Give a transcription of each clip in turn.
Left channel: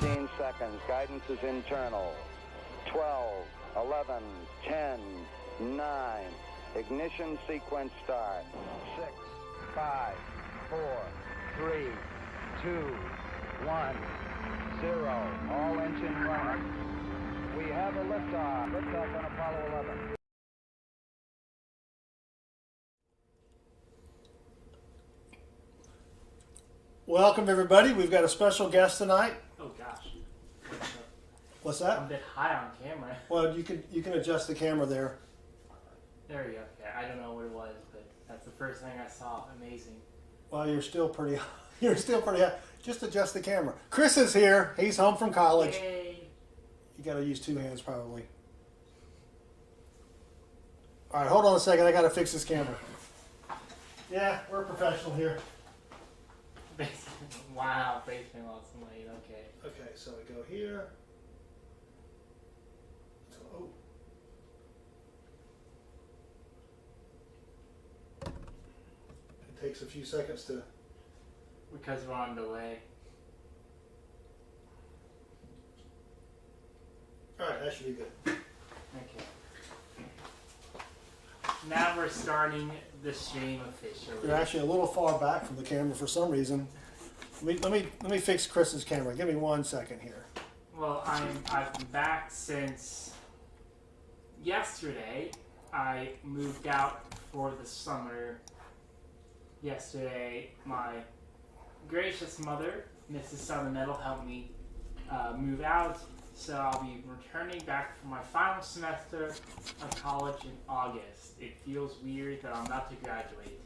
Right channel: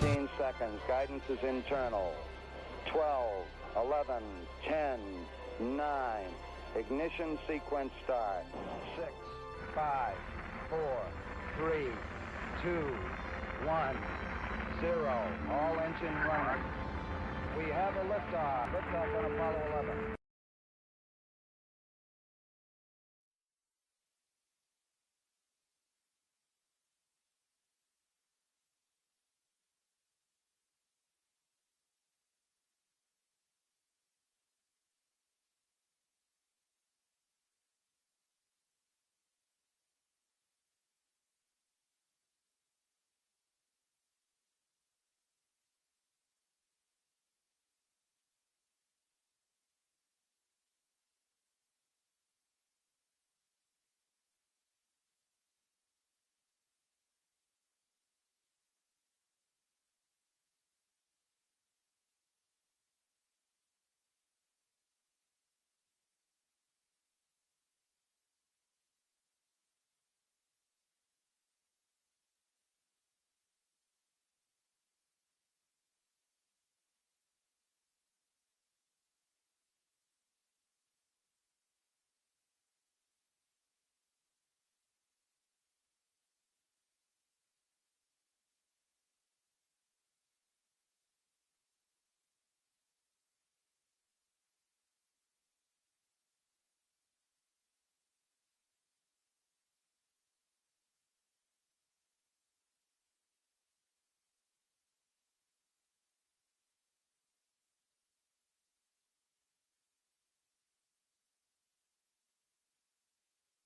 15 seconds. Guidance is internal. 12, 11, 10, 9. Ignition sequence start. 6, 5, 4, 3, 2, 1, 0. All engine running. We have a liftoff. Liftoff on Apollo 11. Welcome everybody. We've got a special guest tonight. Oh gosh. What's that? I'm a bit high on camera. Well, you can adjust the camera there. There we go. Okay, I don't know what it was, but that's the first thing I saw. Amazing. Well, you're still pretty high. Just adjust the camera. Chris is here. He's home from college. Yay. You got to use two hands probably. All right, hold on a second. I got to fix this camera. Yeah, we're professional here. Wow, basement lost some weight. Okay. Okay, so we go here. Oh. It takes a few seconds to. Because we're on delay. All right, that should be good. Okay. Now we're starting the stream officially. You're actually a little far back from the camera for some reason. Let me fix Chris's camera. Give me 1 second here. Well, I've been back since yesterday. I moved out for the summer. Yesterday, my gracious mother, Mrs. SouthernMetalNet, helped me move out. So I'll be returning back for my final semester of college in August. It feels weird that I'm about to graduate.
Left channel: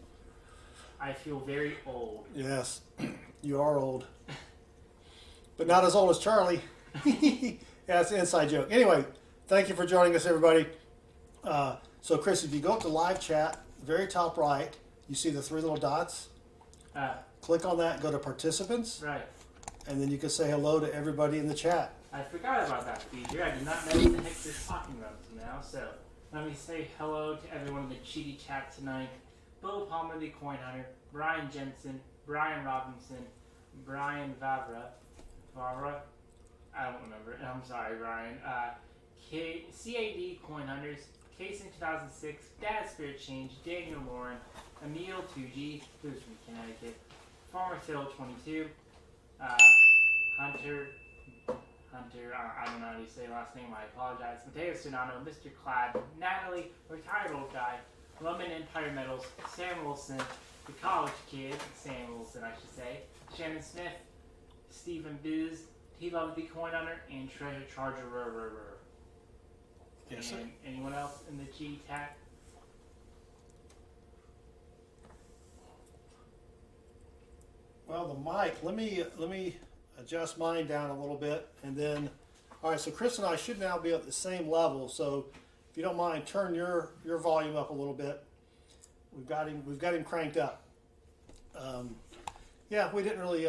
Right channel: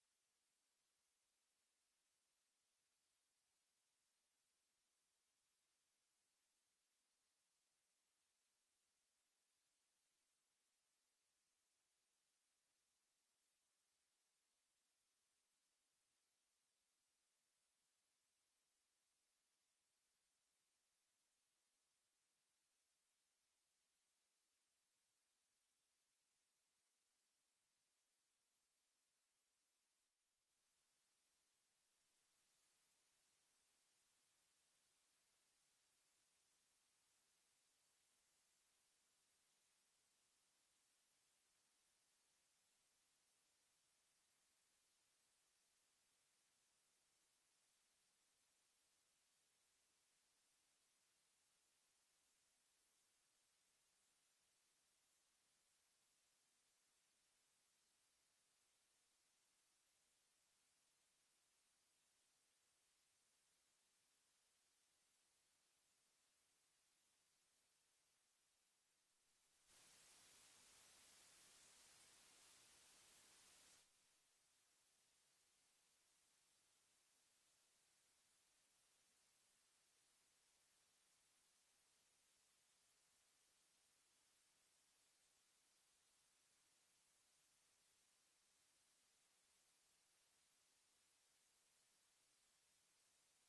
I feel very old. Yes, you are old. But not as old as Charlie. Yeah, it's an inside joke. Anyway, thank you for joining us, everybody. So, Chris, if you go up to live chat, very top right, you see the three little dots. Click on that, go to participants. Right. And then you can say hello to everybody in the chat. I forgot about that feature. I did not know what the heck this talking about until now. So, let me say hello to everyone in the cheaty chat tonight. Beau Palmer, the Coin Hunter, Brian Jensen, Brian Robinson, Brian Vavra, I don't remember. I'm sorry, Brian. CAD Coin Hunters, Case in 2006, Dad Spirit Change, Daniel Lauren, Emil 2G, who's from Connecticut, Farmer Phil 22, Hunter, I don't know how you say last name, I apologize. Mateo Sonano, Mr. Clad, Natalie, Retired Old Guy, Roman Empire Metals, Sam Wilson, the College Kid, Sam Wilson I should say, Shannon Smith, Stephen Booz, He Loved the Coin Hunter, and Treasure Charger. Yes, sir. And anyone else in the G tag? Well, the mic, let me adjust mine down a little bit, and then, all right, so Chris and I should now be at the same level, so if you don't mind, turn your volume up a little bit. We've got him cranked up. Yeah, we didn't really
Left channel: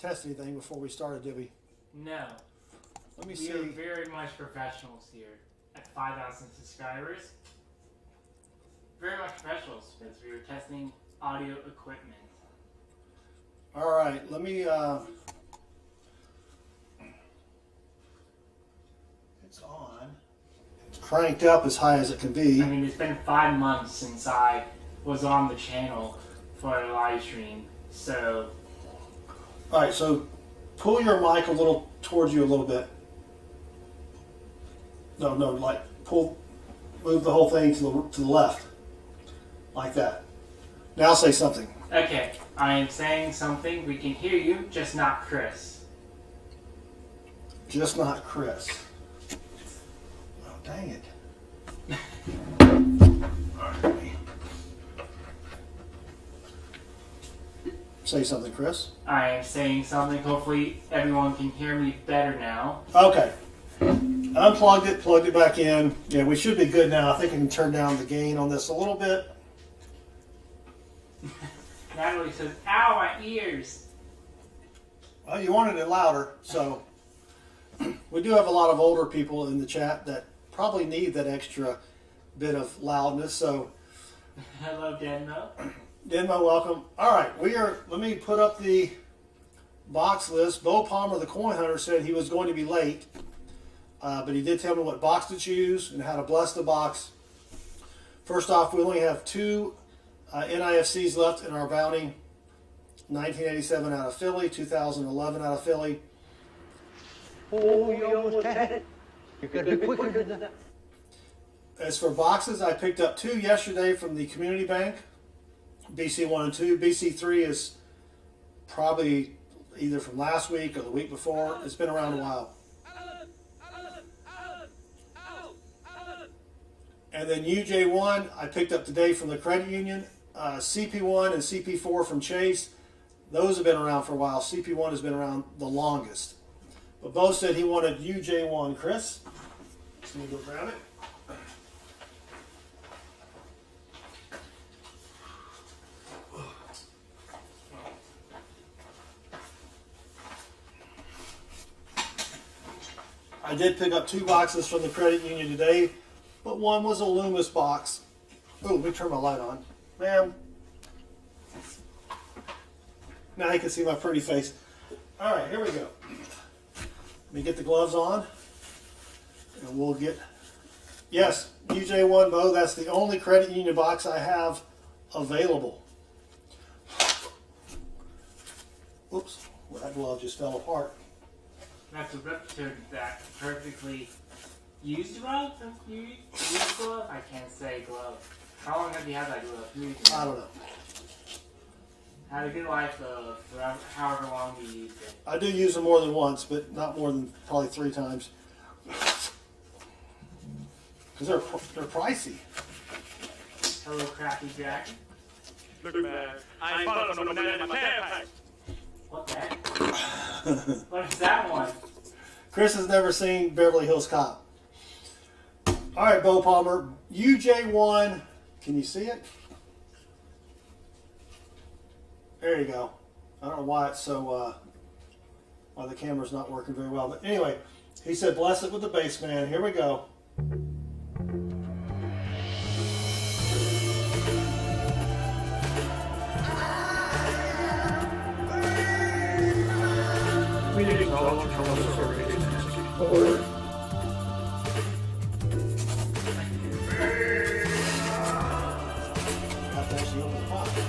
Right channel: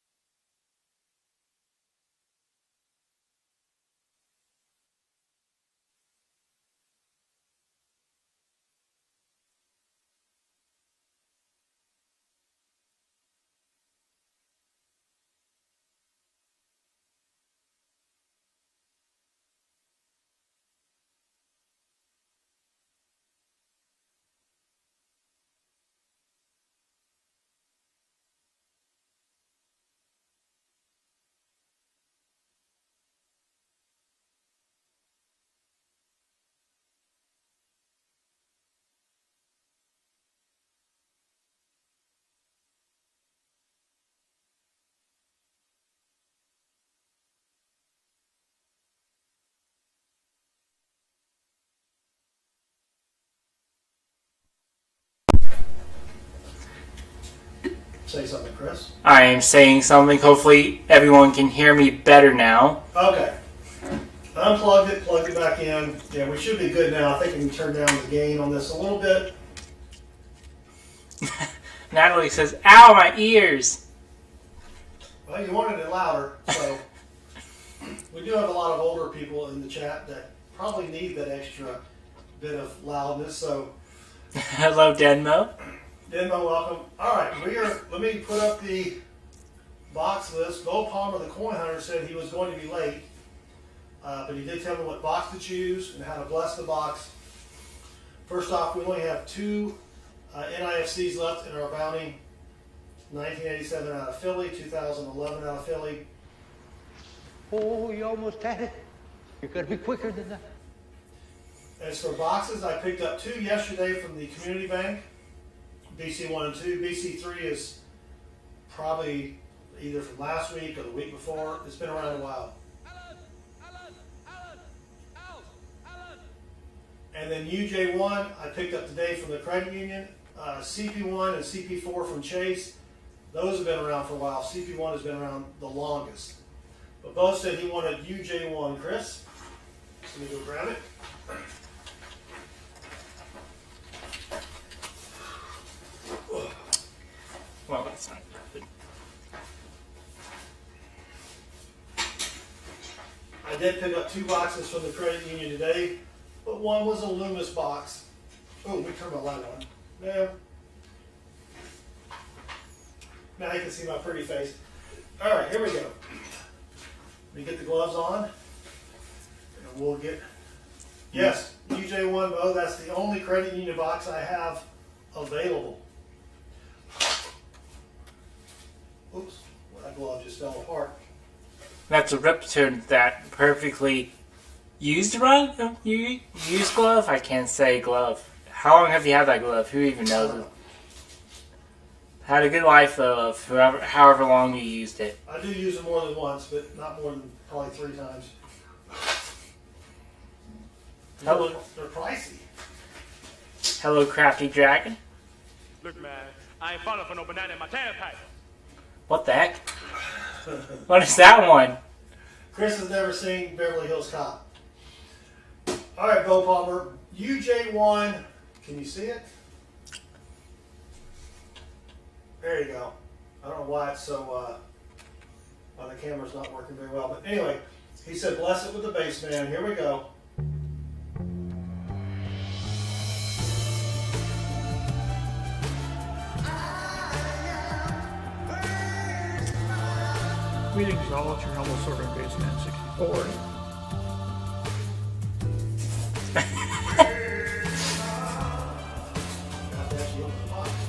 test anything before we started, did we? No. Let me We see. are very much professionals here at 5,000 subscribers. Very much professionals because we were testing audio equipment. All right, let me. It's on. It's cranked up as high as it can be. I mean, it's been 5 months since I was on the channel for a live stream, so. All right, so pull your mic a little towards you a little bit. No, like move the whole thing to the left, like that. Now say something. Okay, I am saying something. We can hear you, just not Chris. Just not Chris. Oh, dang it. All right, let me say something, Chris. I am saying something. Hopefully everyone can hear me better now. Okay. Unplugged it, plugged it back in. Yeah, we should be good now. I think we can turn down the gain on this a little bit. Natalie says, "Ow, my ears." Well, you wanted it louder, so we do have a lot of older people in the chat that probably need that extra bit of loudness. So, hello, Denmo. Denmo, welcome. All right, let me put up the box list. Beau Palmer, the coin hunter, said he was going to be late, but he did tell me what box to choose and how to bless the box. First off, we only have 2 NIFCs left in our bounty. 1987 out of Philly, 2011 out of Philly. Oh, you almost had it. You gotta be quicker than that. As for boxes, I picked up 2 yesterday from the community bank, BC 1 and 2. BC 3 is probably either from last week or the week before. It's been around a while. And then UJ1 I picked up today from the credit union. CP1 and CP4 from Chase. Those have been around for a while. CP1 has been around the longest. But Beau said he wanted UJ1. Chris, let me go grab it. Well, that's not good. I did pick up 2 boxes from the credit union today, but one was a Loomis box. Oh, let me turn my light on. Man, now you can see my pretty face. All right, here we go. Let me get the gloves on, and we'll get, yes, UJ1 Beau, that's the only credit union box I have available. Oops, well, that glove just fell apart. That's a Ripton that perfectly used glove? I can't say glove. How long have you had that glove? Who even I knows? don't know. Had a good life of however long you used it. I do use them more than once, but not more than probably 3 times. They're pricey. Hello, Crafty Dragon. Look, man, I ain't falling for no banana in my tailpipe. What the heck? What is that one? Chris has never seen Beverly Hills Cop. All right, Beau Palmer, UJ1. Can you see it? There you go. I don't know why it's so, why the camera's not working very well. But anyway, he said, bless it with the bass, man. Here we go. Greetings, all your hello server basements. Or Got that shield in the pocket.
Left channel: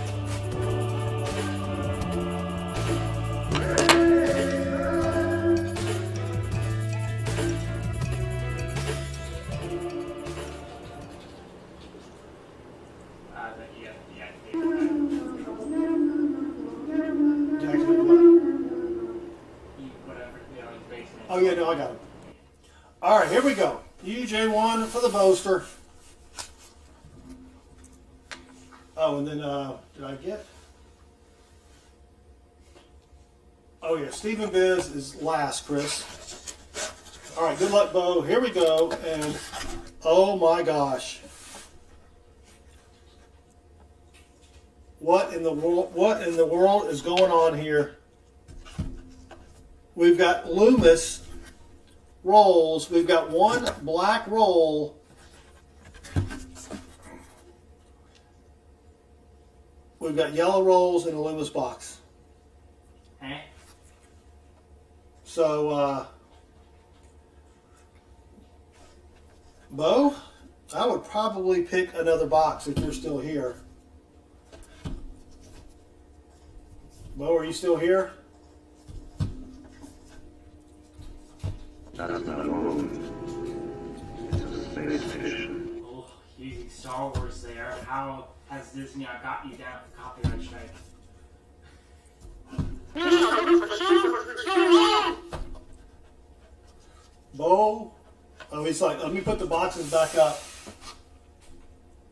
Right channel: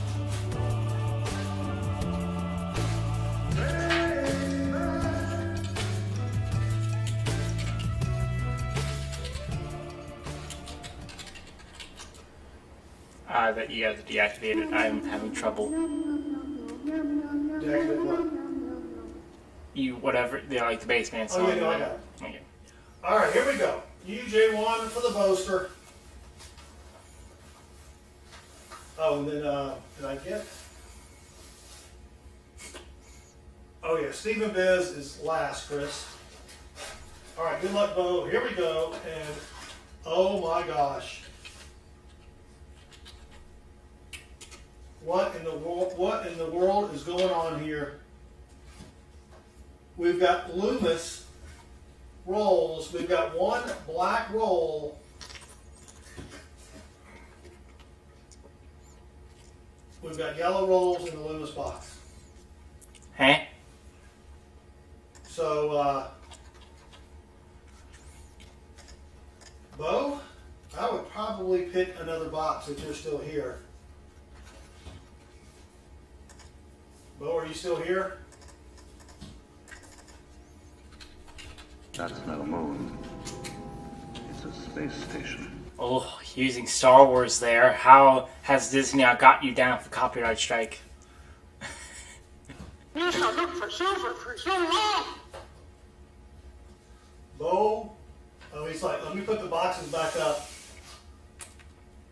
That you guys deactivated. I'm having trouble. Deactivate what? Whatever, like the basement. Oh, yeah, no, I got it. Okay. All right, here we go. UJ1 for the Boaster. Oh, and then, did I get? Oh, yeah, Stephen Biz is last, Chris. All right, good luck, Beau. Here we go, and oh my gosh. What in the world is going on here? We've got Loomis rolls. We've got 1 black roll. We've got yellow rolls in the Loomis box. Huh? So, Beau, I would probably pick another box if you're still here. Beau, are you still here? That's not a moon. It's a space station. Oh, using Star Wars there. How has Disney now got you down for copyright strike? Beau, oh, he's like, let me put the boxes back up,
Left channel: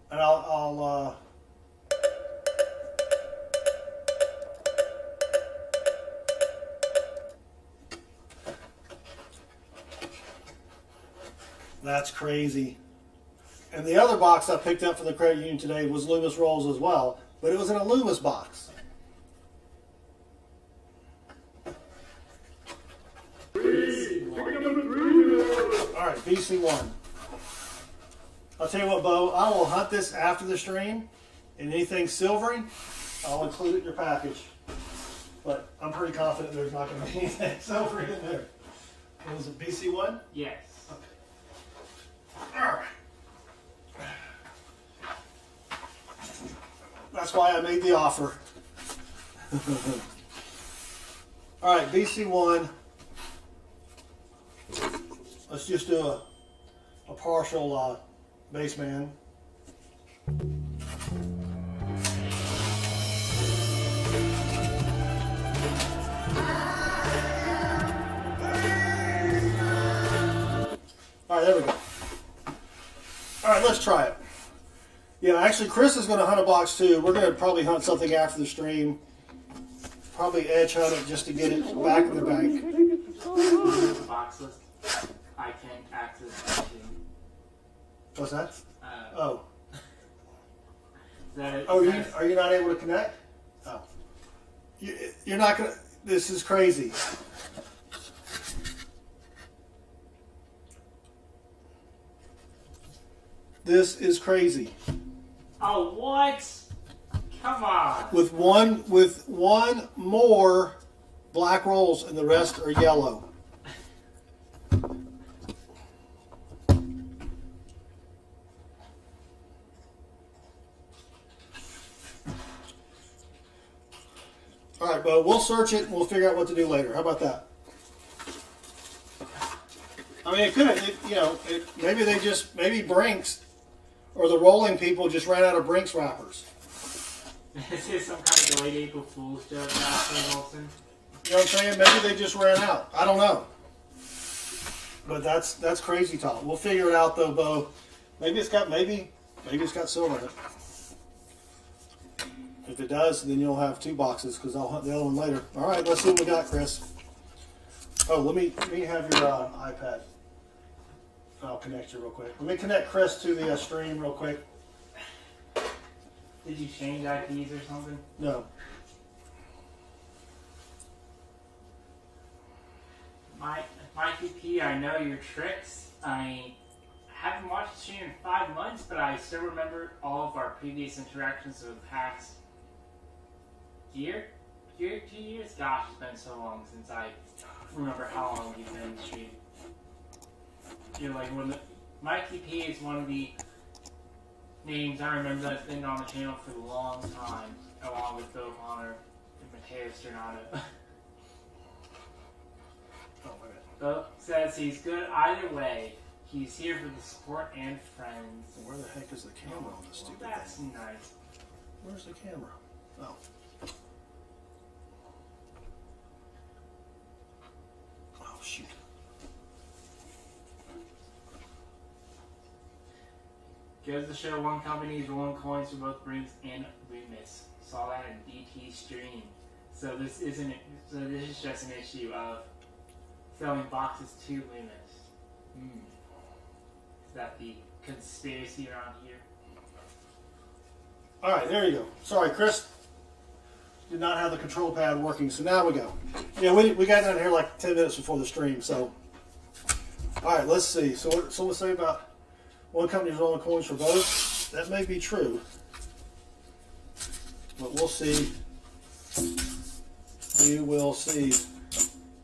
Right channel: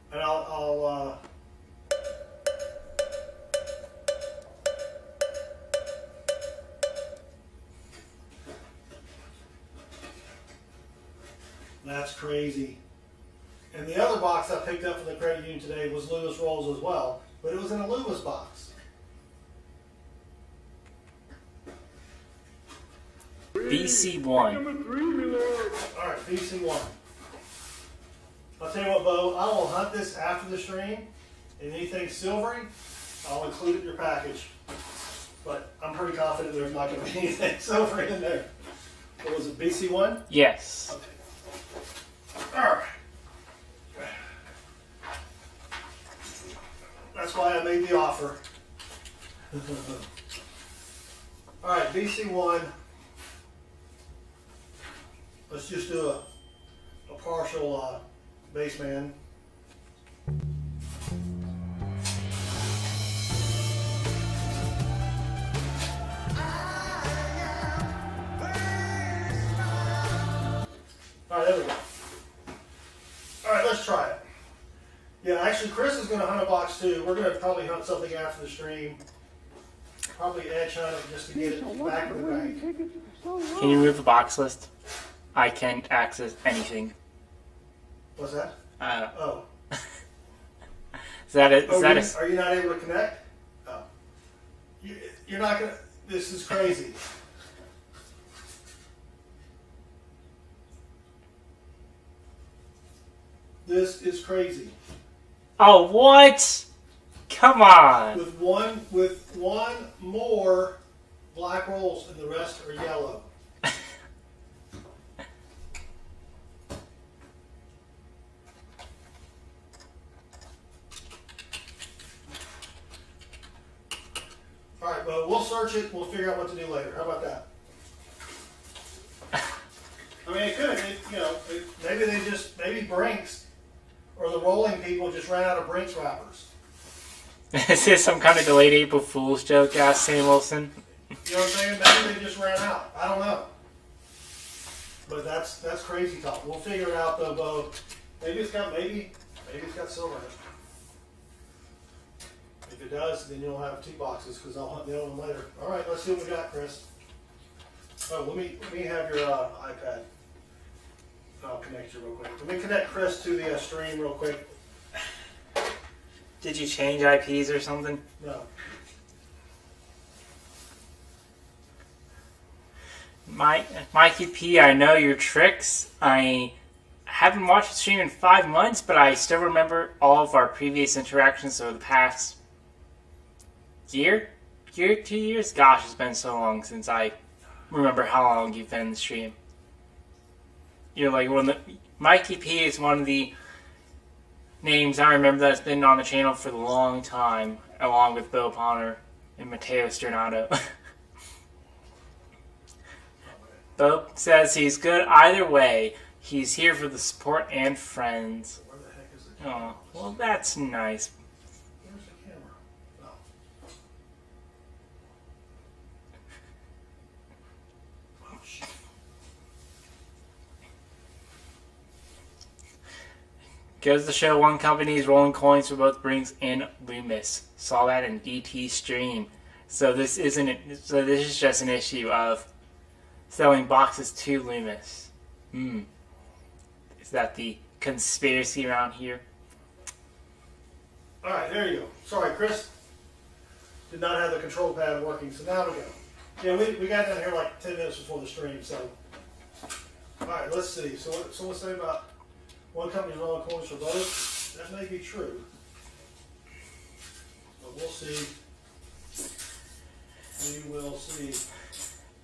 and I'll that's crazy. And the other box I picked up from the credit union today was Loomis rolls as well, but it was in a Loomis box. BC1. All right, BC1. I'll tell you what, Beau, I will hunt this after the stream, and anything silvery, I'll include it in your package. but I'm pretty confident there's not going to be anything silver in there. What was it, BC1? Yes. All right. That's why I made the offer. All right, BC1. Let's just do a partial baseman. All right, there we go. All right, let's try it. Yeah, actually, Chris is going to hunt a box too. We're going to probably hunt something after the stream. Probably edge hunt it just to get it back in the bank. Can you move the box list? I can't access anything. What's that? Oh. Is that it? Are you not able to connect? Oh. You're not going to... This is crazy. This is crazy. Oh, what? Come on. With one more black rolls and the rest are yellow. All right, Beau, we'll search it and we'll figure out what to do later. How about that? I mean, it could, maybe Brinks or the rolling people just ran out of Brinks wrappers. Is this some kind of delayed April Fool's joke, asked Sam Wilson? You know what I'm saying? Maybe they just ran out. I don't know. But that's crazy talk. We'll figure it out though, Beau. Maybe it's got silver in it. If it does, then you'll have two boxes because I'll hunt the other one later. All right, let's see what we got, Chris. Oh, let me have your iPad. I'll connect you real quick. Let me connect Chris to the stream real quick. Did you change IPs or something? No. Mikey P, I know your tricks. I haven't watched the stream in 5 months, but I still remember all of our previous interactions over the past year, 2 years? Gosh, it's been so long since I remember how long you've been in the stream. You're like Mikey P is one of the names I remember that's been on the channel for a long time, along with Beau Bonner and Matteo Stornato. Beau says he's good either way. He's here for the support and friends. So where the heck is the camera? Oh, well, that's nice. Where's the camera? Oh. Oh, shoot. Goes to show one company's rolling coins for both Brinks and Loomis. Saw that in DT stream. So this isn't. So this is just an issue of selling boxes to Loomis. Is that the conspiracy around here? All right, there you go. Sorry, Chris did not have the control pad working, so now we go. Yeah, we got down here like 10 minutes before the stream, so. All right, let's see. So what someone say about one company's rolling coins for both? That may be true, but we'll see. We will see.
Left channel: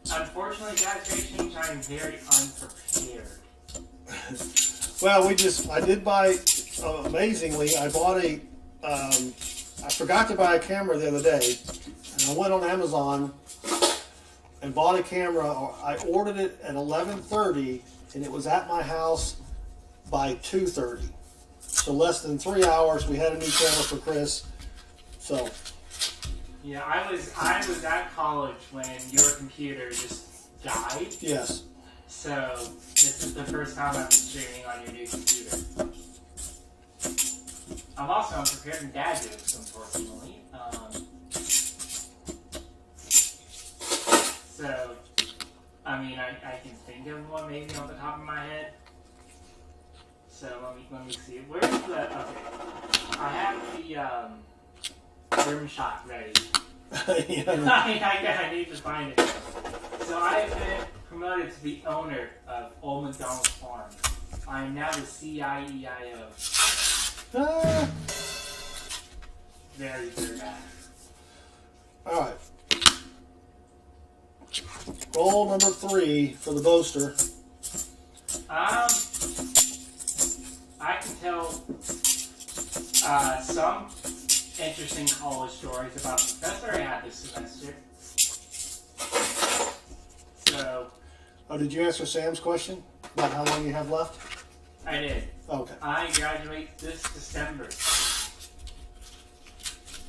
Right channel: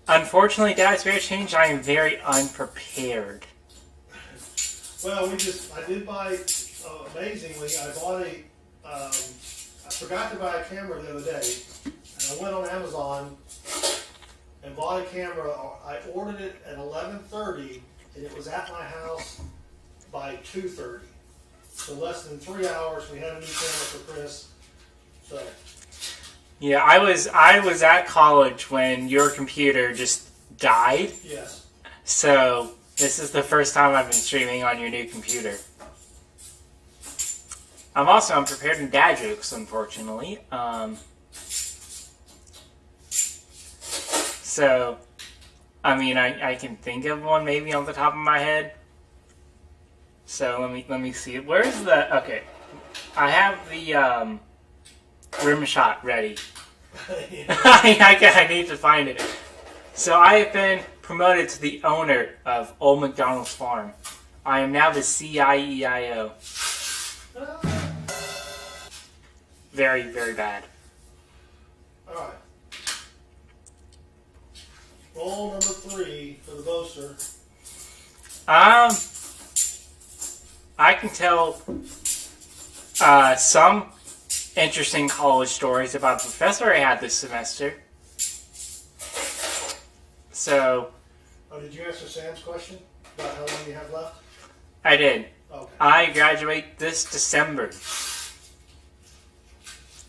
Unfortunately, Dad's very changed. I am very unprepared. Well, I did buy, amazingly, I bought I forgot to buy a camera the other day, and I went on Amazon and bought a camera. I ordered it at 11:30, and it was at my house by 2:30. So less than 3 hours, we had a new camera for Chris. So. Yeah, I was at college when your computer just died. Yes. So this is the first time I've been streaming on your new computer. I'm also unprepared in dad jokes, unfortunately. So, I mean, I can think of one maybe on the top of my head. So let me see. Where's the? Okay, I have the rim shot ready. I need to find it. So I have been promoted to the owner of Old McDonald's Farm. I am now the CIEIO. Very, very bad. All right. roll number 3 for the boaster. I can tell some interesting college stories about the professor I had this semester. So. Oh, did you answer Sam's question about how long you have left? I did. Okay. I graduate this December.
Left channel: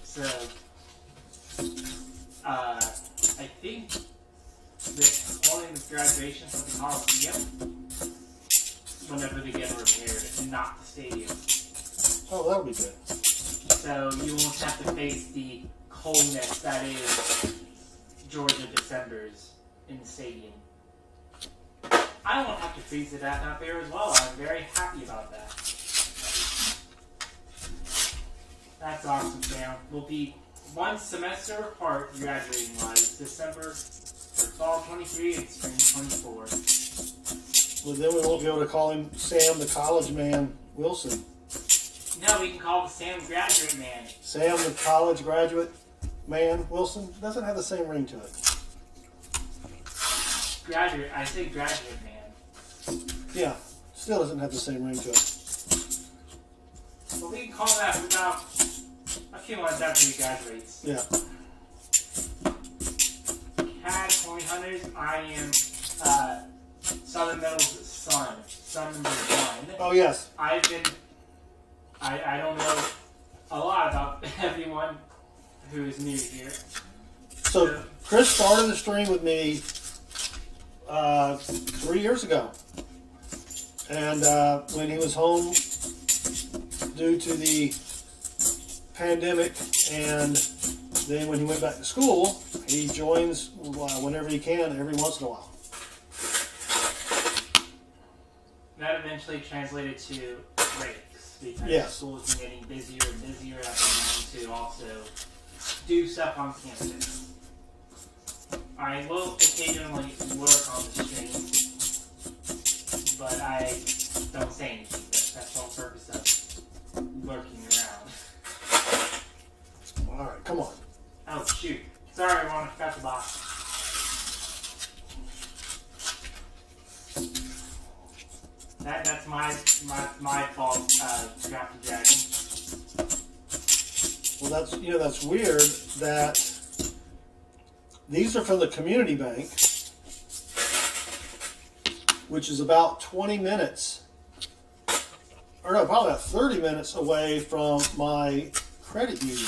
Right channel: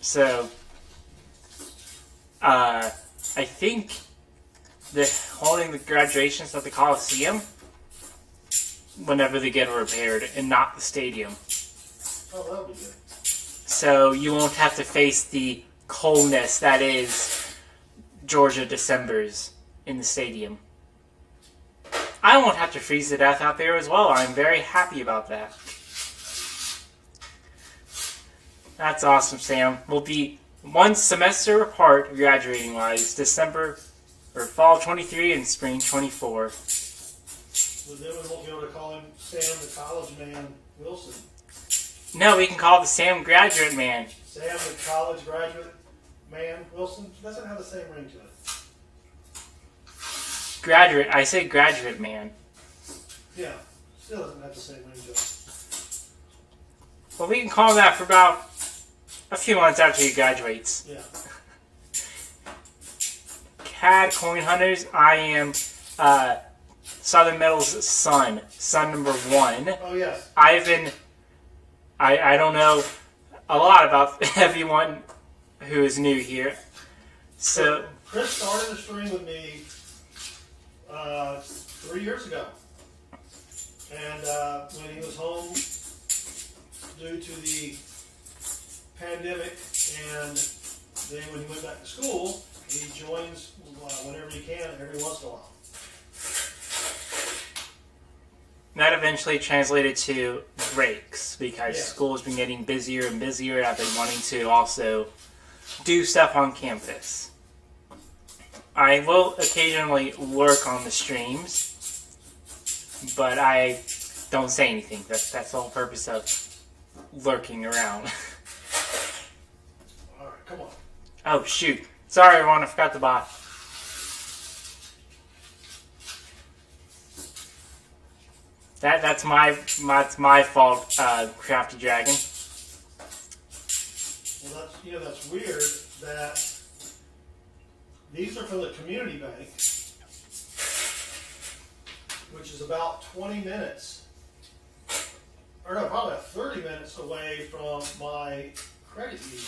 So, I think they're holding the graduations at the Coliseum whenever they get repaired and not the stadium. Oh, that'll be good. So you won't have to face the coldness that is Georgia Decembers in the stadium. I won't have to freeze to death out there as well. I'm very happy about that. That's awesome, Sam. We'll be one semester apart graduating-wise, December or fall 23 and spring 24. Well, then we won't be able to call him Sam the college man Wilson. No, we can call it the Sam Graduate Man. Sam the college graduate man Wilson doesn't have the same ring to it. Graduate, I say Graduate Man. Yeah, still doesn't have the same ring to it. Well, we can call that for about a few months after he graduates. Yeah. CAD Coin Hunters, I am Southern Metal's son number 1. Oh, yes. I don't know a lot about everyone who is new here. So Chris started the stream with me 3 years ago. And when he was home due to the pandemic, and then when he went back to school, he joins whenever he can, every once in a while. that eventually translated to breaks because Yes. school's been getting busier and busier. I've been wanting to also do stuff on campus. I will occasionally lurk on the streams, but I don't say anything. That's the whole purpose of lurking around. All right, come on. Oh shoot! Sorry, everyone. I forgot the boss. That's my fault. Crafty Dragon. Well, that's weird that these are from the community bank, which is about 20 minutes, or no, probably about 30 minutes away from my credit union.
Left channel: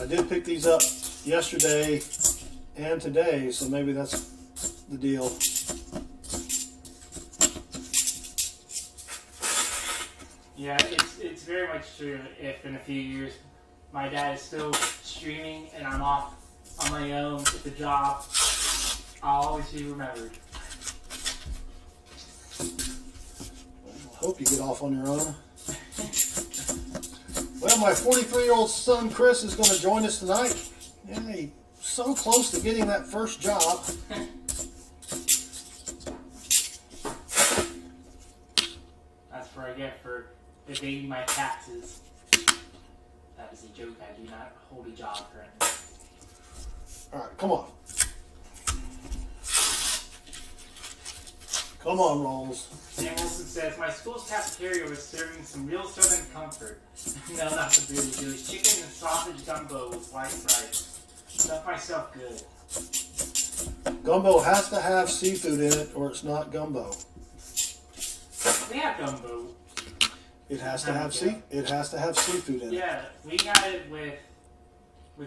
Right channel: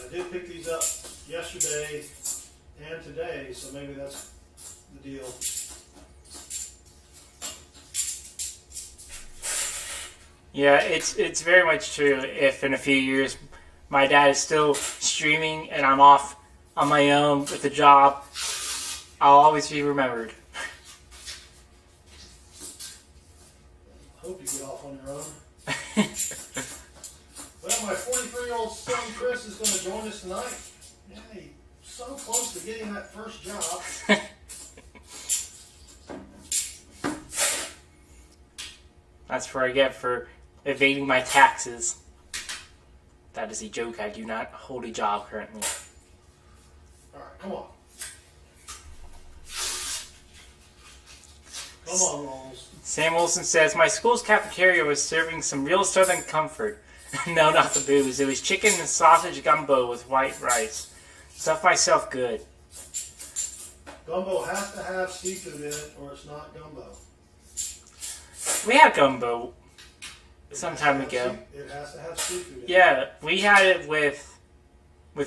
I did pick these up yesterday and today, so maybe that's the deal. Yeah, it's very much true. If in a few years my dad is still streaming and I'm off on my own with a job, I'll always be remembered. I hope you get off on your own. Well, my 43-year-old son Chris is going to join us tonight. Yay, so close to getting that first job. That's what I get for evading my taxes. That is a joke. I do not hold a job currently. All right, come on. Come on, Rolls. Sam Wilson says, my school's cafeteria was serving some real Southern comfort. No, not the booze. It was chicken and sausage gumbo with white rice. Stuffed myself good. Gumbo has to have seafood in it, or it's not gumbo. We had gumbo It some has, time to have ago. it has to have seafood in it. Yeah, we had it with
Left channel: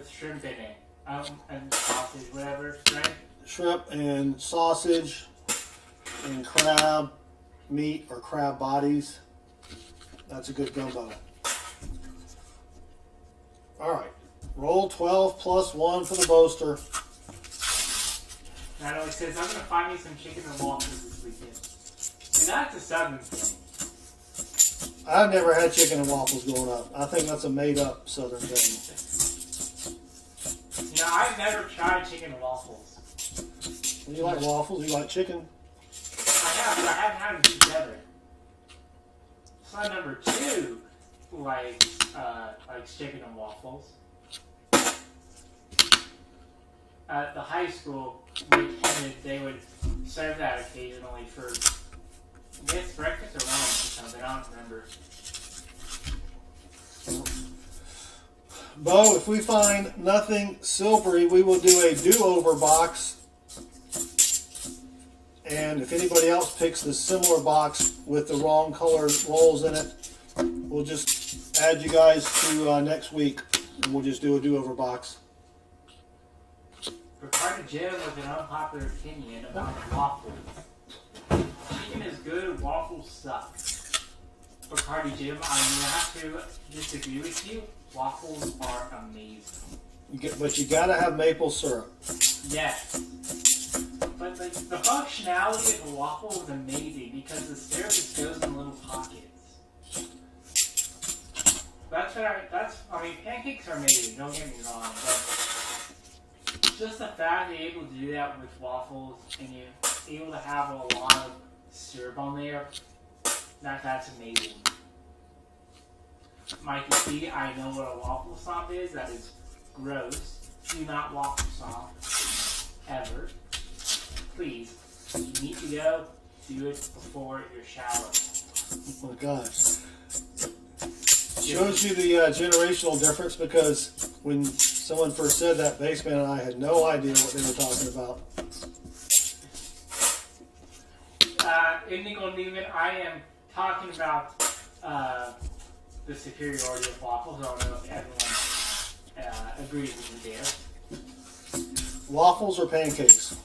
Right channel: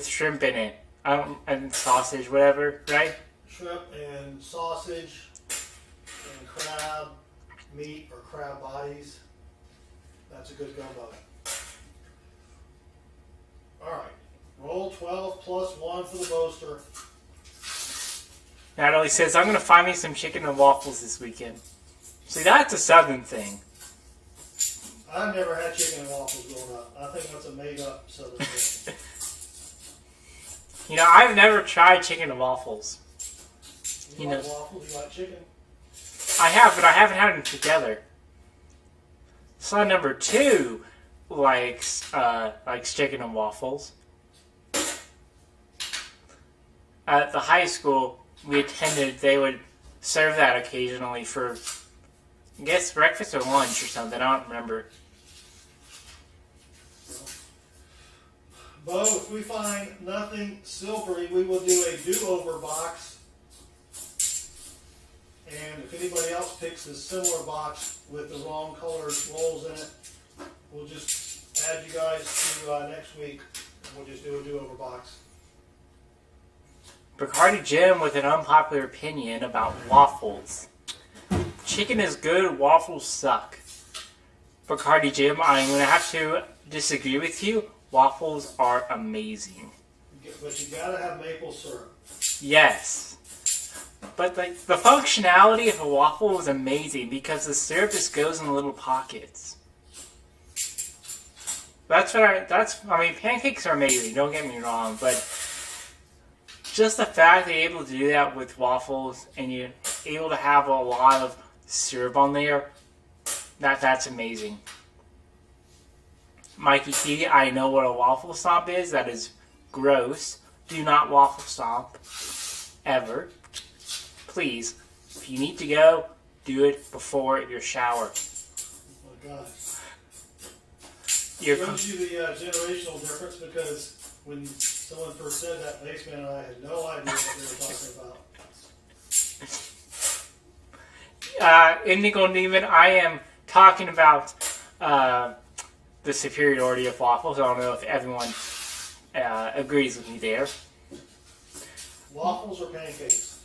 shrimp in it. And sausage, whatever, right? Shrimp and sausage and crab meat or crab bodies. That's a good gumbo. All right. Roll 12 plus 1 for the boaster. Natalie says, I'm going to find me some chicken and waffles this weekend. See, that's a Southern thing. I've never had chicken and waffles growing up. I think that's a made-up Southern thing. You know, I've never tried chicken and waffles. You like waffles? You like chicken? I have, but I haven't had them together. Son number 2, likes chicken and waffles. At the high school we attended, they would serve that occasionally for, I guess, breakfast or lunch or something. I don't remember. Beau, if we find nothing silvery, we will do a do-over box. And if anybody else picks the similar box with the wrong color rolls in it, we'll just add you guys to next week, and we'll just do a do-over box. Bacardi Jim with an unpopular opinion about waffles. Chicken is good, waffles suck. Bacardi Jim, I'm going to have to disagree with you. Waffles are amazing. But you gotta have maple syrup. Yes. But the functionality of a waffle is amazing because the syrup just goes in little pockets. I mean, pancakes are amazing, don't get me wrong, but just the fact that you're able to do that with waffles and you're able to have a lot of syrup on there, that's amazing. Mikey T, I know what a waffle stomp is. That is gross. Do not waffle stomp. Ever. Please, if you need to go, do it before your shower. Oh my gosh. Shows you the generational difference, because when someone first said that, Baseman and I had no idea what they were talking about. Indigo Neiman, I am talking about the superiority of waffles. I don't know if everyone agrees with me there. Waffles or pancakes?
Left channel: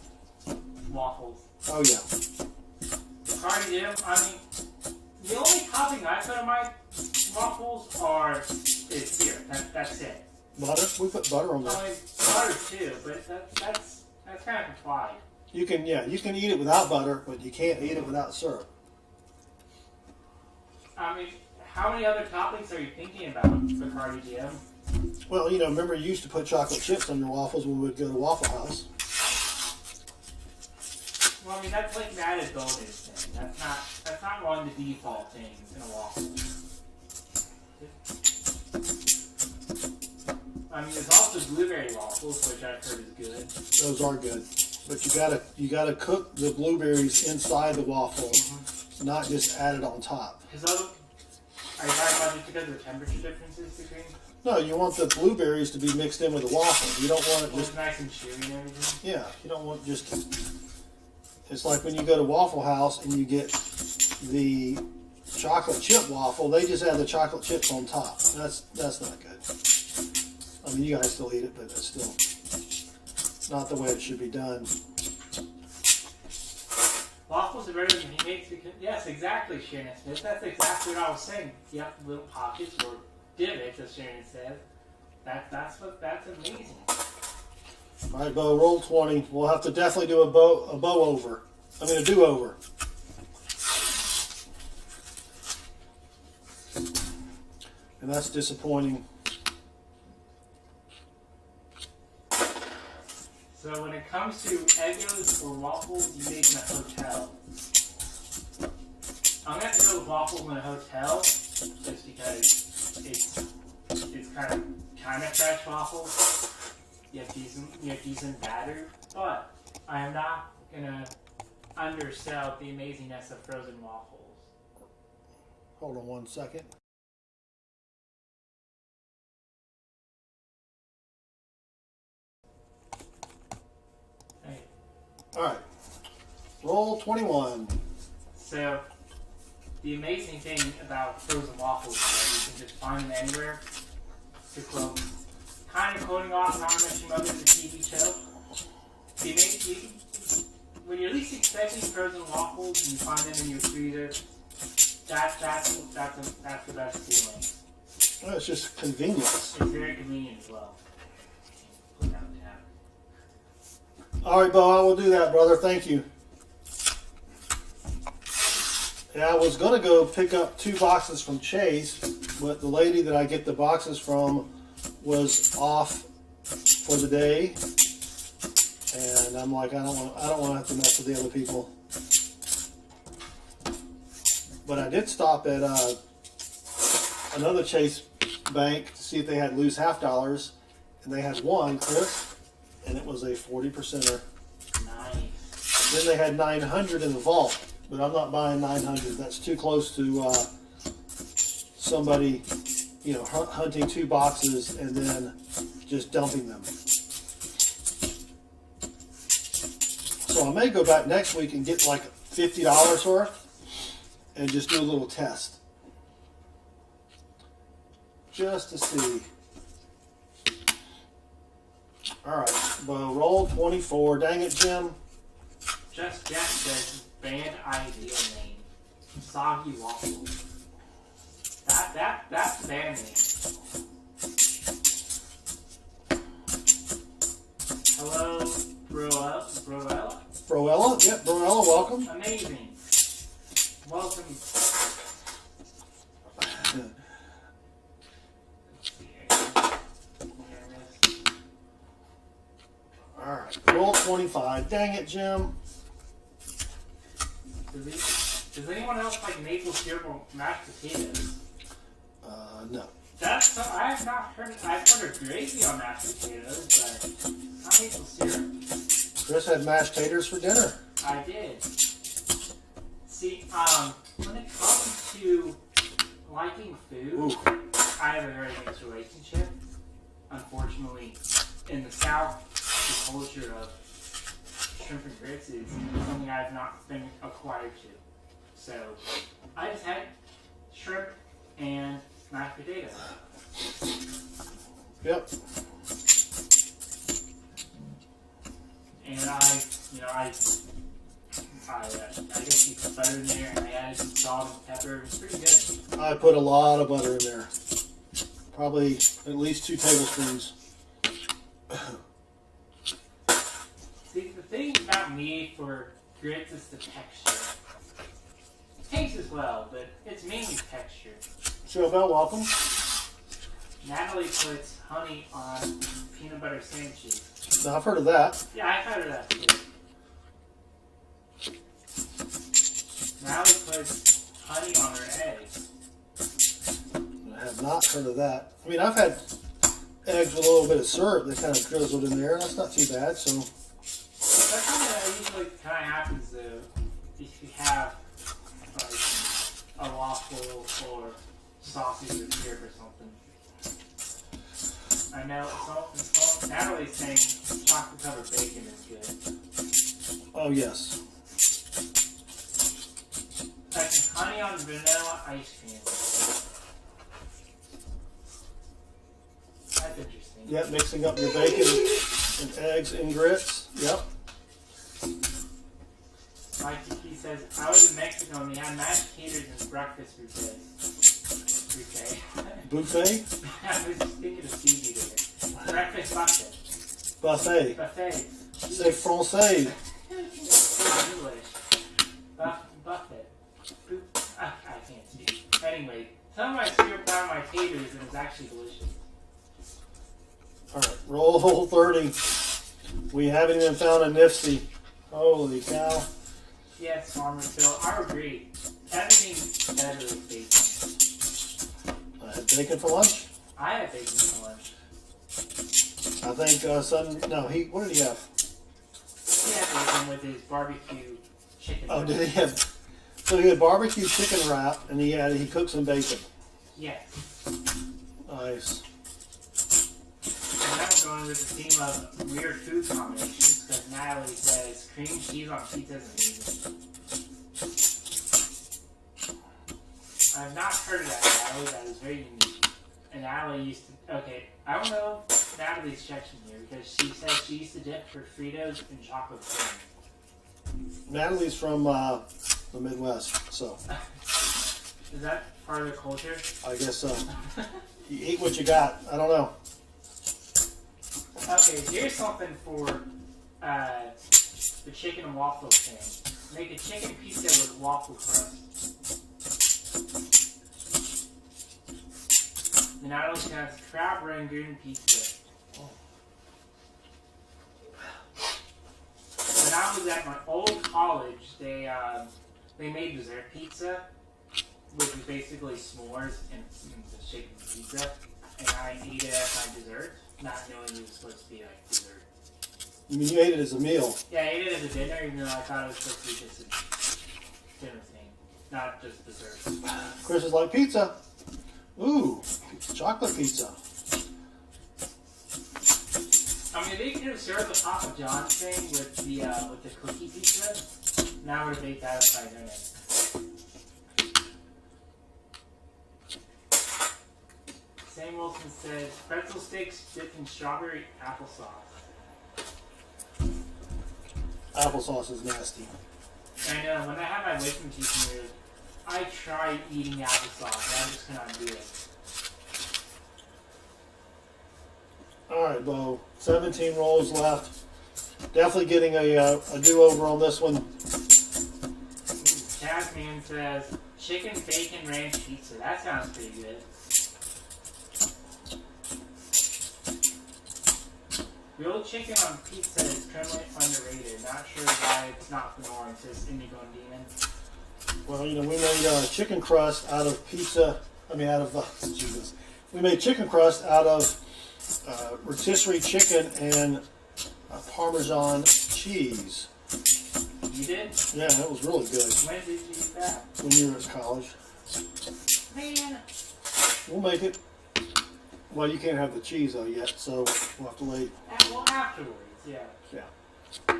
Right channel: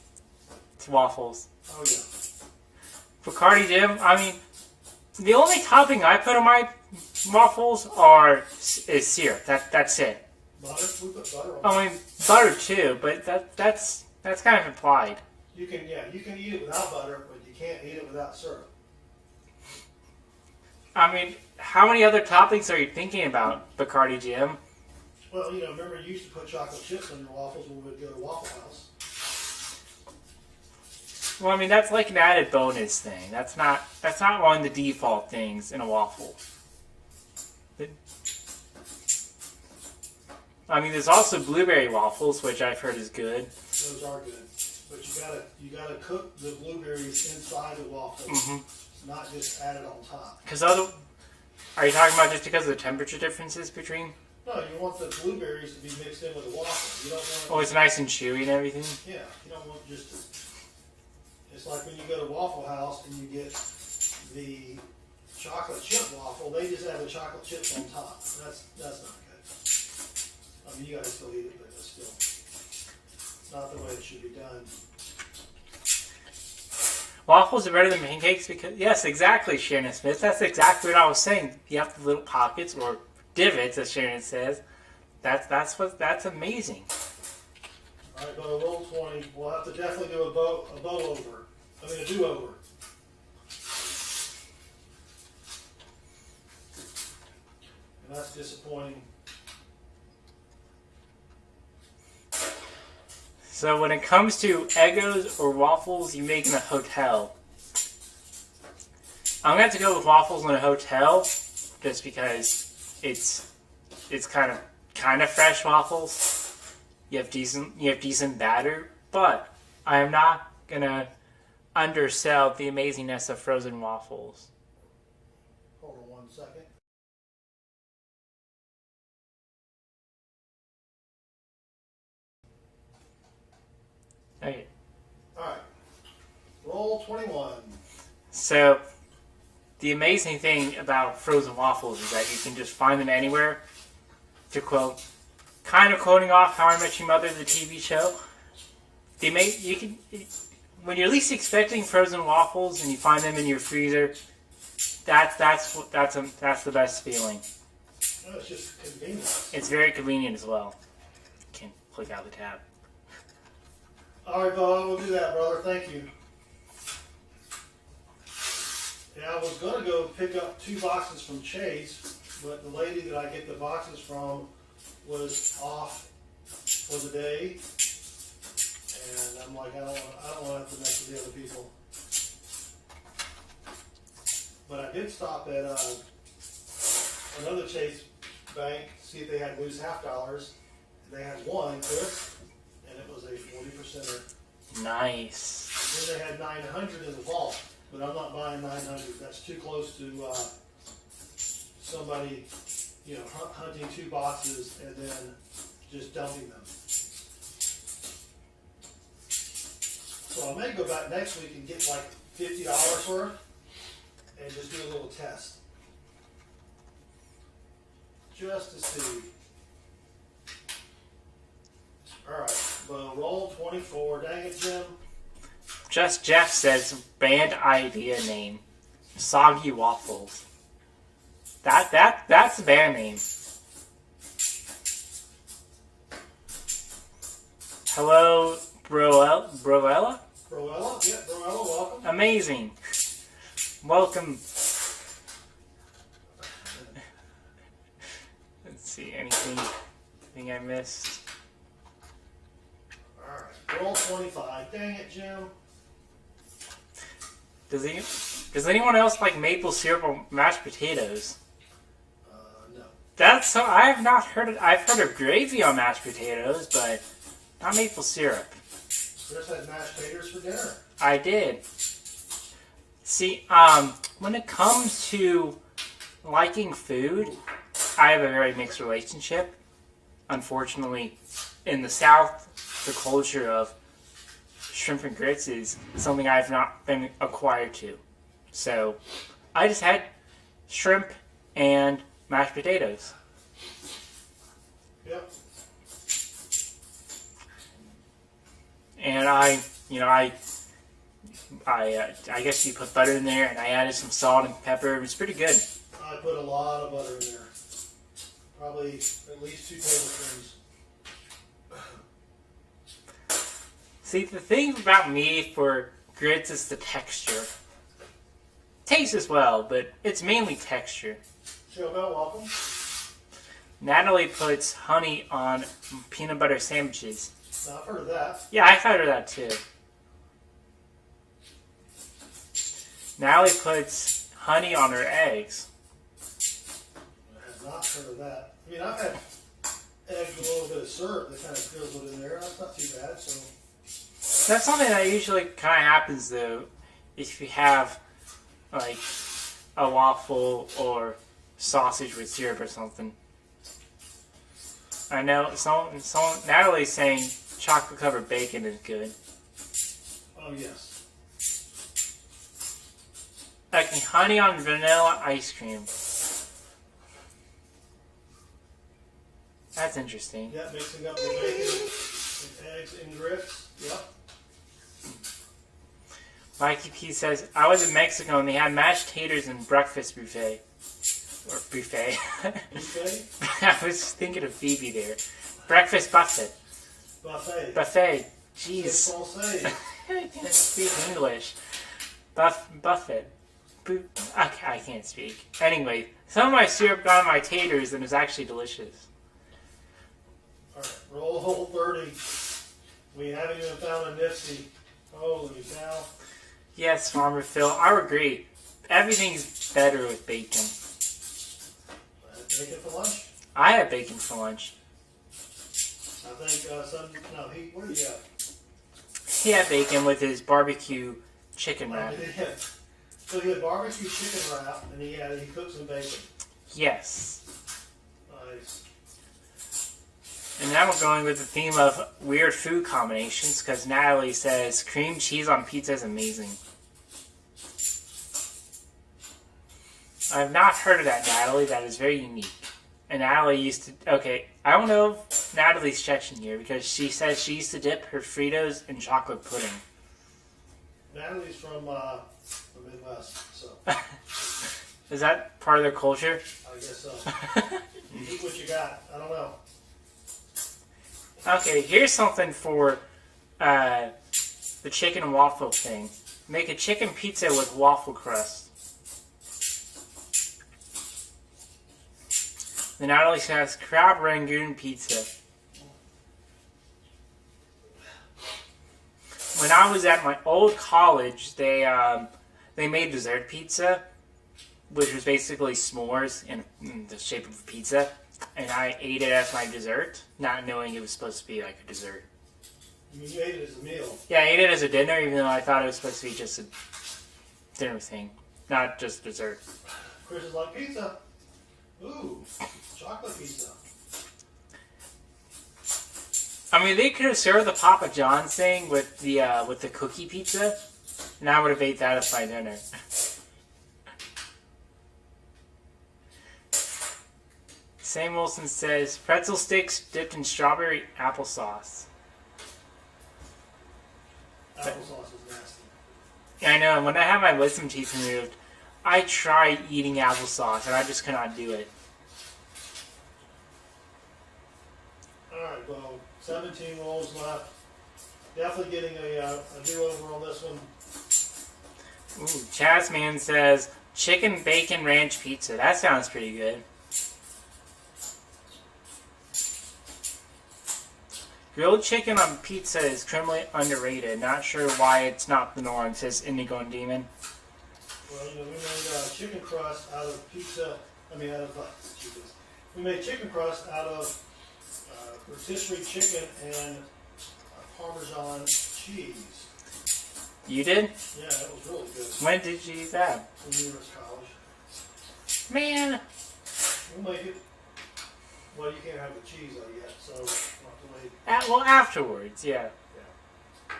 It's waffles. Oh yeah. Bacardi Jim, I mean, the only topping I put on my waffles is syrup. That's it. Butter? We put butter on there. I mean, butter too, but that's kind of implied. You can eat it without butter, but you can't eat it without syrup. I mean, how many other toppings are you thinking about, Bacardi Jim? Well, remember you used to put chocolate chips on your waffles when we would go to Waffle House. Well, I mean, that's like an added bonus thing. That's not one of the default things in a waffle. I mean, there's also blueberry waffles, which I've heard is good. Those are good, but you gotta cook the blueberries inside the waffle, not just add it on top. Are you talking about just because of the temperature differences between? No, you want the blueberries to be mixed in with the waffle. You don't want it. Oh, it's nice and chewy and everything. Yeah, you don't want just. It's like when you go to Waffle House and you get the chocolate chip waffle. They just add the chocolate chips on top. That's not good. I mean, you guys still eat it, but it's still not the way it should be done. Waffles are better than pancakes because, yes, exactly, Shannon Smith. That's exactly what I was saying. You have the little pockets or divots, as Shannon says. That's amazing. All right, Beau, roll 20. We'll have to definitely do a bow over. I mean, a do over. And that's disappointing. So when it comes to Eggos or waffles you make in a hotel, I'm gonna have to go with waffles in a hotel, just because it's kind of fresh waffles. You have decent batter, but I am not gonna undersell the amazingness of frozen waffles. Hold on 1 second. Okay. All right. Roll 21. So, the amazing thing about frozen waffles is that you can just find them anywhere. To quote, kind of quoting off How I Met Your Mother, the TV show. When you're least expecting frozen waffles and you find them in your freezer, that's the best feeling. Oh, it's just convenience. It's very convenient as well. You can click out the tab. All right, Beau, I will do that, brother. Thank you. Yeah, I was going to go pick up 2 boxes from Chase, but the lady that I get the boxes from was off for the day, and I'm like, I don't want to have to mess with the other people. But I did stop at another Chase bank to see if they had loose half dollars, and they had one, Chris, and it was a 40%er. Nice. Then they had 900 in the vault, but I'm not buying 900. That's too close to somebody, you know, hunting 2 boxes and then just dumping them. So I may go back next week and get like $50 worth and just do a little test. Just to see. Alright, well, roll 24. Dang it, Jim. Just Jeff says band idea name. Soggy Waffles. That's a band name. Hello, Broella? Broella? Yeah, Broella, welcome. Amazing. Welcome. Let's see, anything I missed? Alright, roll 25. Dang it, Jim. Does anyone else like maple syrup or mashed potatoes? No. That's so I've not heard it. I've heard of gravy on mashed potatoes, but not maple syrup. Chris had mashed taters for dinner. I did. See, when it comes to liking food, I have a very mixed relationship. Unfortunately, in the South, the culture of shrimp and grits is something I've not been acquired to. So, I just had shrimp and mashed potatoes. Yep. And I guess you put butter in there, and I added some salt and pepper. It was pretty good. I put a lot of butter in there. Probably at least 2 tablespoons. See, the thing about me for grits is the texture. Tastes as well, but it's mainly texture. Joe Bell, welcome. Natalie puts honey on peanut butter sandwiches. Now, I've heard of that. Yeah, I've heard of that too. Natalie puts honey on her eggs. I have not heard of that. I mean, I've had eggs with a little bit of syrup that kind of drizzled in there, and that's not too bad. So That's something that usually kind of happens though, if you have like a waffle or sausage with syrup or something. I know someone Natalie's saying chocolate covered bacon is good. oh yes. Like honey on vanilla ice cream. That's interesting. Yep, mixing up your bacon and eggs and grits. Yep. Mikey P says, I was in Mexico and they had mashed taters and breakfast buffet. Or buffet. Buffet? I was thinking of Phoebe there. Breakfast buffet. Buffet. Buffet. C'est Jeez. français. I can't speak English. Buffet. Okay, I can't speak. Anyway, some of my syrup got on my taters and it's actually delicious. Alright, roll 30. We haven't even found a NIFC. Holy cow. Yes, Farmer Phil, I agree. Everything's better with bacon. I had bacon for lunch. I had bacon for lunch. I think what did he have? He had bacon with his barbecue chicken wrap. Did he have? So he had barbecue chicken wrap, and he cooked some bacon. Yes. Nice. And now we're going with the theme of weird food combinations because Natalie says cream cheese on pizza is amazing. I have not heard of that, Natalie. That is very unique. And Natalie used to... Okay, I don't know if Natalie's Chechen here because she says she used to dip her Fritos in chocolate pudding. Natalie's from the Midwest, so Is that part of their culture? I guess so. You eat what you got. I don't know. Okay, here's something for the chicken and waffle thing. Make a chicken pizza with waffle crust. Then Natalie has crab rangoon pizza. When I was at my old college, they made dessert pizza, which was basically s'mores in the shape of a pizza, and I ate it as my dessert, not knowing it was supposed to be like a dessert. You mean you ate it as a meal? Yeah, I ate it as a dinner, even though I thought it was supposed to be just a dinner thing, not just dessert. Chris is like, pizza. Ooh, chocolate pizza. I mean, they could have served the Papa John's thing with the cookie pizza, and I would have ate that as my dinner. Sam Wilson says, pretzel sticks dipped in strawberry applesauce. Applesauce is nasty. I know, and when I have my wisdom teeth removed, I tried eating applesauce, and I just cannot do it. Alright, Beau. 17 rolls left. Definitely getting a do-over on this one. Ooh, Chazman says, chicken bacon ranch pizza. That sounds pretty good. Grilled chicken on pizza is criminally underrated. Not sure why it's not the norm, says Indigo and Demon. Well, you know, we made chicken crust out of pizza. Jesus. We made chicken crust out of rotisserie chicken and Parmesan cheese. You did? Yeah, that was really good. When did you eat that? When you were at college. Man. We'll make it. Well, you can't have the cheese though yet, so we'll have to wait. Well, afterwards, yeah. Yeah.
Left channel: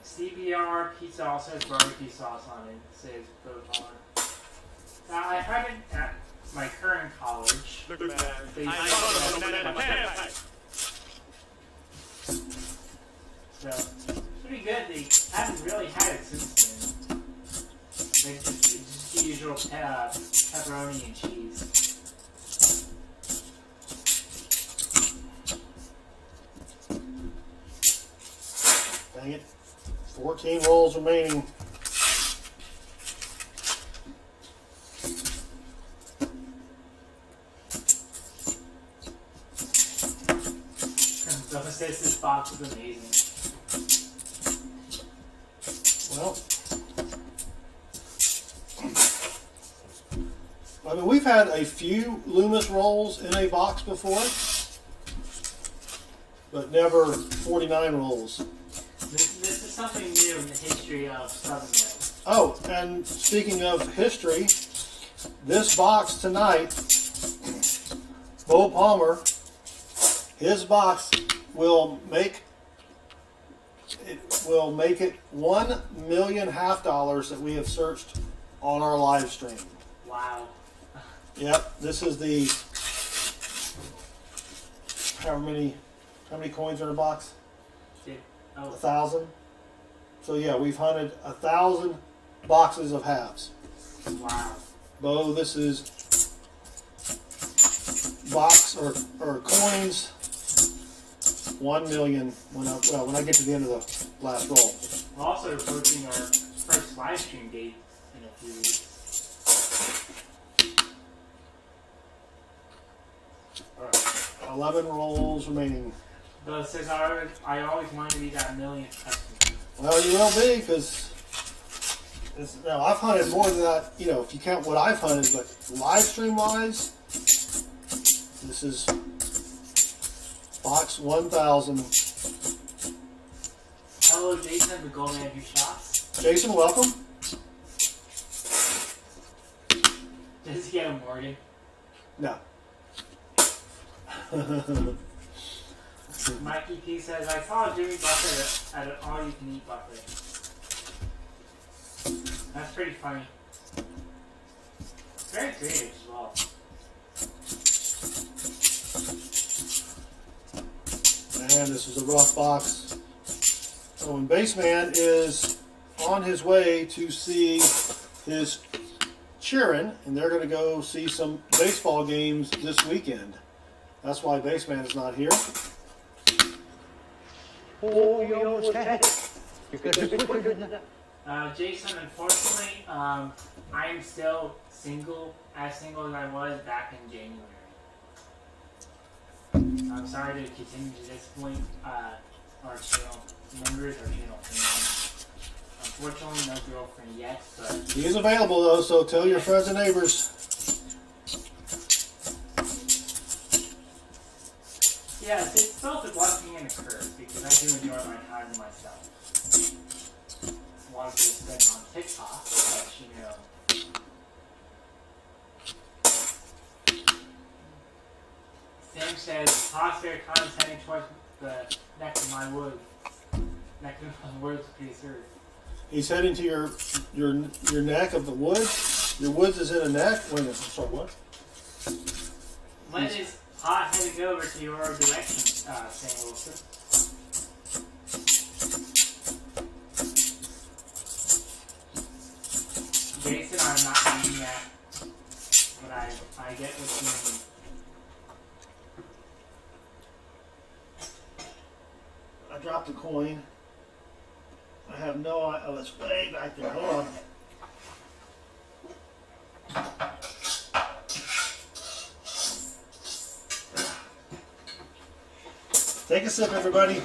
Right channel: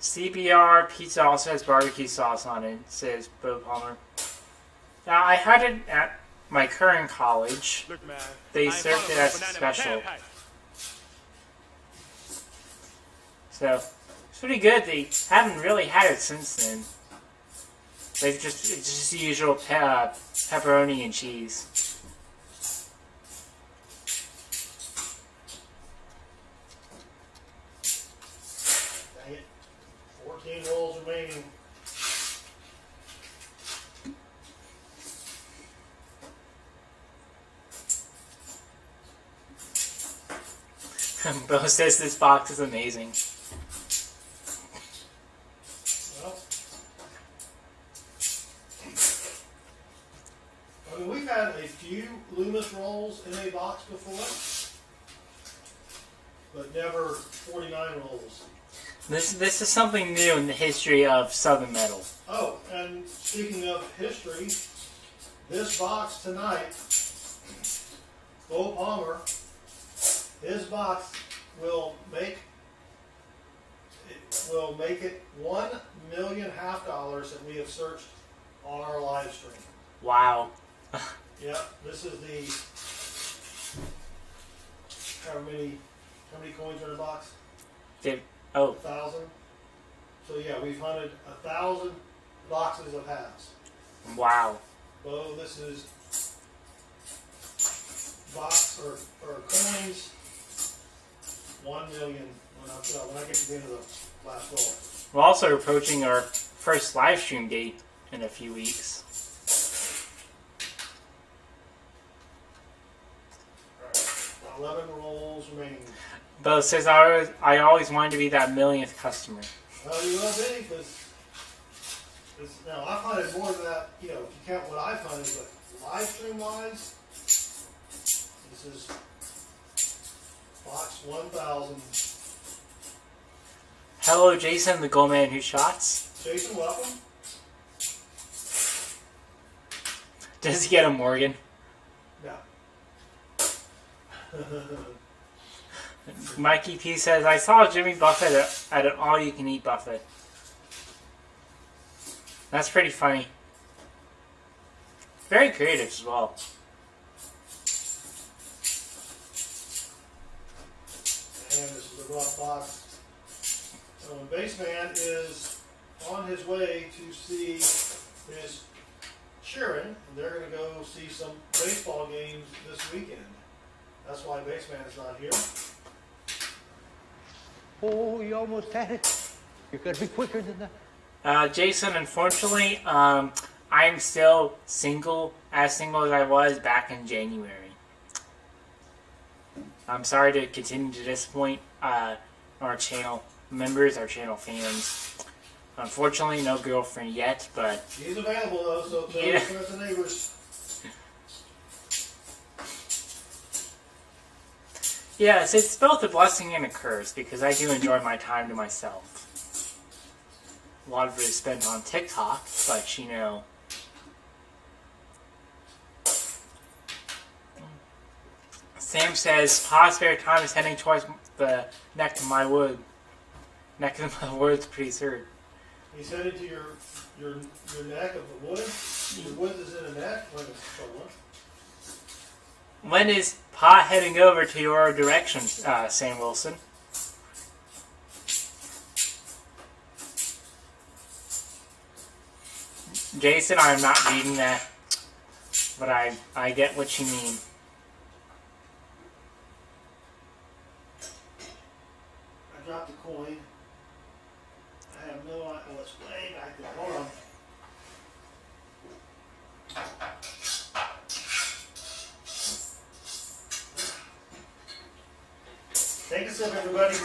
CBR pizza also has barbecue sauce on it, says Beau Palmer. Now, I had it at my current college. Look, man, They I served follow it the as a banana in my special. tailpipe. So, it's pretty good. They haven't really had it since then. It's just the usual pepperoni and cheese. Dang it. 14 rolls remaining. Beau says this box is amazing. Well, I mean, we've had a few Loomis rolls in a box before, but never 49 rolls. This is something new in the history of Southern Metal. Oh, and speaking of history, this box tonight, Beau Palmer, his box will make it $1 million that we have searched on our live stream. Wow. Yep, this is the how many coins are in a box? 1,000. So yeah, we've hunted 1,000 boxes of halves. Wow. Beau, this is box or coins 1 million when I get to the end of the last roll. We're also approaching our first live stream date in a few weeks. Alright, 11 rolls remaining. Beau says I always wanted to be that millionth customer. Well, you will be, because now I've hunted more than that, you know, if you count what I've hunted, but live stream wise, this is box 1,000. Hello, Jason, the gold man who shots. Jason, welcome. Does he get a Morgan? No. Mikey P says, I saw Jimmy Buffett at an all-you-can-eat buffet. That's pretty funny. Very creative as well. And this is a rough box. So when Baseman is on his way to see his cheering, and they're going to go see some baseball games this weekend. That's why Baseman is not here. Oh, you almost had it. You gotta be quicker than that. Jason, unfortunately, I'm still single as I was back in January. I'm sorry to continue to disappoint our channel members, our channel fans. Unfortunately, no girlfriend yet, but He is available though, so tell your Yeah. friends and neighbors. yes, it's both a blessing and a curse because I do enjoy my time to myself. A lot of it is spent on TikTok, but you know. Sam says, "Pa's spare time is heading towards the neck of my wood. Neck of my woods, pretty soon." He's heading to your neck of the woods. Your woods is in a neck. Wait a minute. Sorry, what? When is Pa heading over to your direction, Sam Wilson? Jason, I'm not reading that, but I get what you mean. I dropped a coin. I have no idea. Oh, it's way back there. Hold on. Take a sip, everybody.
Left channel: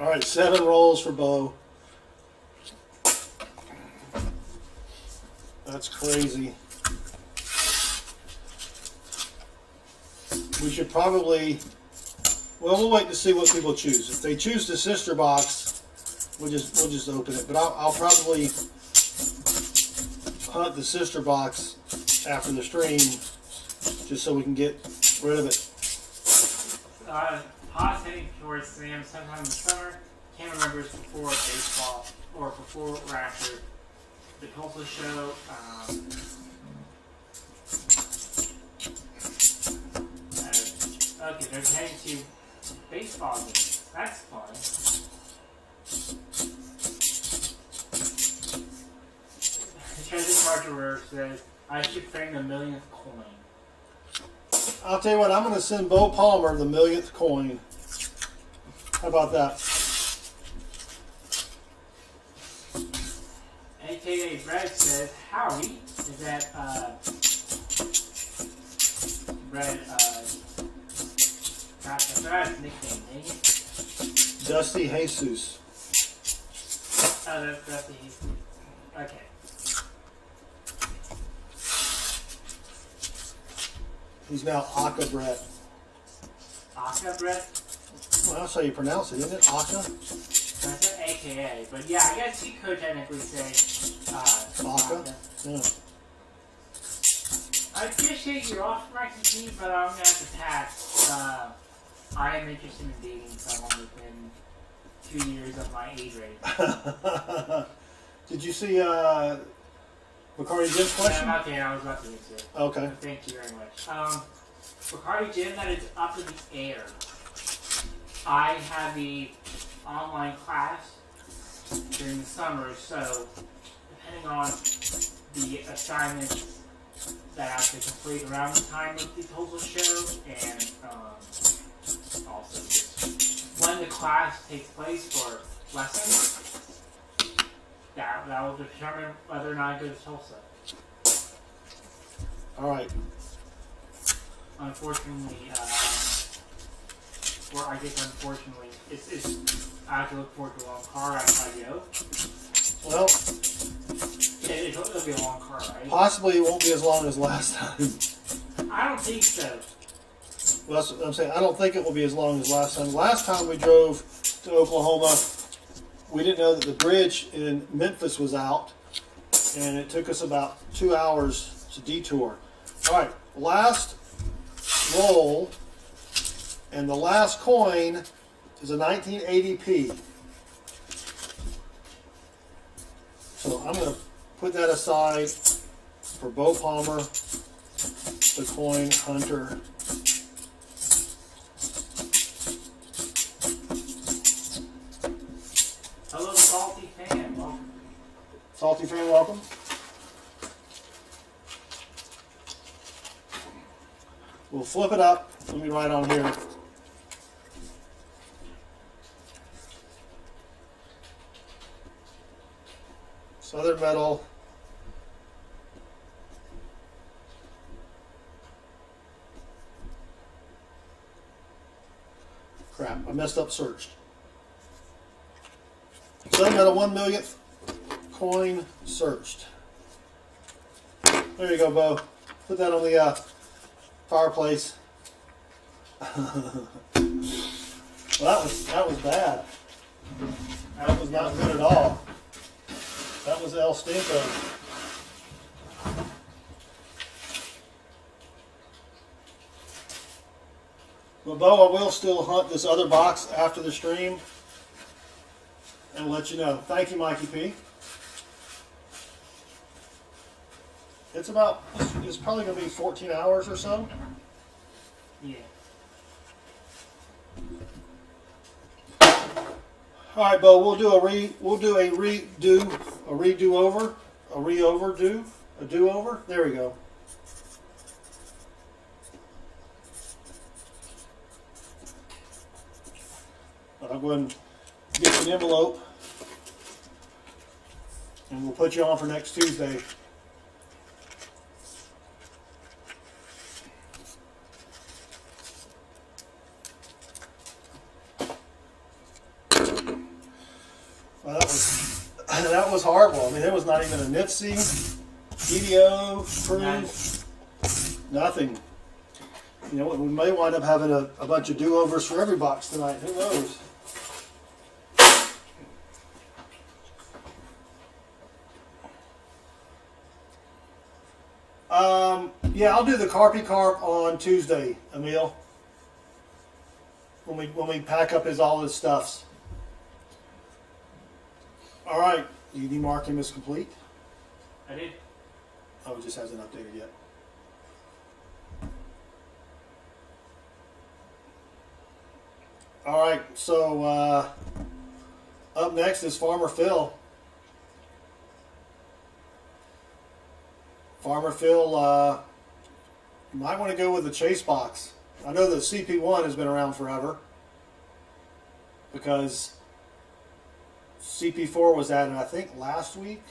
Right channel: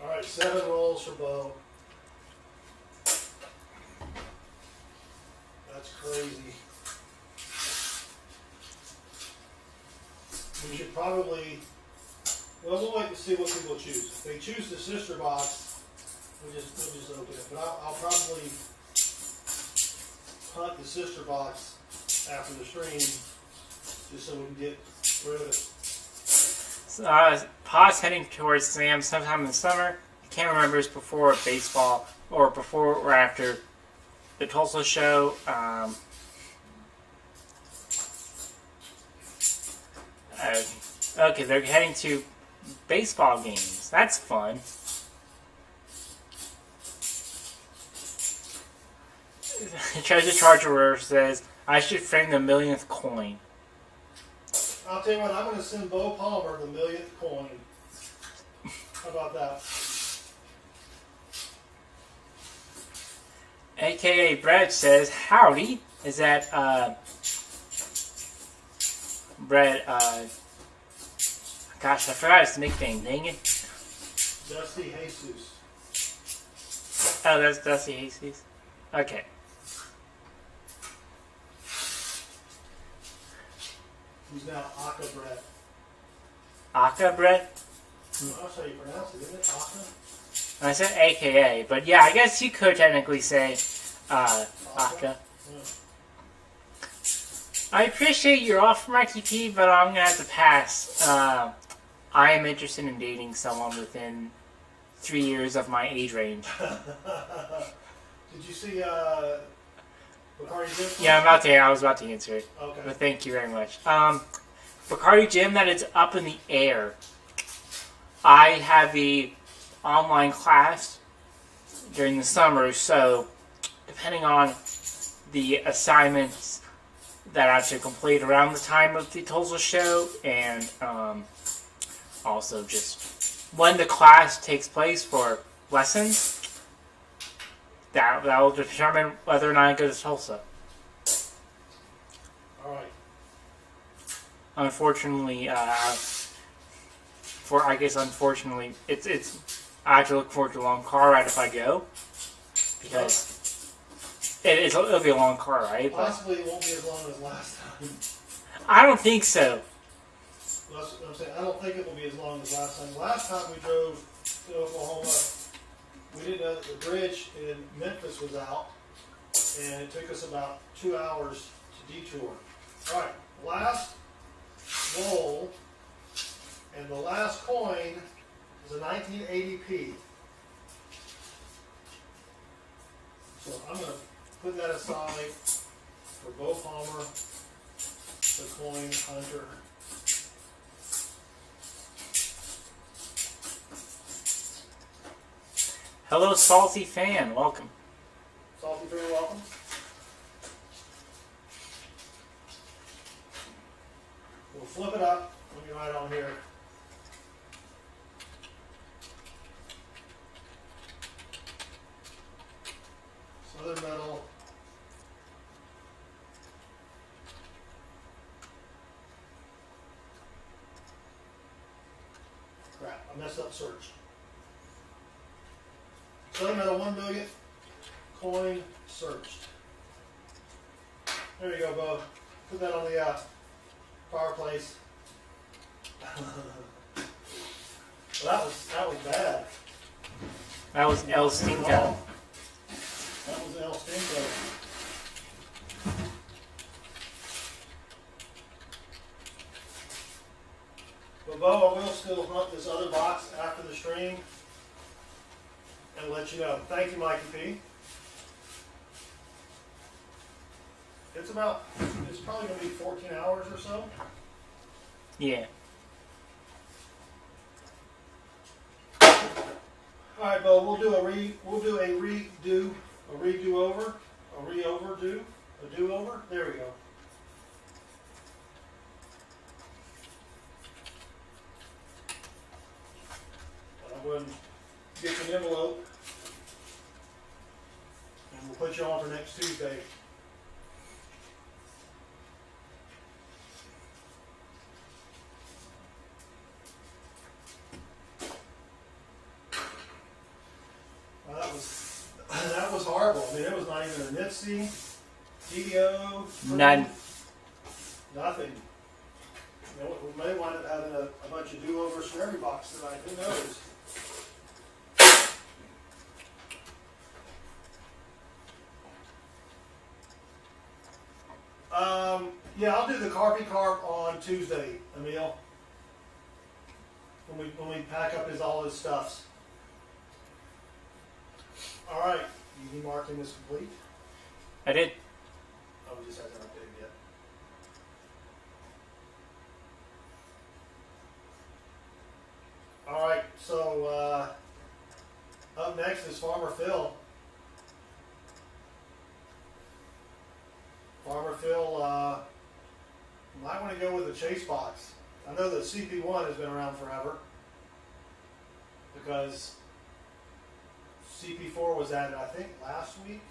All right, 7 rolls for Beau. That's crazy. We should probably, well, we'll wait to see what people choose. If they choose the sister box, we'll just open it. But I'll probably hunt the sister box after the stream, just so we can get rid of it. Pa's heading towards Sam sometime in the summer. I can't remember if it's before baseball or before or after the Tulsa show. Okay, they're heading to baseball games. That's fun. Treasure Charger says, I should frame the millionth coin. I'll tell you what, I'm going to send Beau Palmer the millionth coin. How about that? AKA Brad says, howdy. Is that, Brad, gosh, I forgot his nickname, dang it. Dusty Jesus. Oh, that's Dusty Jesus. Okay. He's now Aka Brett. Aka Brad? Well, that's how you pronounce it, isn't it? Aka? I said AKA, but yeah, I guess you could technically say, Aka. Yeah. I appreciate your offer, Mikey P, but I'm gonna have to pass. I am interested in dating someone within 3 years of my age range. Did you see Bacardi Jim's question? Yeah, I was about to answer it. Okay. But thank you very much. Bacardi Jim, that is up in the air. I have a online class during the summer, so depending on the assignments that I have to complete around the time of the Tulsa show, and also just when the class takes place for lessons, that will determine whether or not I go to Tulsa. All right. Unfortunately, unfortunately, I have to look forward to a long car ride if I go. Well, It'll be a long car ride. possibly it won't be as long as last time. I don't think so. Well, that's what I'm saying. I don't think it will be as long as last time. Last time we drove to Oklahoma, we didn't know that the bridge in Memphis was out, and it took us about 2 hours to detour. All right, last roll, and the last coin is a 1980p. So I'm going to put that aside for Beau Palmer, the coin hunter. Hello, Salty Fan. Welcome. Salty fan, welcome. We'll flip it up. Let me write on here. Southern Metal. crap. I messed up searched. SouthernMetal 1 millionth coin searched. There you go, Beau. Put that on the fireplace. Well, that was bad. That was El Not good at Cinco. all. That was El Stinko. Well, Beau, I will still hunt this other box after the stream and let you know. Thank you, Mikey P. It's probably going to be 14 hours or so. Yeah. All right, Beau, we'll do a do-over. There we go. I'm going to get an envelope, and we'll put you on for next Tuesday. Well, that was horrible. I mean, it was not even a NIFC, EDO, nothing. You know, we may wind up having a bunch of do-overs for every box tonight. Who knows? Yeah, I'll do the CARP on Tuesday, Emil. When we pack up all his stuffs. All right, you demark him as complete. I did. Oh, it just hasn't updated yet. All right, so up next is Farmer Phil. Farmer Phil, you might want to go with the Chase box. I know that CP1 has been around forever because CP4 was added, I think, last week.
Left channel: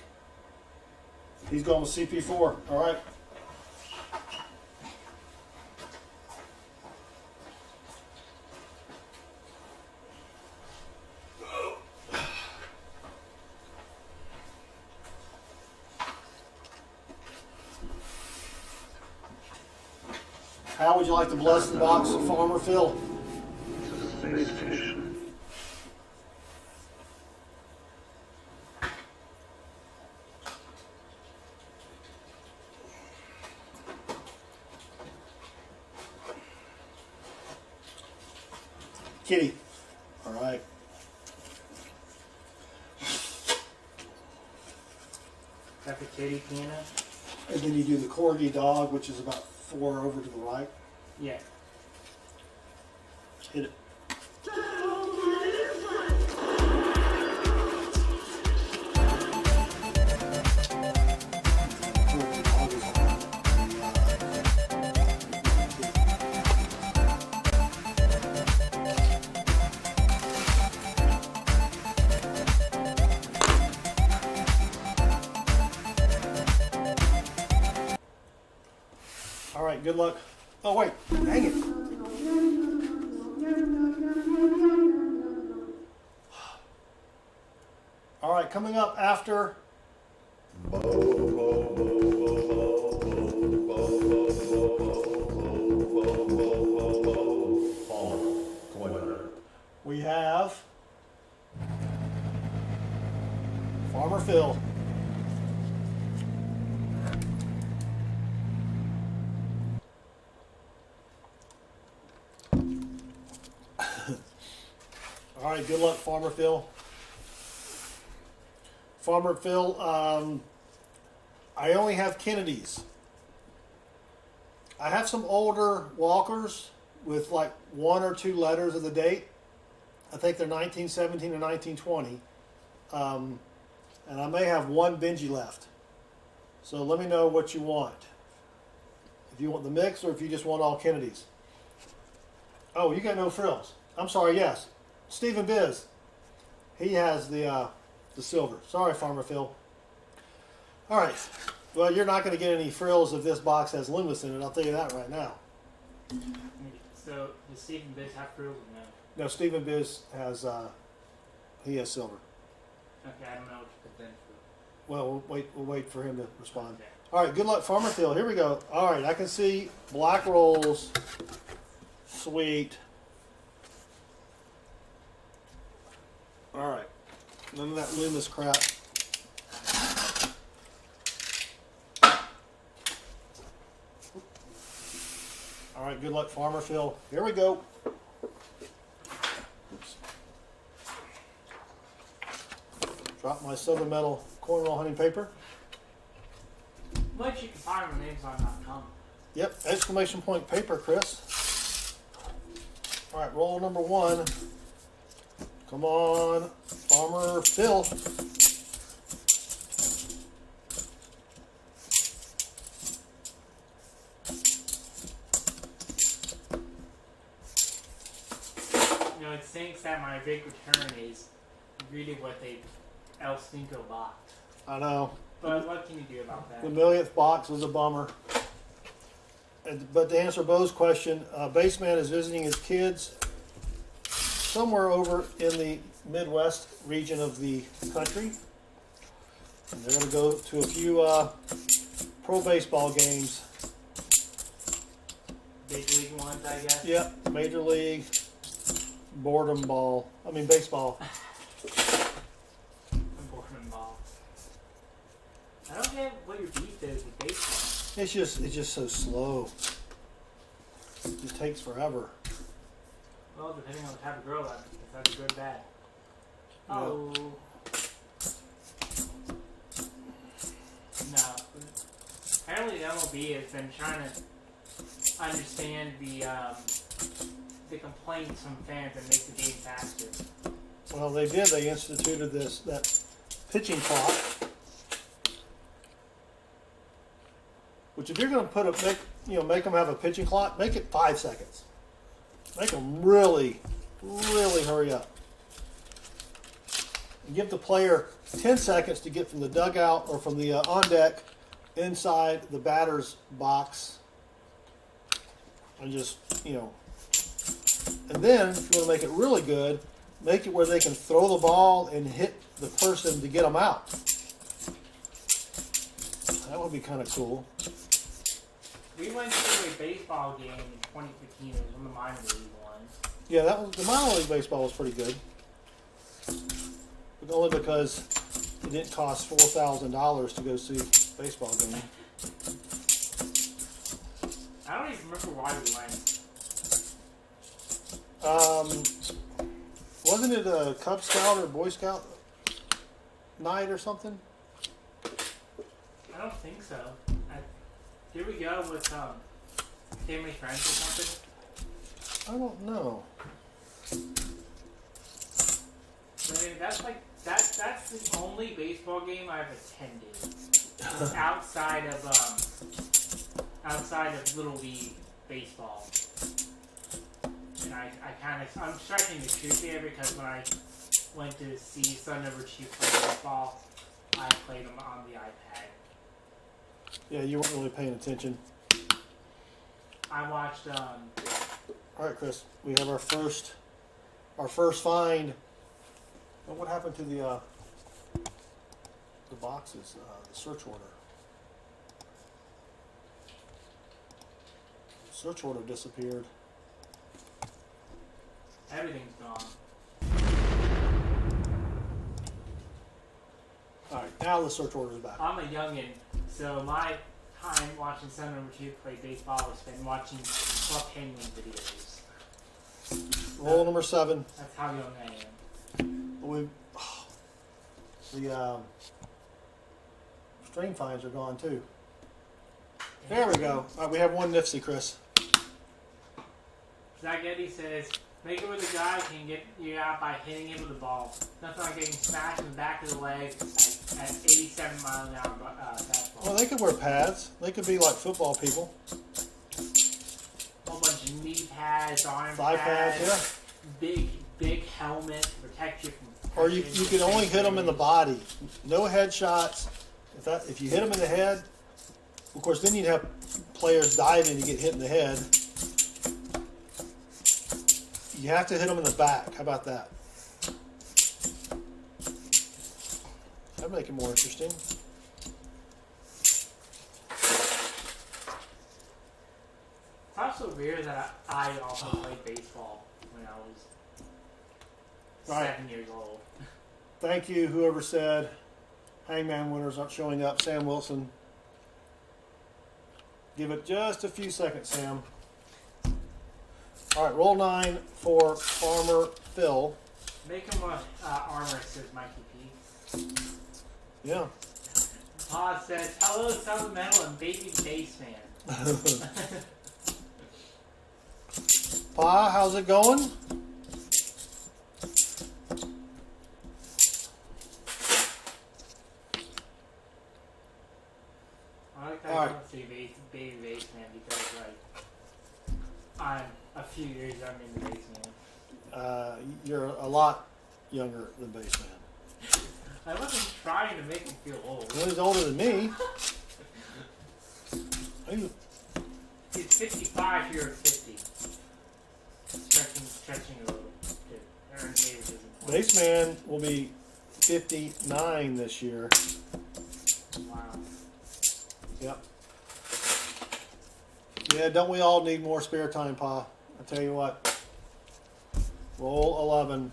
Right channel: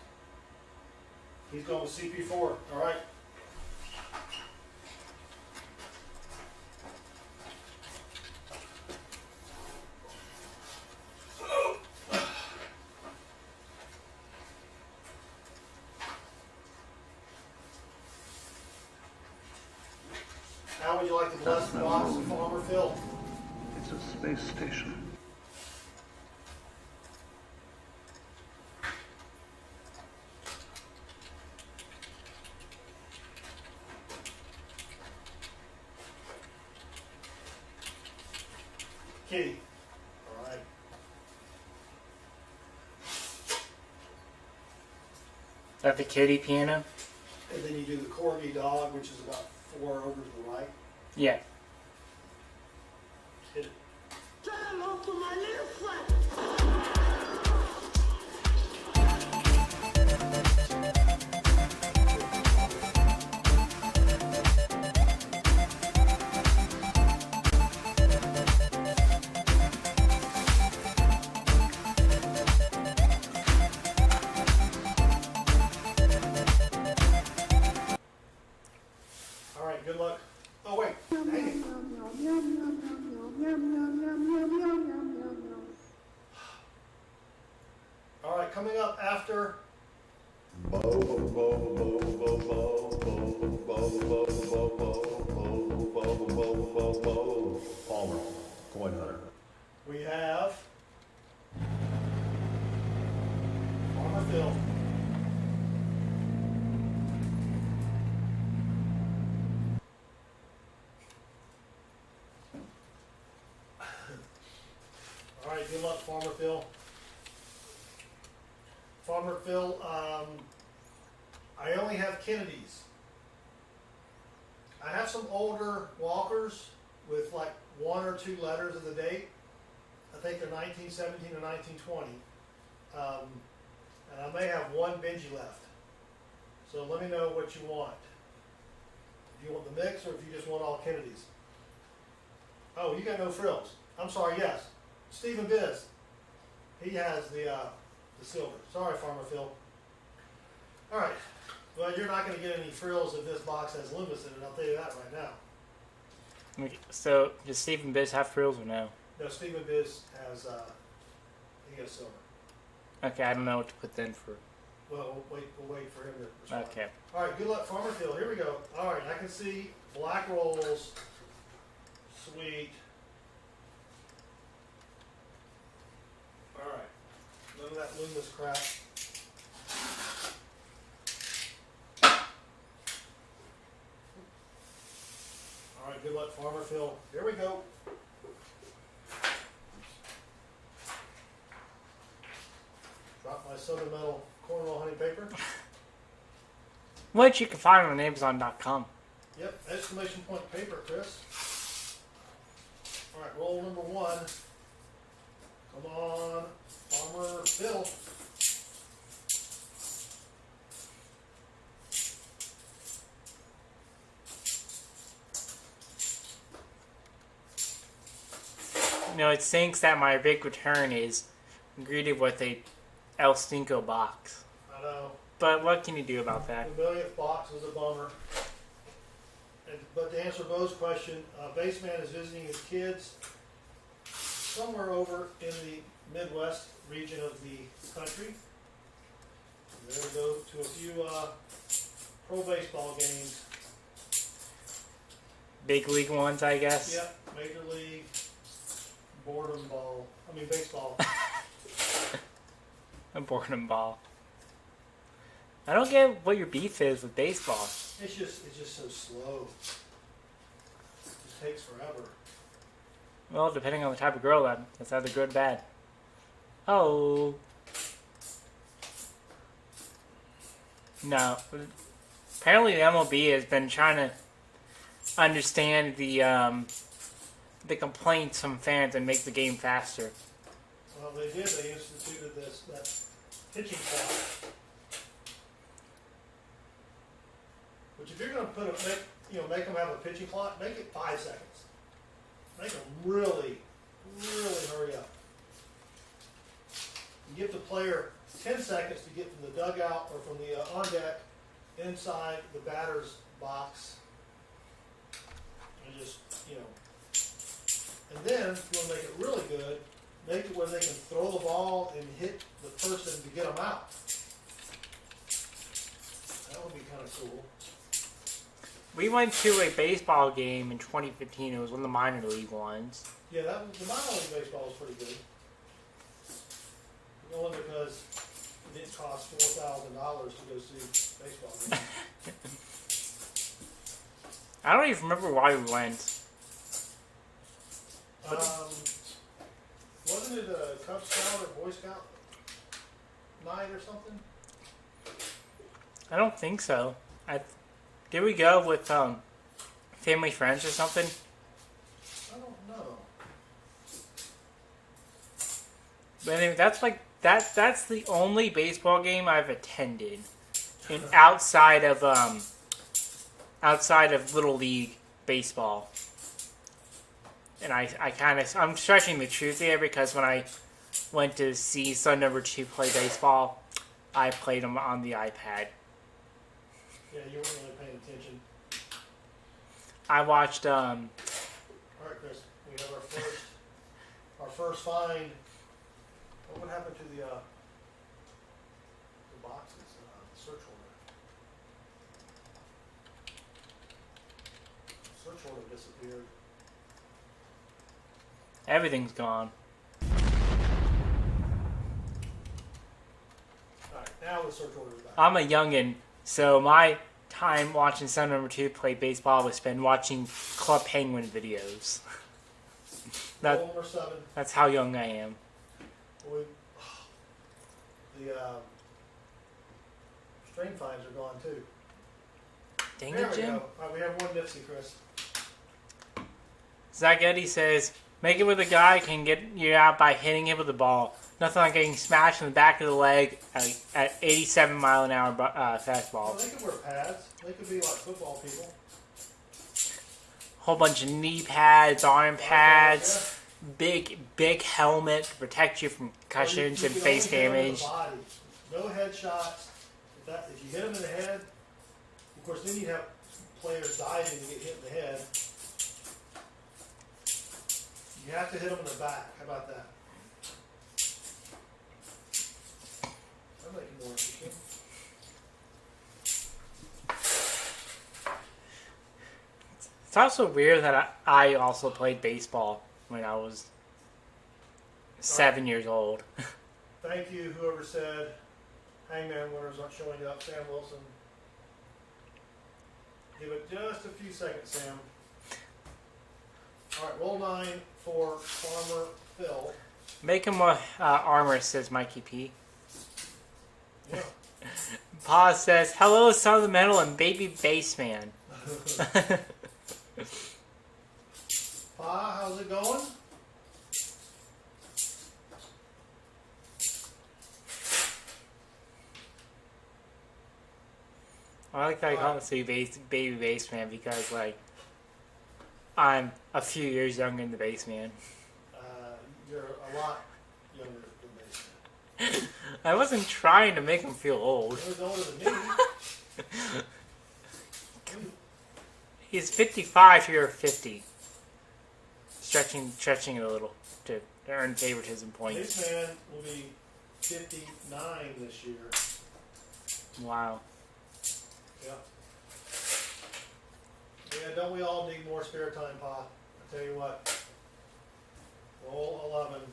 He's going with CP4. All right. How would you like to bless the box of Farmer Phil? It's a space fish. Kitty. All right. Is that the kitty piano? And then you do the corgi dog, which is about 4 over to the right. Yeah. Hit it. All right, good luck. Oh, wait, dang it. All right, coming up after. Palmer, coin hunter. We have Farmer Phil. All right, good luck, Farmer Phil. Farmer Phil, I only have Kennedys. I have some older walkers with like 1 or 2 letters of the date. I think they're 1917 or 1920. And I may have 1 Benji left. So let me know what you want. If you want the mix or if you just want all Kennedys. Oh, you got no frills. I'm sorry, yes. Stephen Biz. He has the silver. Sorry, Farmer Phil. All right. Well, you're not going to get any frills if this box has Loomis in it. I'll tell you that right now. So, does Stephen Biz have frills or no? No, Stephen Biz has he has silver. Okay, I don't know what to put then for. Well, we'll wait for him to respond. Okay. All right, good luck, Farmer Phil. Here we go. All right, I can see black rolls, sweet. All right, none of that Loomis crap. All right, good luck, Farmer Phil. Here we go. Oops. Drop my Southern Metal cornroll hunting paper. Which you can find on Amazon.com. Yep, exclamation point paper, Chris. All right, roll number 1. Come on, Farmer Phil. You know, it stinks that my big return is greeted with a El Stinko box. I know. But what can you do about that? The millionth box was a bummer. But to answer Beau's question, Baseman is visiting his kids somewhere over in the Midwest region of the country. And they're going to go to a few pro baseball games. Big league ones, I guess? Yep, Major League, baseball. A boredom ball. I don't get what your beef is with baseball. It's just so slow. It just takes forever. Well, depending on the type of girl, that's either good or bad. Oh. No. Apparently the MLB has been trying to understand the complaints from fans and make the game faster. Well, they did. They instituted that pitching clock. Which, if you're going to make them have a pitching clock, make it 5 seconds. Make them really, really hurry up. And give the player 10 seconds to get from the dugout or from the on deck inside the batter's box. And just, and then if you want to make it really good, make it where they can throw the ball and hit the person to get them out. That would be kind of cool. We went to a baseball game in 2015. It was one of the minor league ones. Yeah, the minor league baseball was pretty good. But only because it didn't cost $4,000 to go see a baseball game. I don't even remember why we went. Wasn't it a Cub Scout or Boy Scout night or something? I don't think so. Did we go with family friends or something? I don't know. But anyway, that's the only baseball game I've attended. It's outside of Little League baseball. And I'm stretching the truth here because when I went to see son number 2 play baseball, I played him on the iPad. Yeah, you weren't really paying attention. I watched. All right, Chris, we have our first find. What happened to the boxes? The search order. The search order disappeared. Everything's gone. All right, now the search order is back. I'm a youngin', so my time watching son number 2 play baseball was spent watching Club Penguin videos. Roll number 7. That's how young I am. The stream finds are gone too. Dang There it, we Jim. go. All right, we have one NIFC, Chris. Zach Eddy says, make it where the guy can get you out by hitting him with the ball. Nothing like getting smashed in the back of the leg at 87-mile-an-hour fastball. Well, they could wear pads. They could be like football people. Whole bunch of knee pads, arm Thigh pads, big helmet to protect you from Or you concussions and can only face hit them in the damage. body. No headshots. If you hit them in the head, of course, then you'd have players diving to get hit in the head. You have to hit them in the back. How about that? That'd make it more interesting. It's also weird that I also played baseball when I was 7 years old. Thank you, whoever said Hangman winners aren't showing up. Sam Wilson. Give it just a few seconds, Sam. All right, roll 9 for Farmer Phil. Make him a armor, says Mikey P. Yeah. Pa says, hello, Southern Metal and baby bassman. Pa, how's it going? I like that I don't say baby bassman because, like, I'm a few years younger than the bassman. You're a lot younger than Bassman. I wasn't trying to make him feel old. Well, he's older than me. He's 55, you're 50. Stretching it a little to earn favoritism points. Bassman will be 59 this year. Wow. Yep. Yeah, don't we all need more spare time, Pa? I tell you what. Roll 11.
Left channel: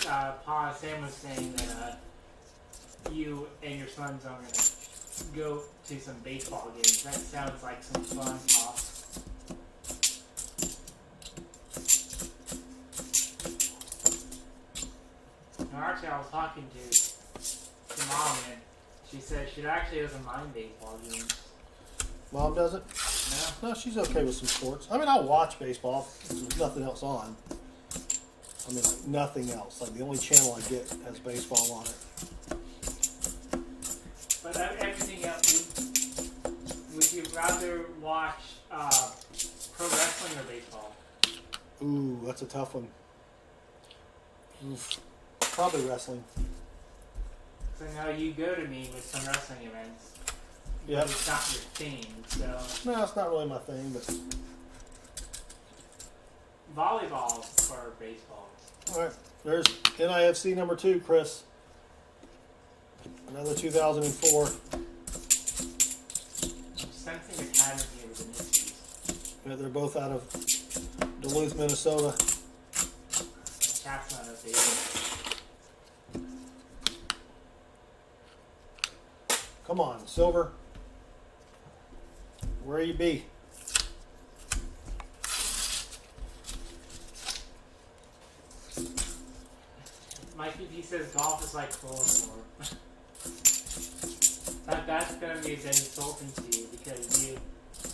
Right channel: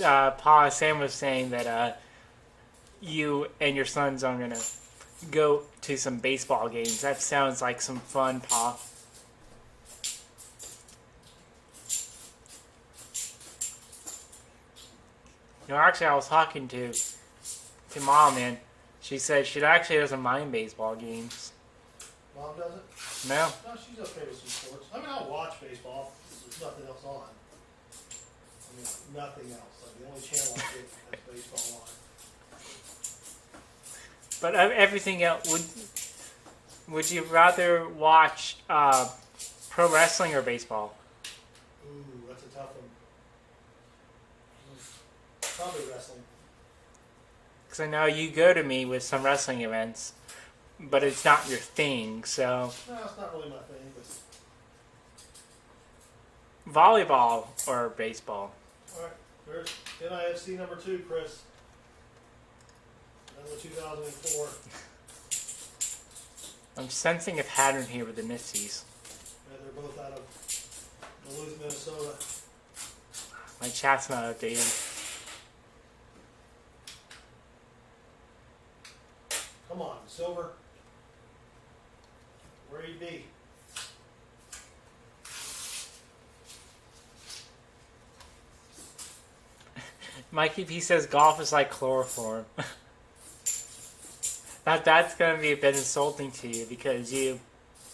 Pa, Sam was saying that you and your sons are gonna go to some baseball games. That sounds like some fun, Pa. No, actually, I was talking to Mom, and she said she actually doesn't mind baseball games. Mom doesn't? No? No, she's okay with some sports. I mean, I'll watch baseball if there's nothing else on. I mean, like, nothing else. Like, the only channel I get has baseball on it. But everything else, would you rather watch pro wrestling or baseball? Ooh, that's a tough one. Oof. Probably wrestling. Because I know you go to me with some wrestling events, but Yep. it's not your thing, so... No, it's not really my thing, but... Volleyball or baseball? Alright, there's NIFC number 2, Chris. Another 2004. I'm sensing a pattern here with the NIFCs. Yeah, they're both out of Duluth, Minnesota. My chat's not updated. Come on, Silver. Where you be? Mikey P says golf is like chloroform. That's going to be a bit insulting to you because you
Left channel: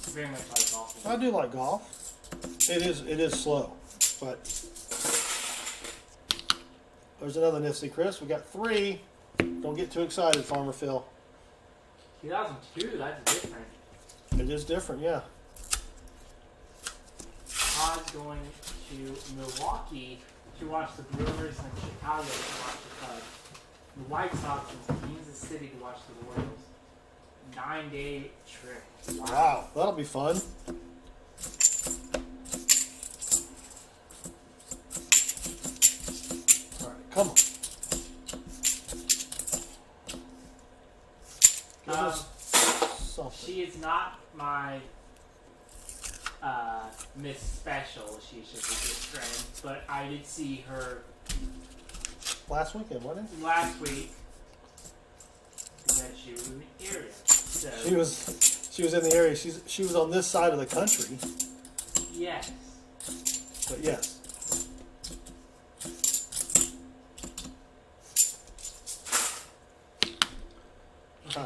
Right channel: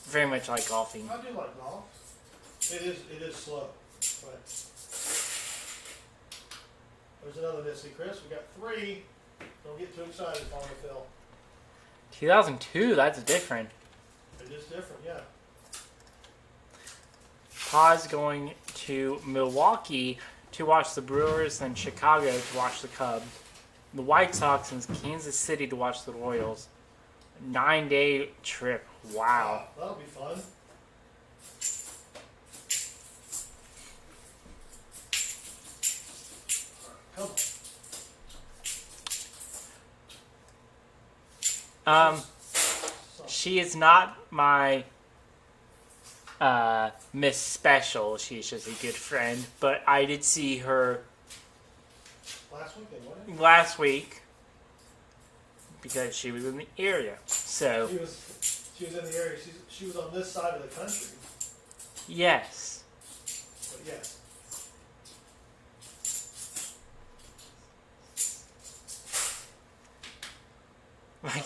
very much like golfing. I do like golf. It is slow, but there's another NIFC, Chris. We got 3. Don't get too excited, Farmer Phil. 2002, that's different. It is different, yeah. Pa's going to Milwaukee to watch the Brewers and Chicago to watch the Cubs. The White Sox and Kansas City to watch the Royals. 9-day trip. Wow. That'll be fun. All right, come on. She is not my Miss Special. She's just a good friend. But I did see her Last weekend, wasn't it? last week because she was in the area. So She was in the area. She was on this side of the country. yes. But yes.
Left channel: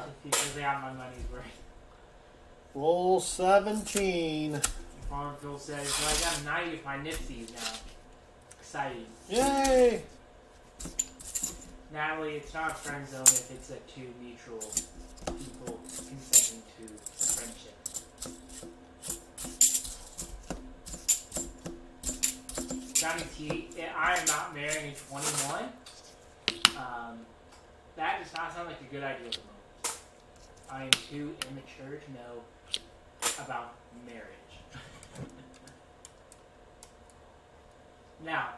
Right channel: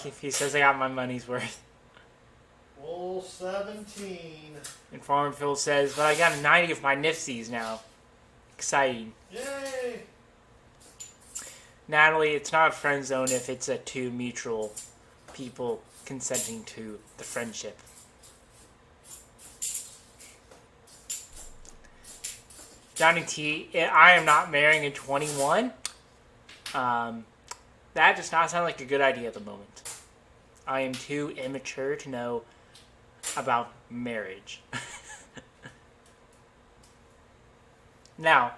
If he says I got my money's worth. Roll 17. And Farmville says, but I got a 90 of my NIFCs now. Exciting. Yay! Natalie, it's not a friend zone if it's a 2 mutual people consenting to the friendship. Johnny T, I am not marrying at 21. That does not sound like a good idea at the moment. I am too immature to know about marriage. Now,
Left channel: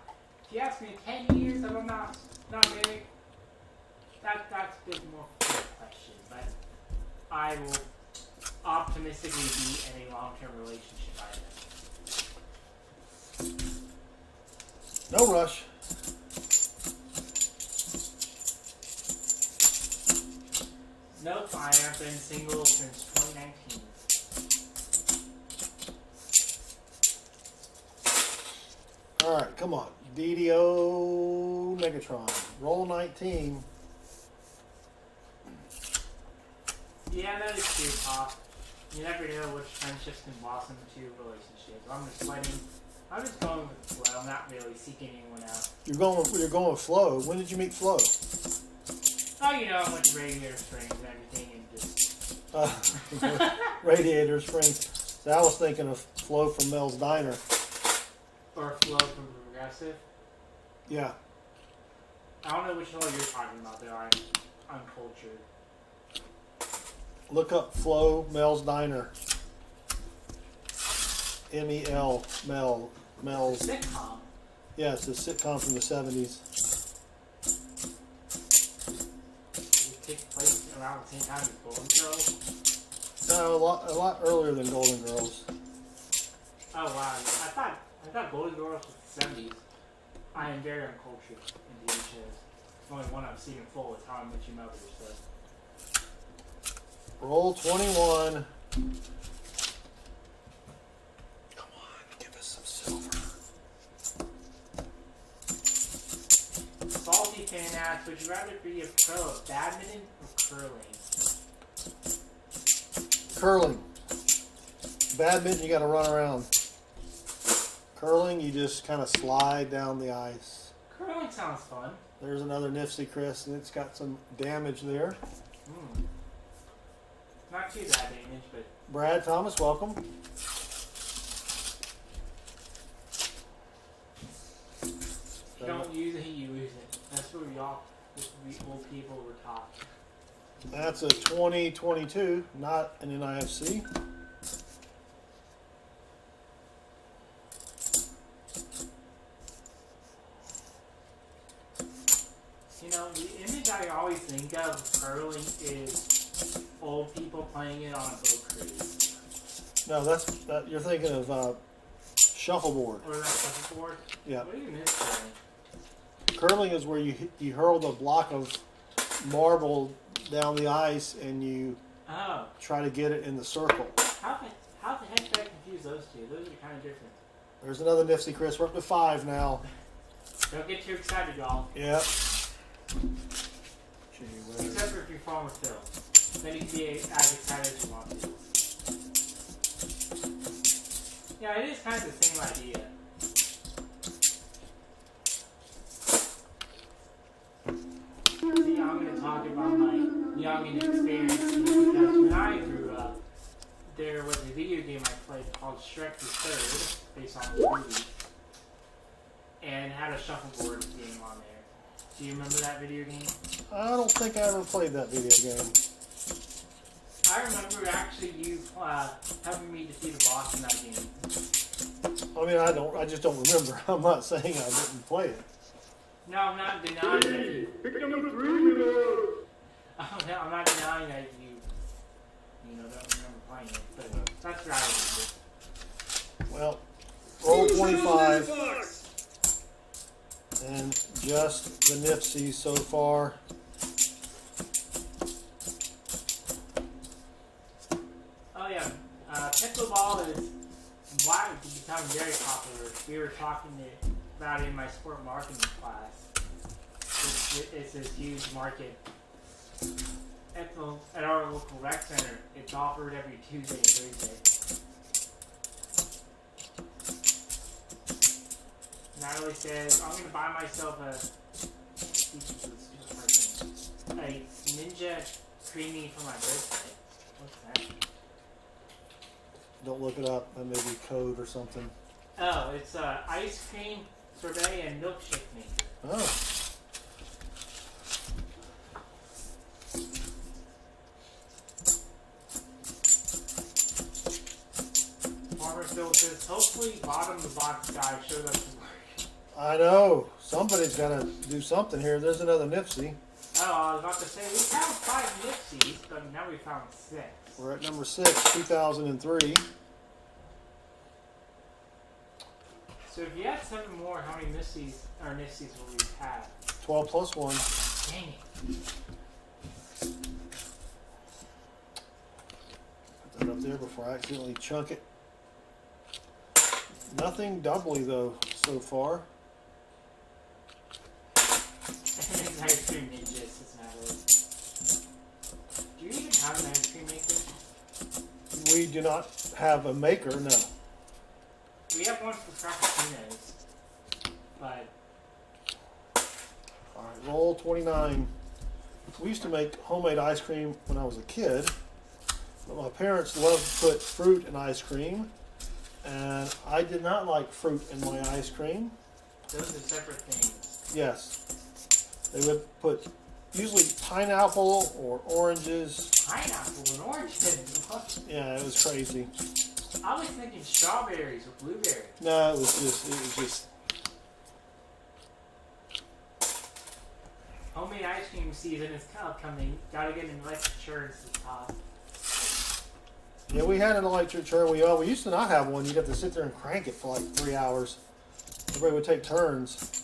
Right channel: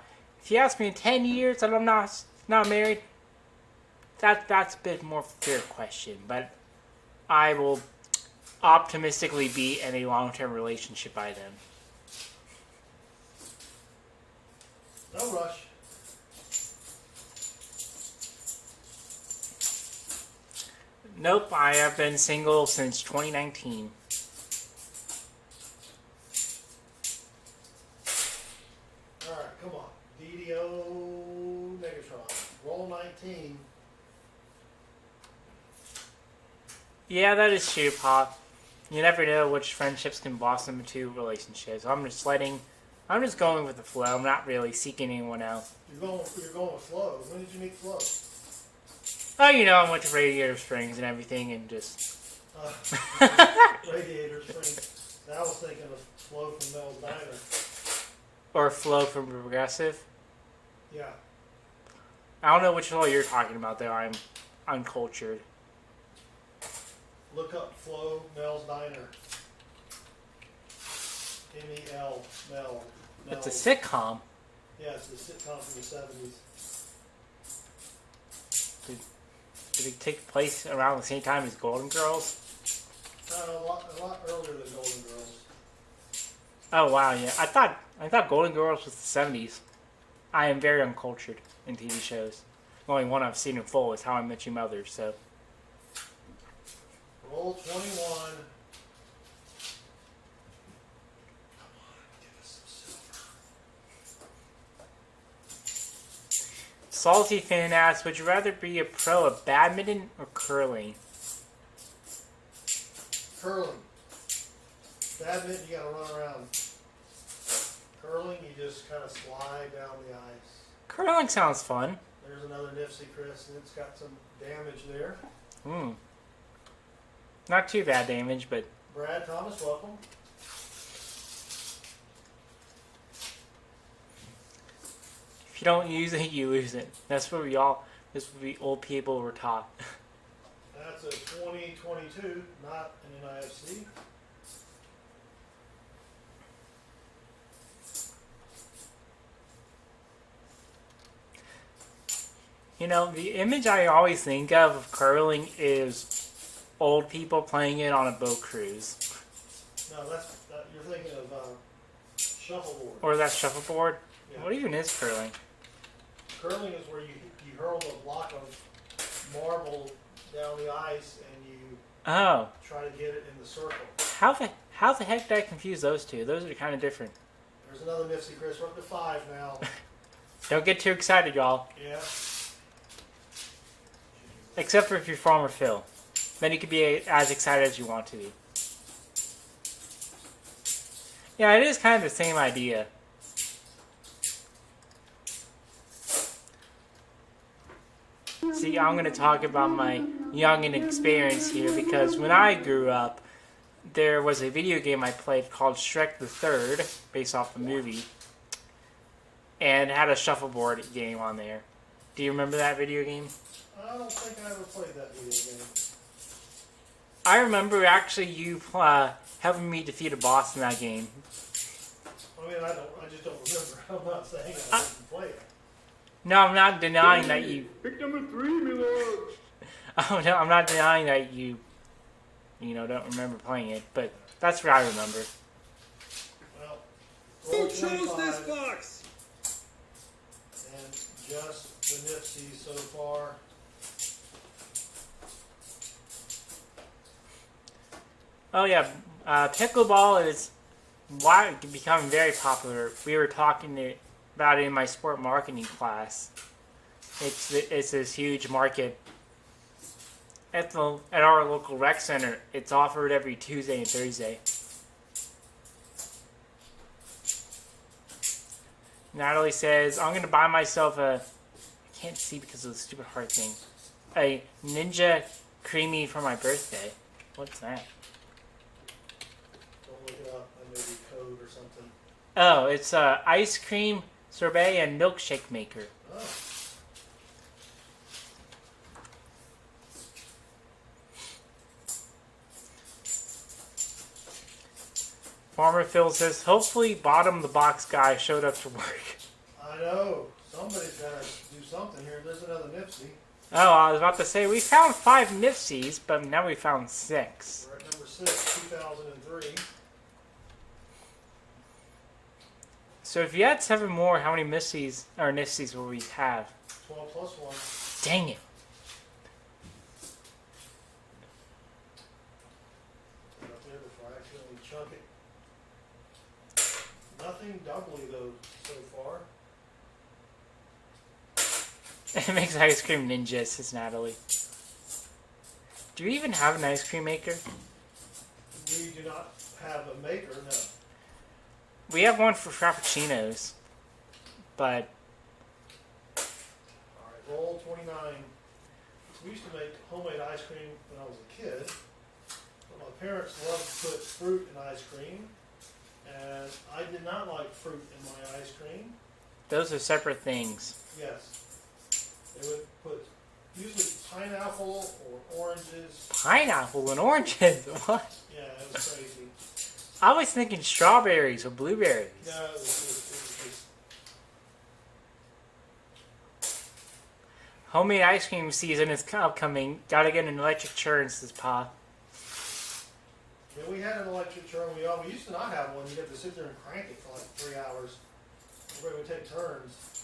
if you ask me in 10 years that I'm not married, that's a bit more fair question, but I will optimistically be in a long-term relationship by then. No rush. Nope, I have been single since 2019. Alright, come on. DDO Megatron. Roll 19. Yeah, that is true, Pop. You never know which friendships can blossom into relationships. I'm just going with the flow. I'm not really seeking anyone out. You're going with Flo. When did you meet Flo? Oh, you know, I went to Radiator Springs and everything, and just... Radiator Springs. So I was thinking of Flo from Mel's Diner. Or Flo from Progressive. Yeah. I don't know which Flo you're talking about, though. I'm uncultured. Look up Flo Mel's Diner. M-E-L, Mel. It's a sitcom. Yeah, it's a sitcom from the 70s. Did it take place around the same time as Golden Girls? No, a lot earlier than Golden Girls. Oh wow, yeah. I thought Golden Girls was the 70s. I am very uncultured in TV shows. The only one I've seen in full is How I Met Your Mother, so. Roll 21. Come on, give us some silver. Salty Fan asks, would you rather be a pro of badminton or curling? Curling. Badminton, you gotta run around. Curling, you just kind of slide down the ice. Curling sounds fun. There's another NIFC, Chris, and it's got some damage there. Not too bad damage, but... Brad Thomas, welcome. If you don't use it, you lose it. That's what we old people were taught. That's a 2022, not an NIFC. You know, the image I always think of curling is old people playing it on a boat cruise. No, you're thinking of shuffleboard. Or that shuffleboard? Yeah. What even is curling? Curling is where you hurl the block of marble down the ice and you try to get it in the circle. How the heck did I confuse those two? Those are kind of different. There's another NIFC, Chris. We're up to 5 now. Don't get too excited, y'all. Yep. Except for if you're Farmer Phil. Then you can be as excited as you want to be. Yeah, it is kind of the same idea. See, I'm going to talk about my youngin' experience here because when I grew up, there was a video game I played called Shrek the Third, based off the movie, and it had a shuffleboard game on there. Do you remember that video game? I don't think I ever played that video game. I remember actually you helping me defeat a boss in that game. I mean, I just don't remember. I'm not saying I didn't play it. No, I'm not denying that you... Pick number 3, my lord. Oh, no, I'm not denying that you don't remember playing it, but that's what I remember. Well, roll 25. And just the NIFC so far. Oh yeah, pickleball is becoming very popular. We were talking about it in my sport marketing class. It's this huge market at our local rec center. It's offered every Tuesday and Thursday. Natalie says, I'm going to buy myself I can't see because of the stupid heart thing, a Ninja Creamy for my birthday. What's that? Don't look it up. That may be code or something. Oh, it's ice cream, sorbet, and milkshake maker. Oh. Farmer Phil says, hopefully bottom of the box guy showed up to work. I know. Somebody's got to do something here. There's another NIFC. Oh, I was about to say, we found 5 NIFCs, but now we found 6. We're at number 6, 2003. So if you had 7 more, how many NIFCs will we have? 12 plus 1. Dang it. Put that up there before I accidentally chunk it. Nothing doubly, though, so far. It makes ice cream ninja, says Natalie. Do you even have an ice cream maker? We do not have a maker, no. We have one for frappuccinos, but... Alright, roll 29. We used to make homemade ice cream when I was a kid, but my parents loved to put fruit in ice cream, and I did not like fruit in my ice cream. Those are separate things. Yes. They would put usually pineapple or oranges. Pineapple and oranges? What? Yeah, it was crazy. I was thinking strawberries or blueberries. No, it was just. Homemade ice cream season is upcoming. Gotta get an electric churn, says Pa. Yeah, we had an electric churn. We used to not have one. You'd have to sit there and crank it for like 3 hours. Everybody would take turns.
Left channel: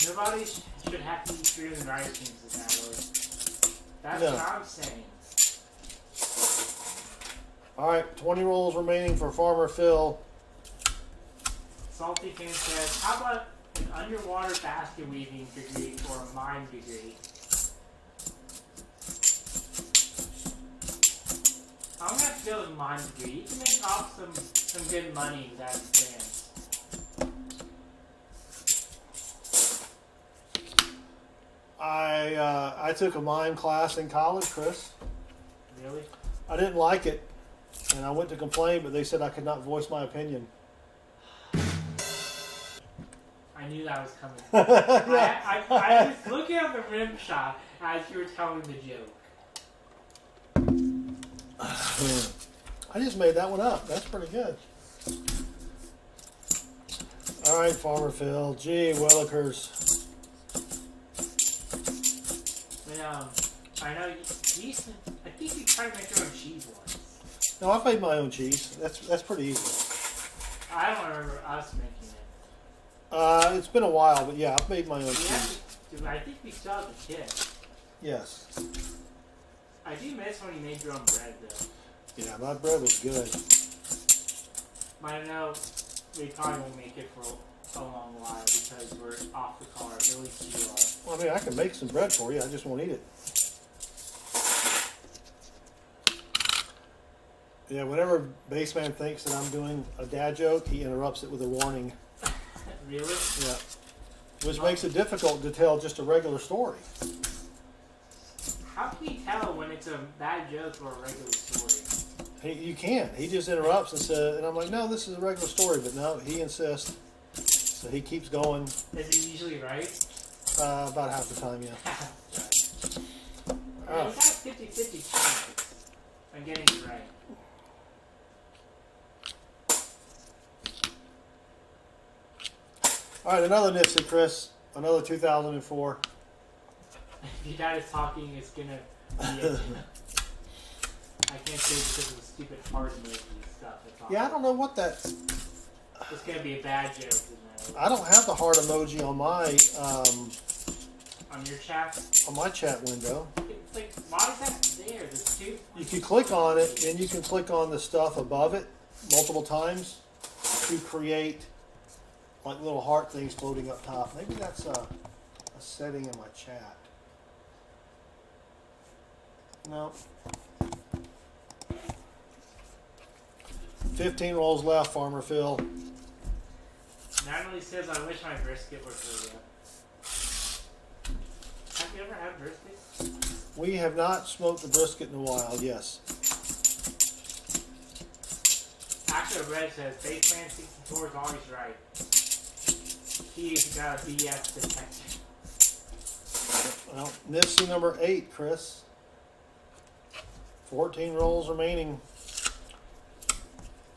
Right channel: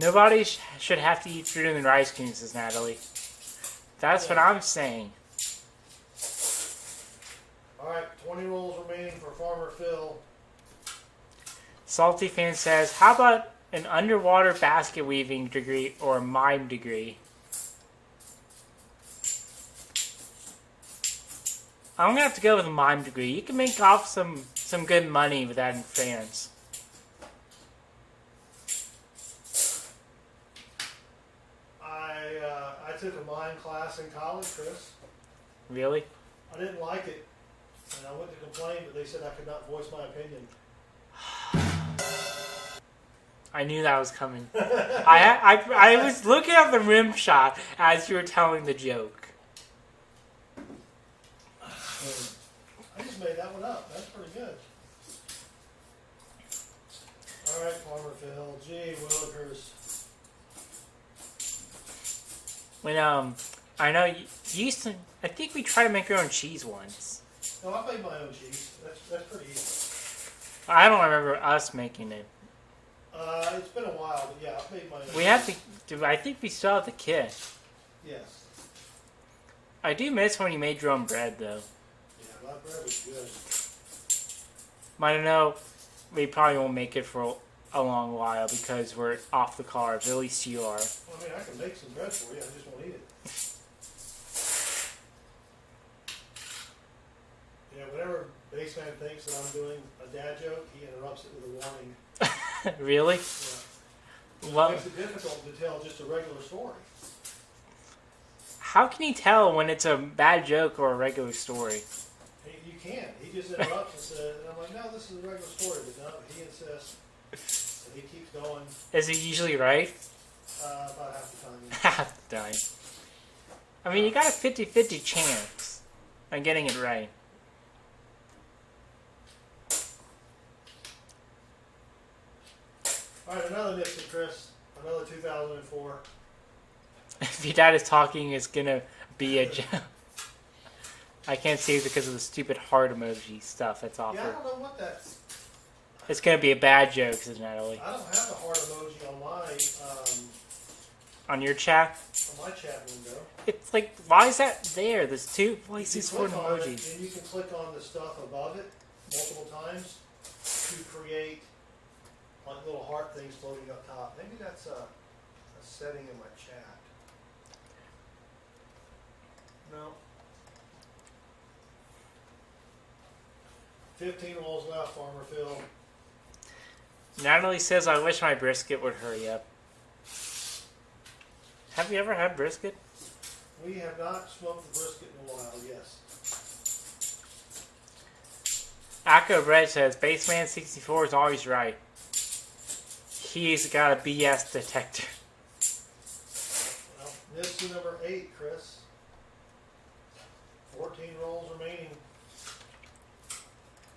Nobody should have to eat fruit in their ice cream, says Natalie. That's what I'm saying. Alright, 20 rolls remaining for Farmer Phil. Salty Fan says, how about an underwater basket weaving degree or mime degree? I'm gonna have to go with a mime degree. You can make off some good money with that in France. I took a mime class in college, Chris. Really? I didn't like it, and I went to complain, but they said I could not voice my opinion. I knew that was coming. I was looking at the rim shot as you were telling the joke. I just made that one up. That's pretty good. All right, Farmer Phil. Gee, Willikers. When I know you used to. I think we tried to make our own cheese once. No, I made my own cheese. That's pretty easy. I don't remember us making it. It's been a while, but yeah, I've made my own cheese. We have to. I think we still have the kit. Yes. I do miss when you made your own bread, though. Yeah, my bread was good. But I know we probably won't make it for a long while because we're off the carbs. At least you are. Well, I mean, I can make some bread for you. I just won't eat it. Yeah, whenever Baseman thinks that I'm doing a dad joke, he interrupts it with a warning. Really? Yeah. Which makes it difficult to tell just a regular story. How can you tell when it's a bad joke or a regular story? You can't. He just interrupts and says, and I'm like, no, this is a regular story. But no, he insists. So he keeps going. Is he usually right? About half the time, yeah. Half the time. I mean, you got a 50-50 chance on getting it right. All right, another NIFC, Chris. Another 2004. If your dad is talking, it's gonna be a joke. I can't see it because of the stupid heart emoji stuff. It's awful. Yeah, I don't know what that's. It's gonna be a bad joke, says Natalie. I don't have the heart emoji on my on your chat. On my chat window. It's like, why is that there? There's 2 places. If you click on emojis. it, and you can click on the stuff above it multiple times to create like little heart things floating up top. Maybe that's a setting in my chat. No. 15 rolls left, Farmer Phil. Natalie says, I wish my brisket would hurry up. Have you ever had brisket? We have not smoked the brisket in a while, yes. Akko Red says, Baseman64 is always right. He's got a BS detector. Well, NIFC number 8, Chris. 14 rolls remaining.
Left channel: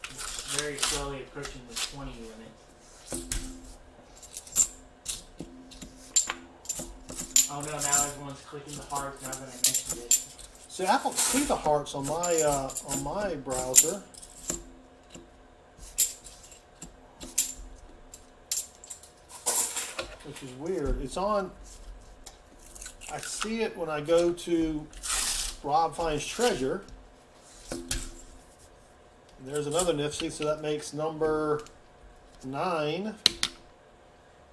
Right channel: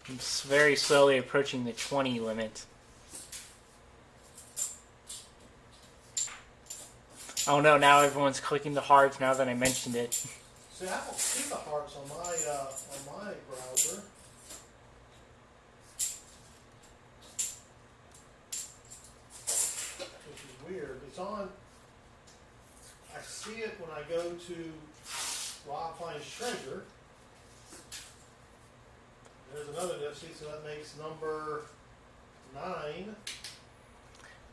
It's very slowly approaching the 20 limit. Oh no, now everyone's clicking the hearts now that I mentioned it. See, I don't see the hearts on my browser. Which is weird. It's on. I see it when I go to Rob Finds Treasure. There's another NIFC, so that makes number 9.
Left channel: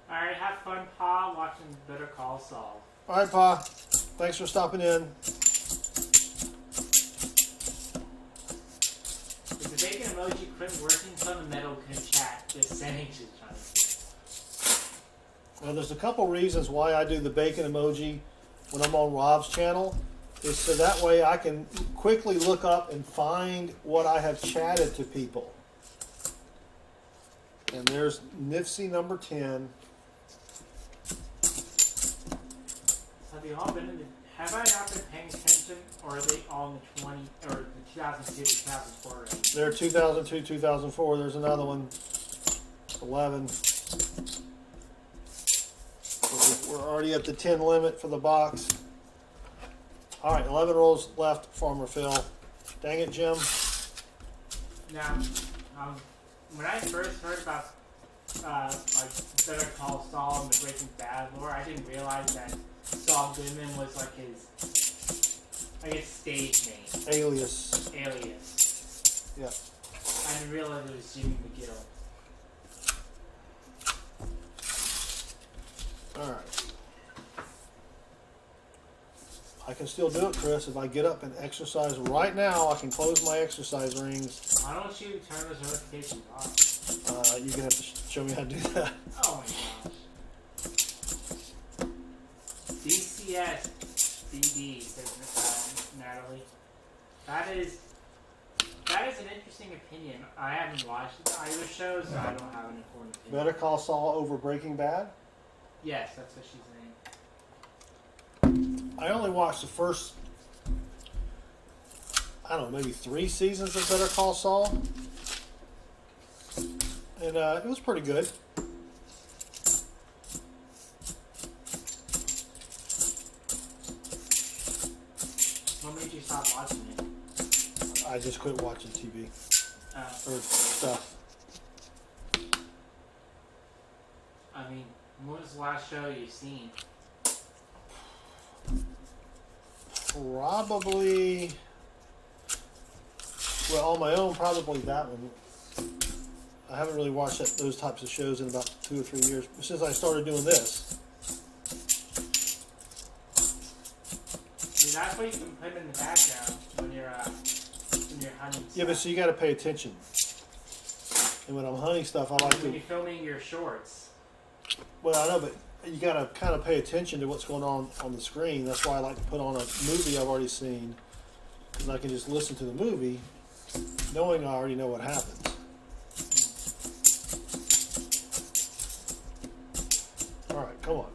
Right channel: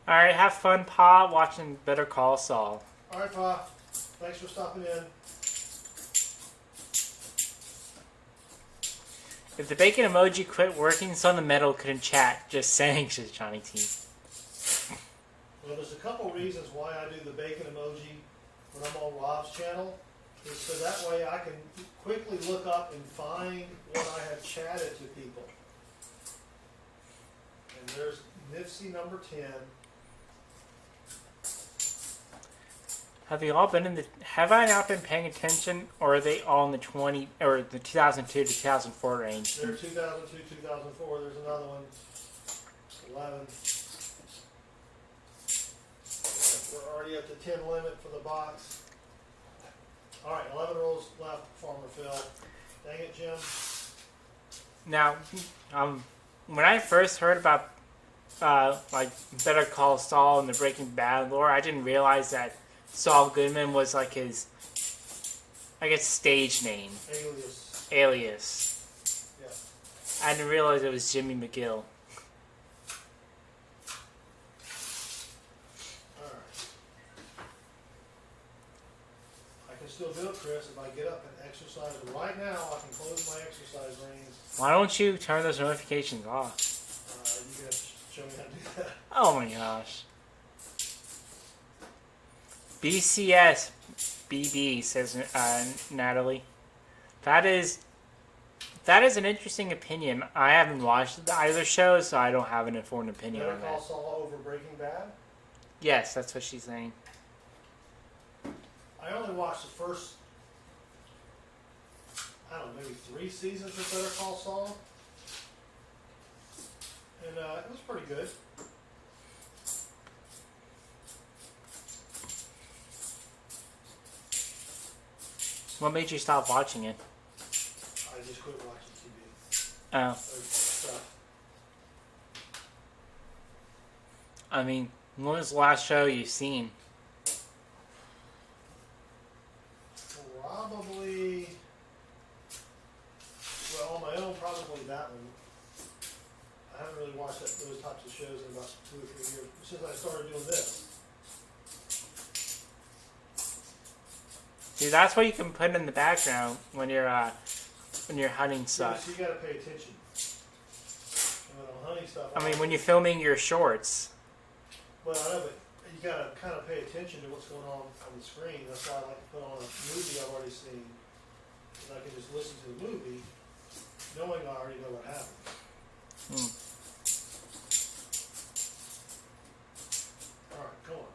Alright, have fun, Pa, watching Better Call Saul. Alright, Pa. Thanks for stopping in. If the bacon emoji quit working, SouthernMetal couldn't chat. Just saying, says Johnny T. Well, there's a couple reasons why I do the bacon emoji when I'm on Rob's channel. Is so that way I can quickly look up and find what I have chatted to people. And there's NIFC number 10. Have you all been in the... Have I not been paying attention, or are they all in the 20... or the 2002 to 2004 range? They're 2002, 2004. There's another one. 11. We're already at the 10 limit for the box. All right, 11 rolls left, Farmer Phil. Dang it, Jim. Now, when I first heard about like Better Call Saul and the Breaking Bad lore, I didn't realize that Saul Goodman was like his, I guess, stage name. Alias. Alias. Yeah. I didn't realize it was Jimmy McGill. All right. I can still do it, Chris. If I get up and exercise right now, I can close my exercise rings. Why don't you turn those notifications off? You're going to have to show me how to do that. Oh my gosh. BCS BB, says Natalie. That is an interesting opinion. I haven't watched either show, so I don't have an informed opinion. Better Call Saul over Breaking Bad? Yes, that's what she's saying. I only watched the first, I don't know, maybe 3 seasons of Better Call Saul. And it was pretty good. What made you stop watching it? I just quit watching TV. Oh. Or stuff. I mean, when was the last show you've seen? Probably, well, on my own, probably that one. I haven't really watched those types of shows in about 2 or 3 years since I started doing this. See, that's what you can put in the background when you're hunting stuff. Yeah, but so you got to pay attention. And when I'm hunting stuff, I mean, when you're filming your shorts. Well, I know, but you got to kind of pay attention to what's going on the screen. That's why I like to put on a movie I've already seen, and I can just listen to the movie, knowing I already know what happens. All right, come on.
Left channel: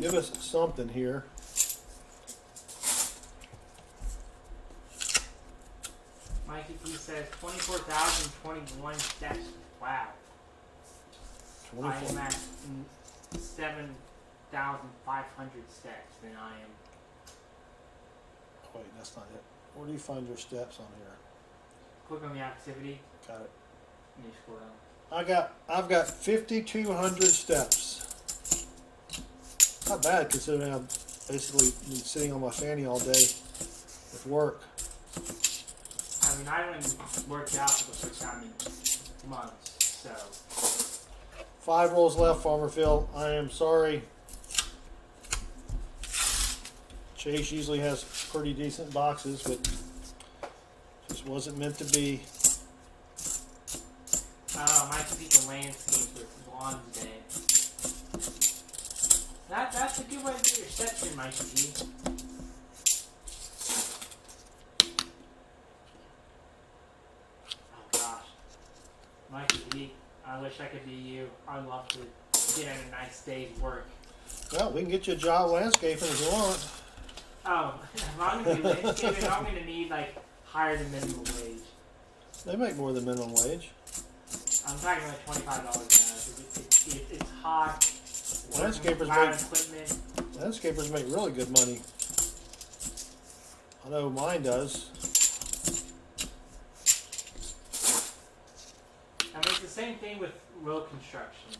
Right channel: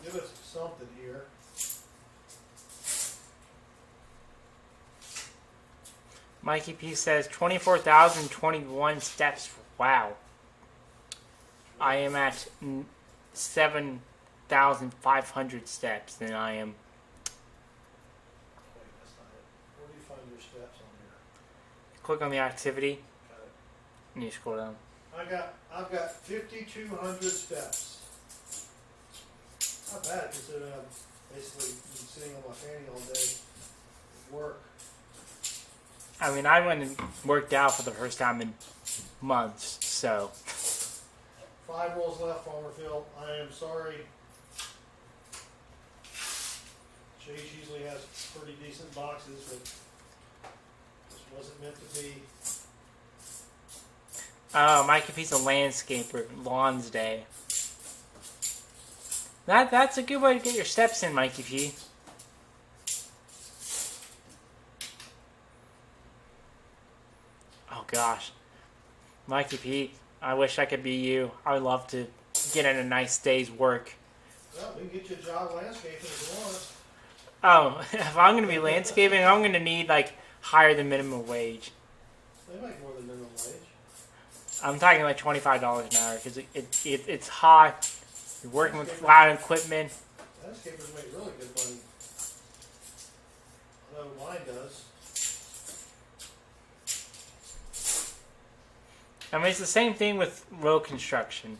Give us something here. Mikey P says 24,021 steps. Wow. I am at 7,500 steps, and I am. Wait, that's not it. Where do you find your steps on here? Click on the activity, Got it. and you scroll down. I've got 5,200 steps. Not bad considering I've basically been sitting on my fanny all day with work. I mean, I went and worked out for the first time in months, so. 5 rolls left, Farmer Phil. I am sorry. Chase usually has pretty decent boxes, but this wasn't meant to be. Oh, Mikey P's a landscaper. Lawns Day. That's a good way to get your steps in, Mikey P. Oh gosh, Mikey P. I wish I could be you. I would love to get in a nice day's work. Well, we can get you a job landscaping if you want. Oh, if I'm going to be landscaping, I'm going to need, like, higher than minimum wage. They make more than minimum wage. I'm talking like $25 an hour because it's hot. You're working with Landscapers loud make- equipment. Landscapers make really good money. I know mine does. I mean, it's the same thing with road construction.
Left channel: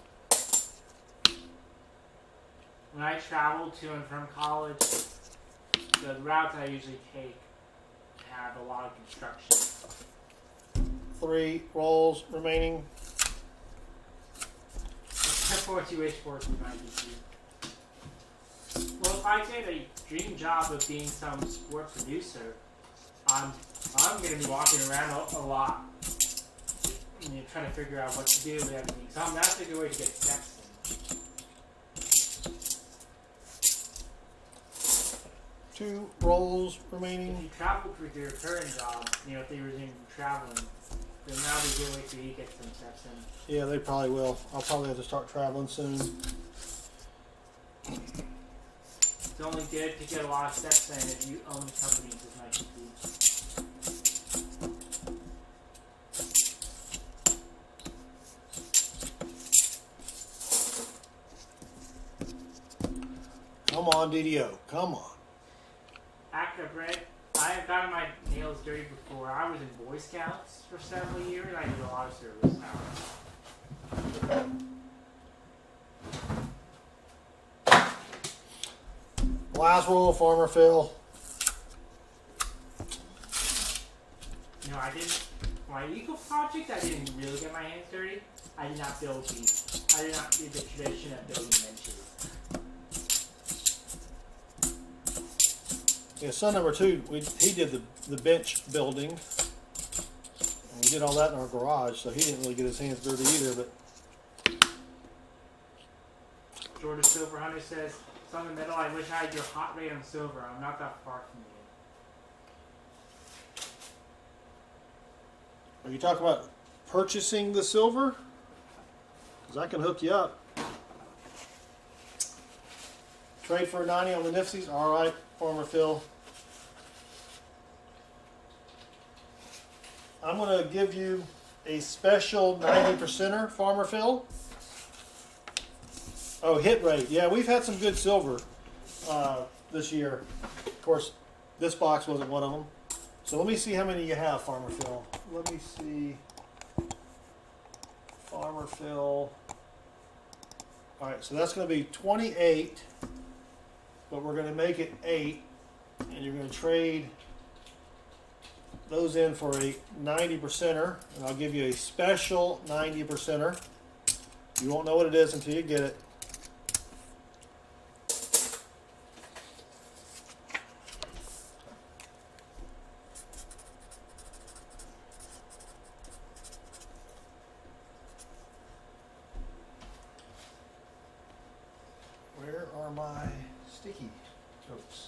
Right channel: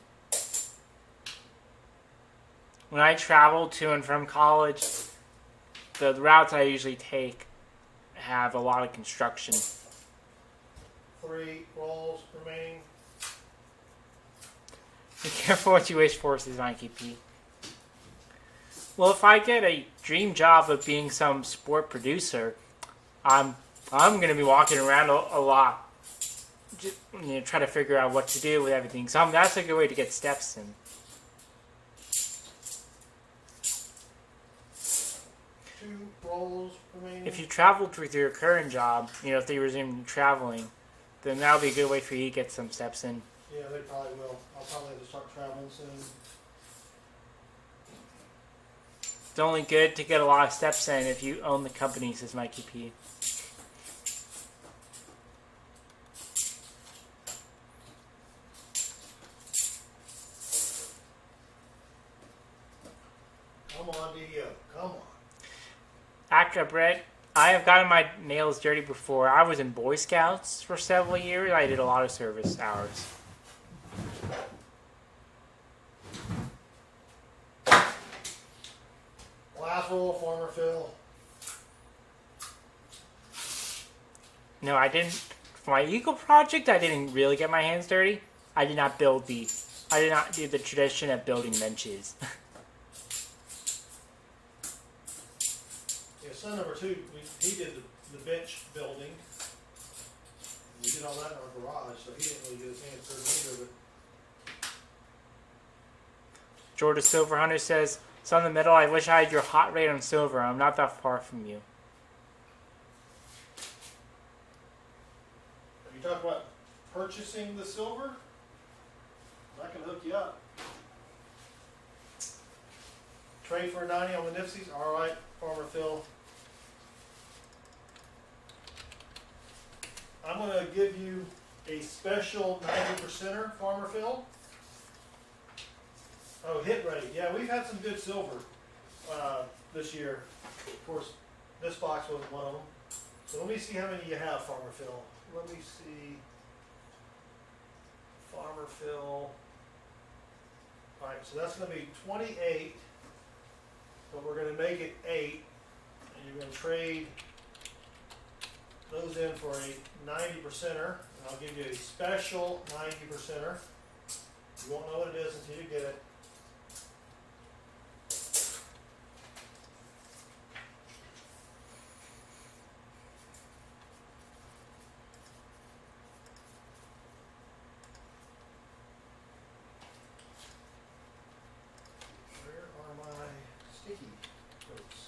When I travel to and from college, the routes I usually take have a lot of construction. 3 rolls remaining. Be careful what you wish for, says Mikey P. Well, if I get a dream job of being some sport producer, I'm going to be walking around a lot. You know, try to figure out what to do with everything. So that's a good way to get steps in. 2 rolls remaining. If you traveled with your current job, you know, if they resume traveling, then that'll be a good way for you to get some steps in. Yeah, they probably will. I'll probably have to start traveling soon. It's only good to get a lot of steps in if you own the company, says Mikey P. Come on, DDO. Come on. Acra Brett, I have gotten my nails dirty before. I was in Boy Scouts for several years. I did a lot of service hours. Last roll, Farmer Phil. No, I didn't. For my Eagle project, I didn't really get my hands dirty. I did not build the. I did not do the tradition of building benches. Yeah, son number 2, he did the bench building. We did all that in our garage, so he didn't really get his hands dirty either. But Georgia Silver Hunter says, "Son of the Metal, I wish I had your hot rate on silver. I'm not that far from you." are you talking about purchasing the silver? Because I can hook you up. Trade for a 90 on the NIFCs? All right, Farmer Phil. I'm going to give you a special 90%er, Farmer Phil. Oh, hit rate. Yeah, we've had some good silver this year. Of course, this box wasn't one of them. So let me see how many you have, Farmer Phil. Let me see. Farmer Phil. All right, so that's going to be 28, but we're going to make it 8, and you're going to trade those in for a 90%er, and I'll give you a special 90%er. You won't know what it is until you get it. Where are my sticky notes?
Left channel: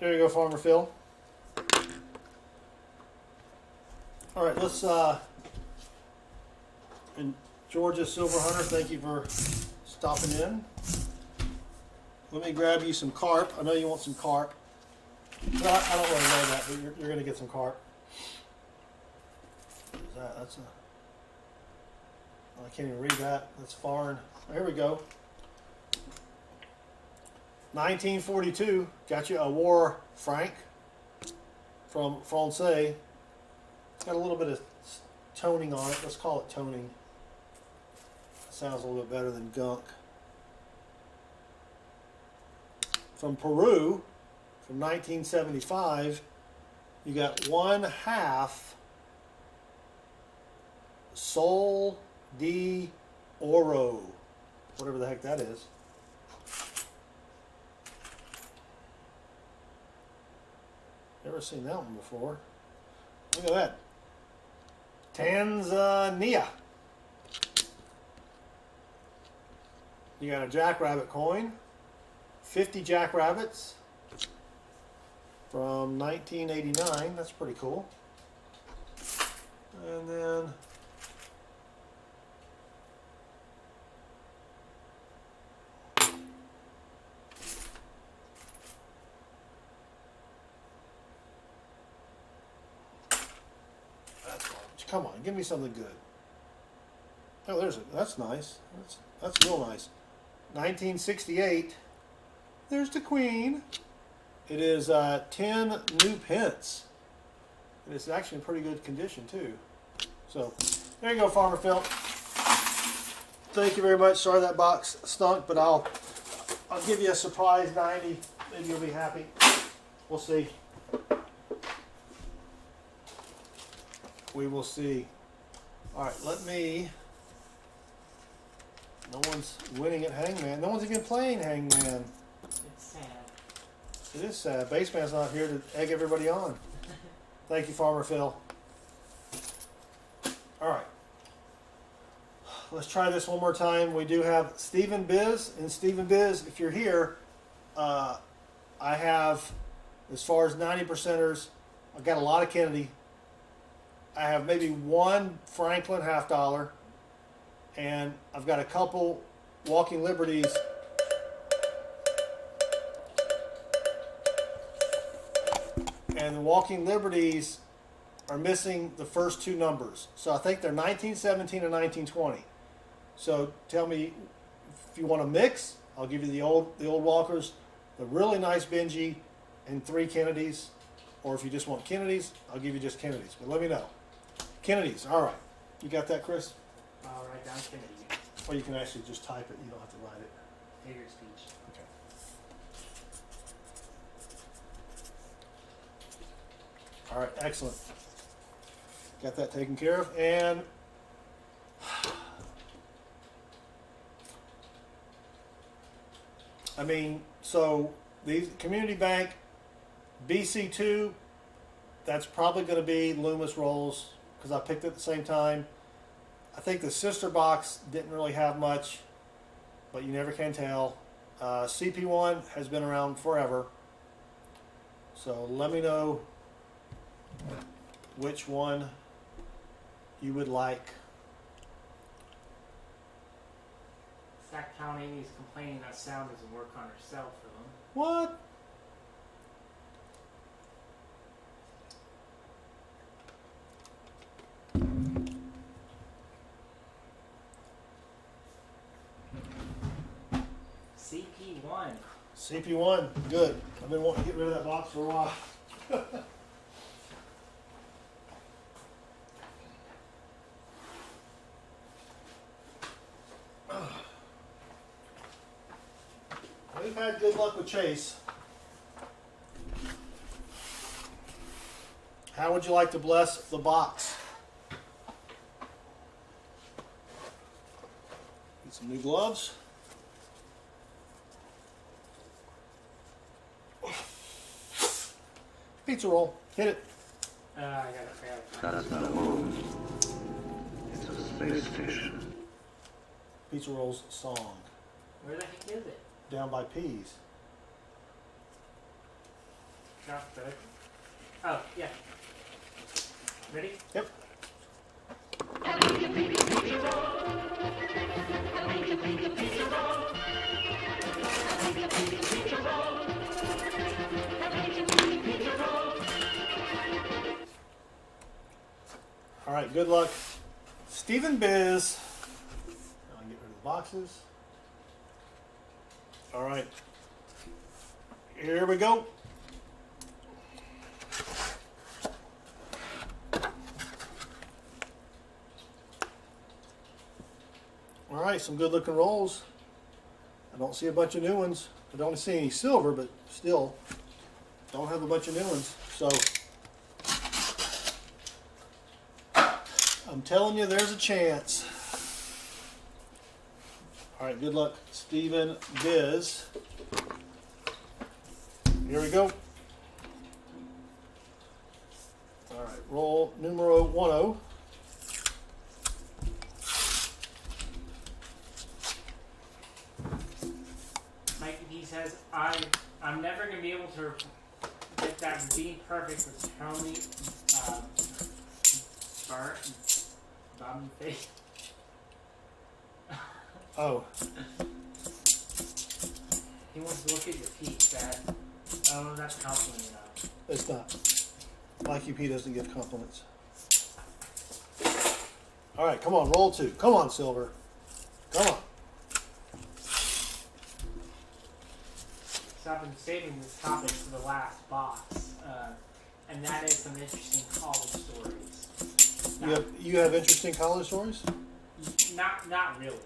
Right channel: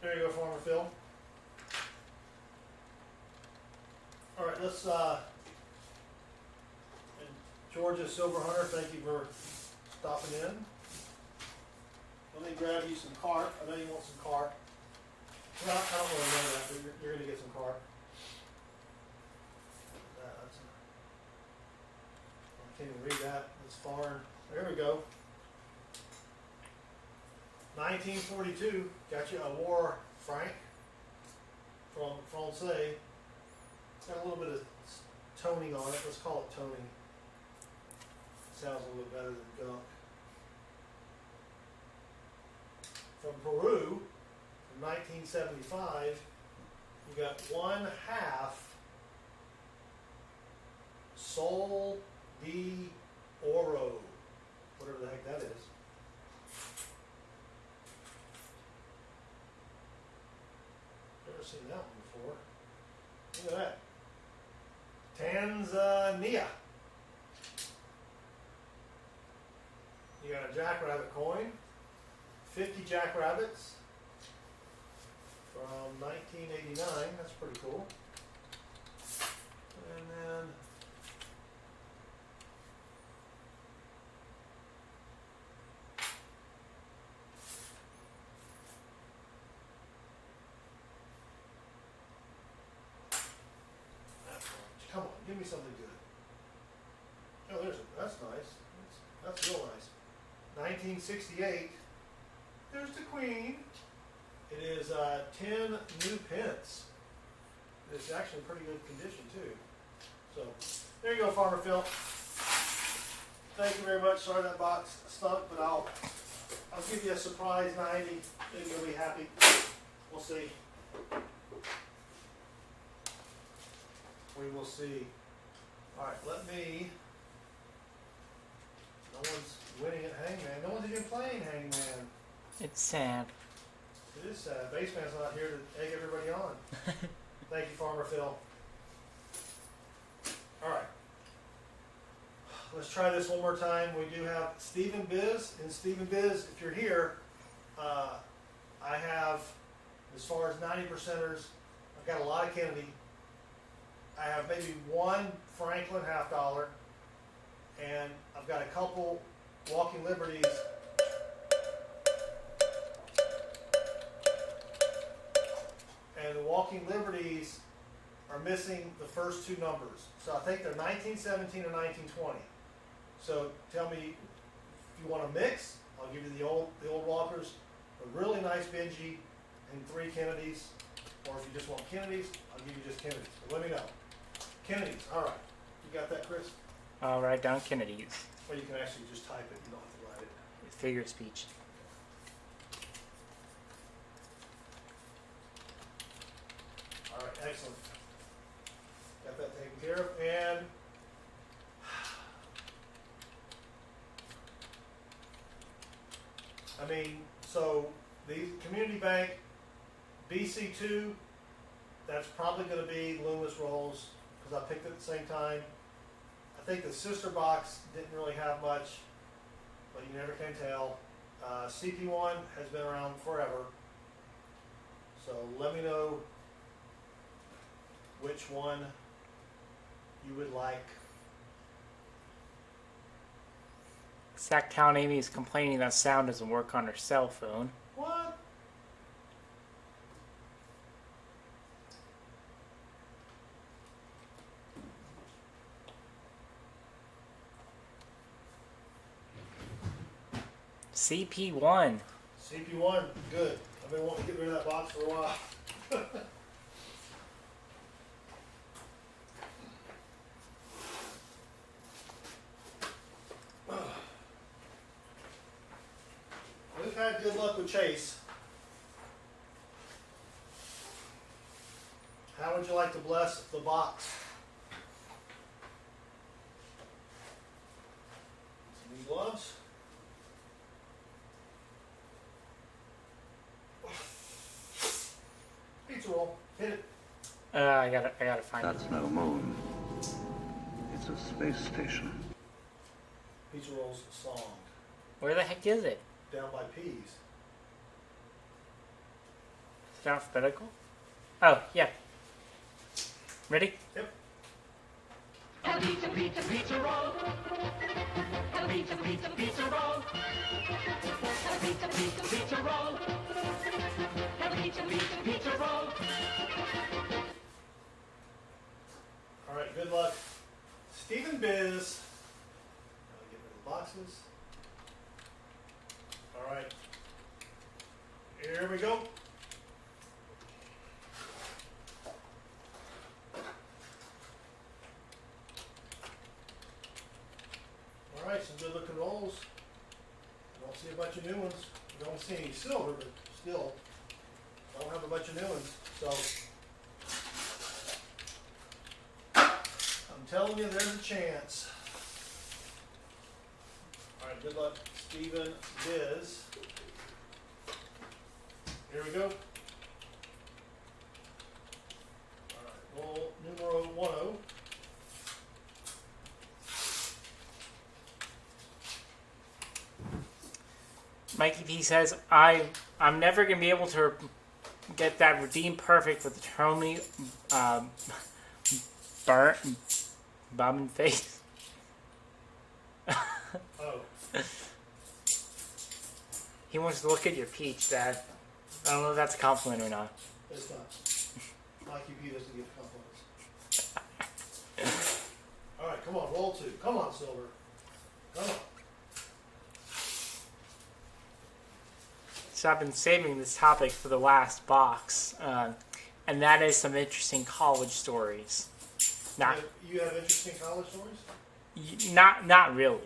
There you go, Farmer Phil. All right, let's, and Georgia Silver Hunter, thank you for stopping in. Let me grab you some CARP. I know you want some CARP. Well, I don't really know that, but you're going to get some CARP. What is that? That's not, I can't even read that. That's foreign. There we go. 1942, got you a War Franc from Francais. Got a little bit of toning on it. Let's call it toning. Sounds a little bit better than gunk. From Peru, from 1975, you got 1/2 Sol de Oro, whatever the heck that is. Never seen that one before. Look at that. Tanzania. You got a jackrabbit coin, 50 jackrabbits, from 1989. That's pretty cool. And then come on, give me something good. Oh, that's nice. That's real nice. 1968. There's the Queen. It is 10 new pence. It's actually in pretty good condition too. So there you go, Farmer Phil. Thank you very much. Sorry that box stunk, but I'll give you a surprise 90. Maybe you'll be happy. We'll see. We will see. All right, let me. No one's winning at Hangman. No one's even playing Hangman. It's sad. It is sad. Baseman's not here to egg everybody on. Thank you, Farmer Phil. All right. Let's try this one more time. We do have Stephen Biz. And Stephen Biz, if you're here, I have, as far as 90%ers, I've got a lot of Kennedy. I have maybe one Franklin $50, and I've got a couple Walking Liberties. And the Walking Liberties are missing the first two numbers. So I think they're 1917 and 1920. So tell me if you want to mix, I'll give you the old Walkers, the really nice Benji, and 3 Kennedys. Or if you just want Kennedys, I'll give you just Kennedys. But let me know. Kennedys, all right. You got that, Chris? I'll write down Kennedy. Or you can actually just type it. You don't have to write it. Figure of speech. All right, excellent. Got that taken care of. And I mean, so the Community Bank BC2, that's probably going to be Loomis rolls because I picked it at the same time. I think the sister box didn't really have much, but you never can tell. CP1 has been around forever. So let me know which one you would like. Sacktown Amy is complaining that sound doesn't work on her cell phone. What? CP1. CP1, good. I've been wanting to get rid of that box for a while. We've had good luck with Chase. How would you like to bless the box? Get some new gloves. Pizza roll. Hit it. I gotta find That's it. no moon. It's a space station. Pizza roll's song. Where the heck is it? Down by P's. Is it alphabetical? Oh, yeah. Ready? Yep. All right, good luck. Stephen Biz. I'll get rid of the boxes. All right. Here we go. All right, some good looking rolls. I don't see a bunch of new ones. I don't see any silver, but still don't have a bunch of new ones. So I'm telling you, there's a chance. All right, good luck, Stephen Biz. Here we go. All right, roll numero 10. Mikey P says, I'm never gonna be able to get that redeem perfect with Tony Bombing face. Oh. He wants to look at your peach, Dad. I don't know if that's a compliment or not. It's not. Mikey P doesn't give compliments. All right, come on, roll 2. Come on, Silver. Come on. So I've been saving this topic for the last box, and that is some interesting college stories. You have interesting college stories? Not really.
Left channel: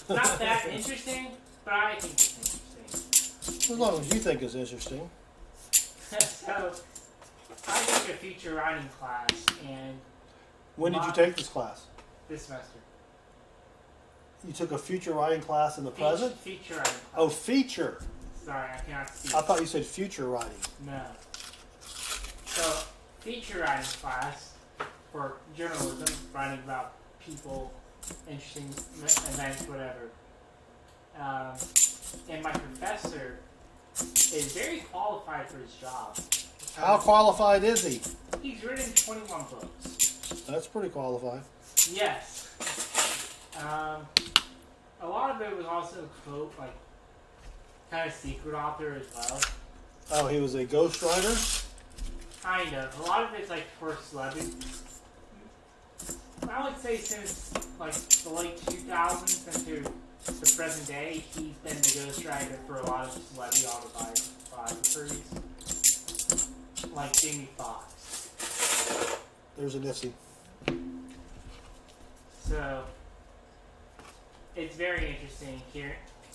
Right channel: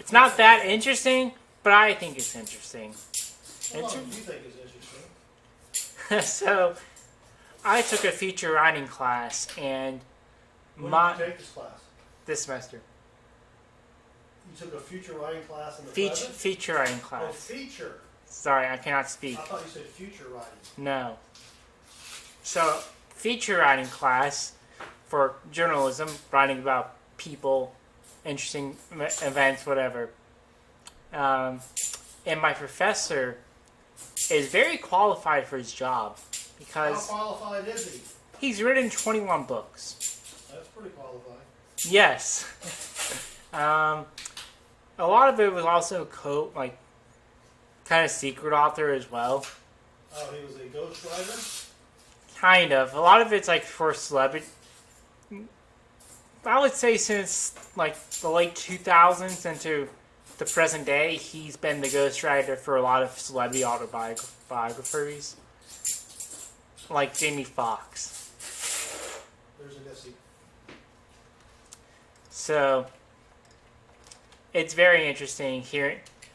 It's not that interesting, but I think it's interesting. As long as you think it's interesting. So, I took a feature writing class, and when did you take this class? This semester. You took a future writing class in the present? Feature writing class. Oh, feature. Sorry, I cannot speak. I thought you said future writing. No. So, feature writing class for journalism, writing about people, interesting events, whatever. And my professor is very qualified for his job. Because how qualified is he? He's written 21 books. That's pretty qualified. Yes. A lot of it was also kind of secret author as well. Oh, he was a ghostwriter? Kind of. A lot of it's for celebrity. I would say since the late 2000s into the present day, he's been the ghostwriter for a lot of celebrity autobiographies, like Jamie Foxx. There's a NIFC. So it's very interesting here.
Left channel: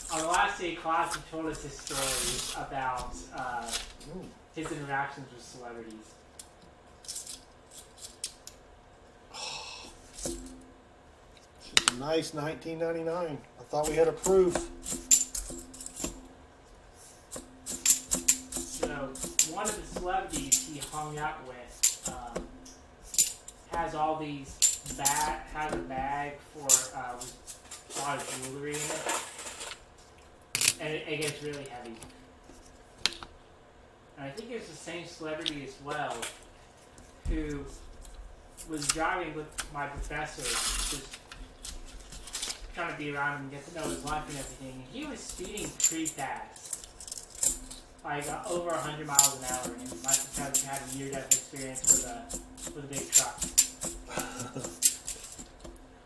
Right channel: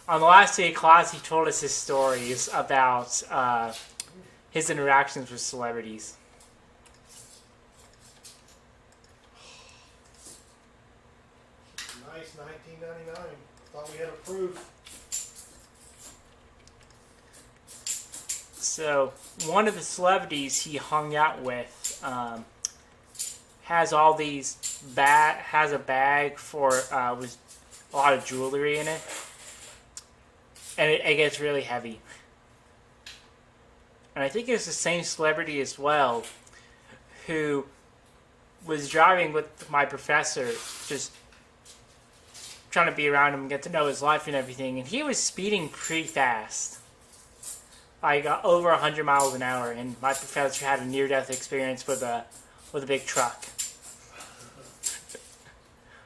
On the last day of class, he told us his stories about his interactions with celebrities. Nice 1999. I thought we had a proof. So one of the celebrities he hung out with has all these has a bag for with a lot of jewelry in it, and it gets really heavy. And I think it's the same celebrity as well who was driving with my professor, just trying to be around him and get to know his life and everything, and he was speeding pretty fast. Over 100 miles an hour, and my professor had a near-death experience with a big truck.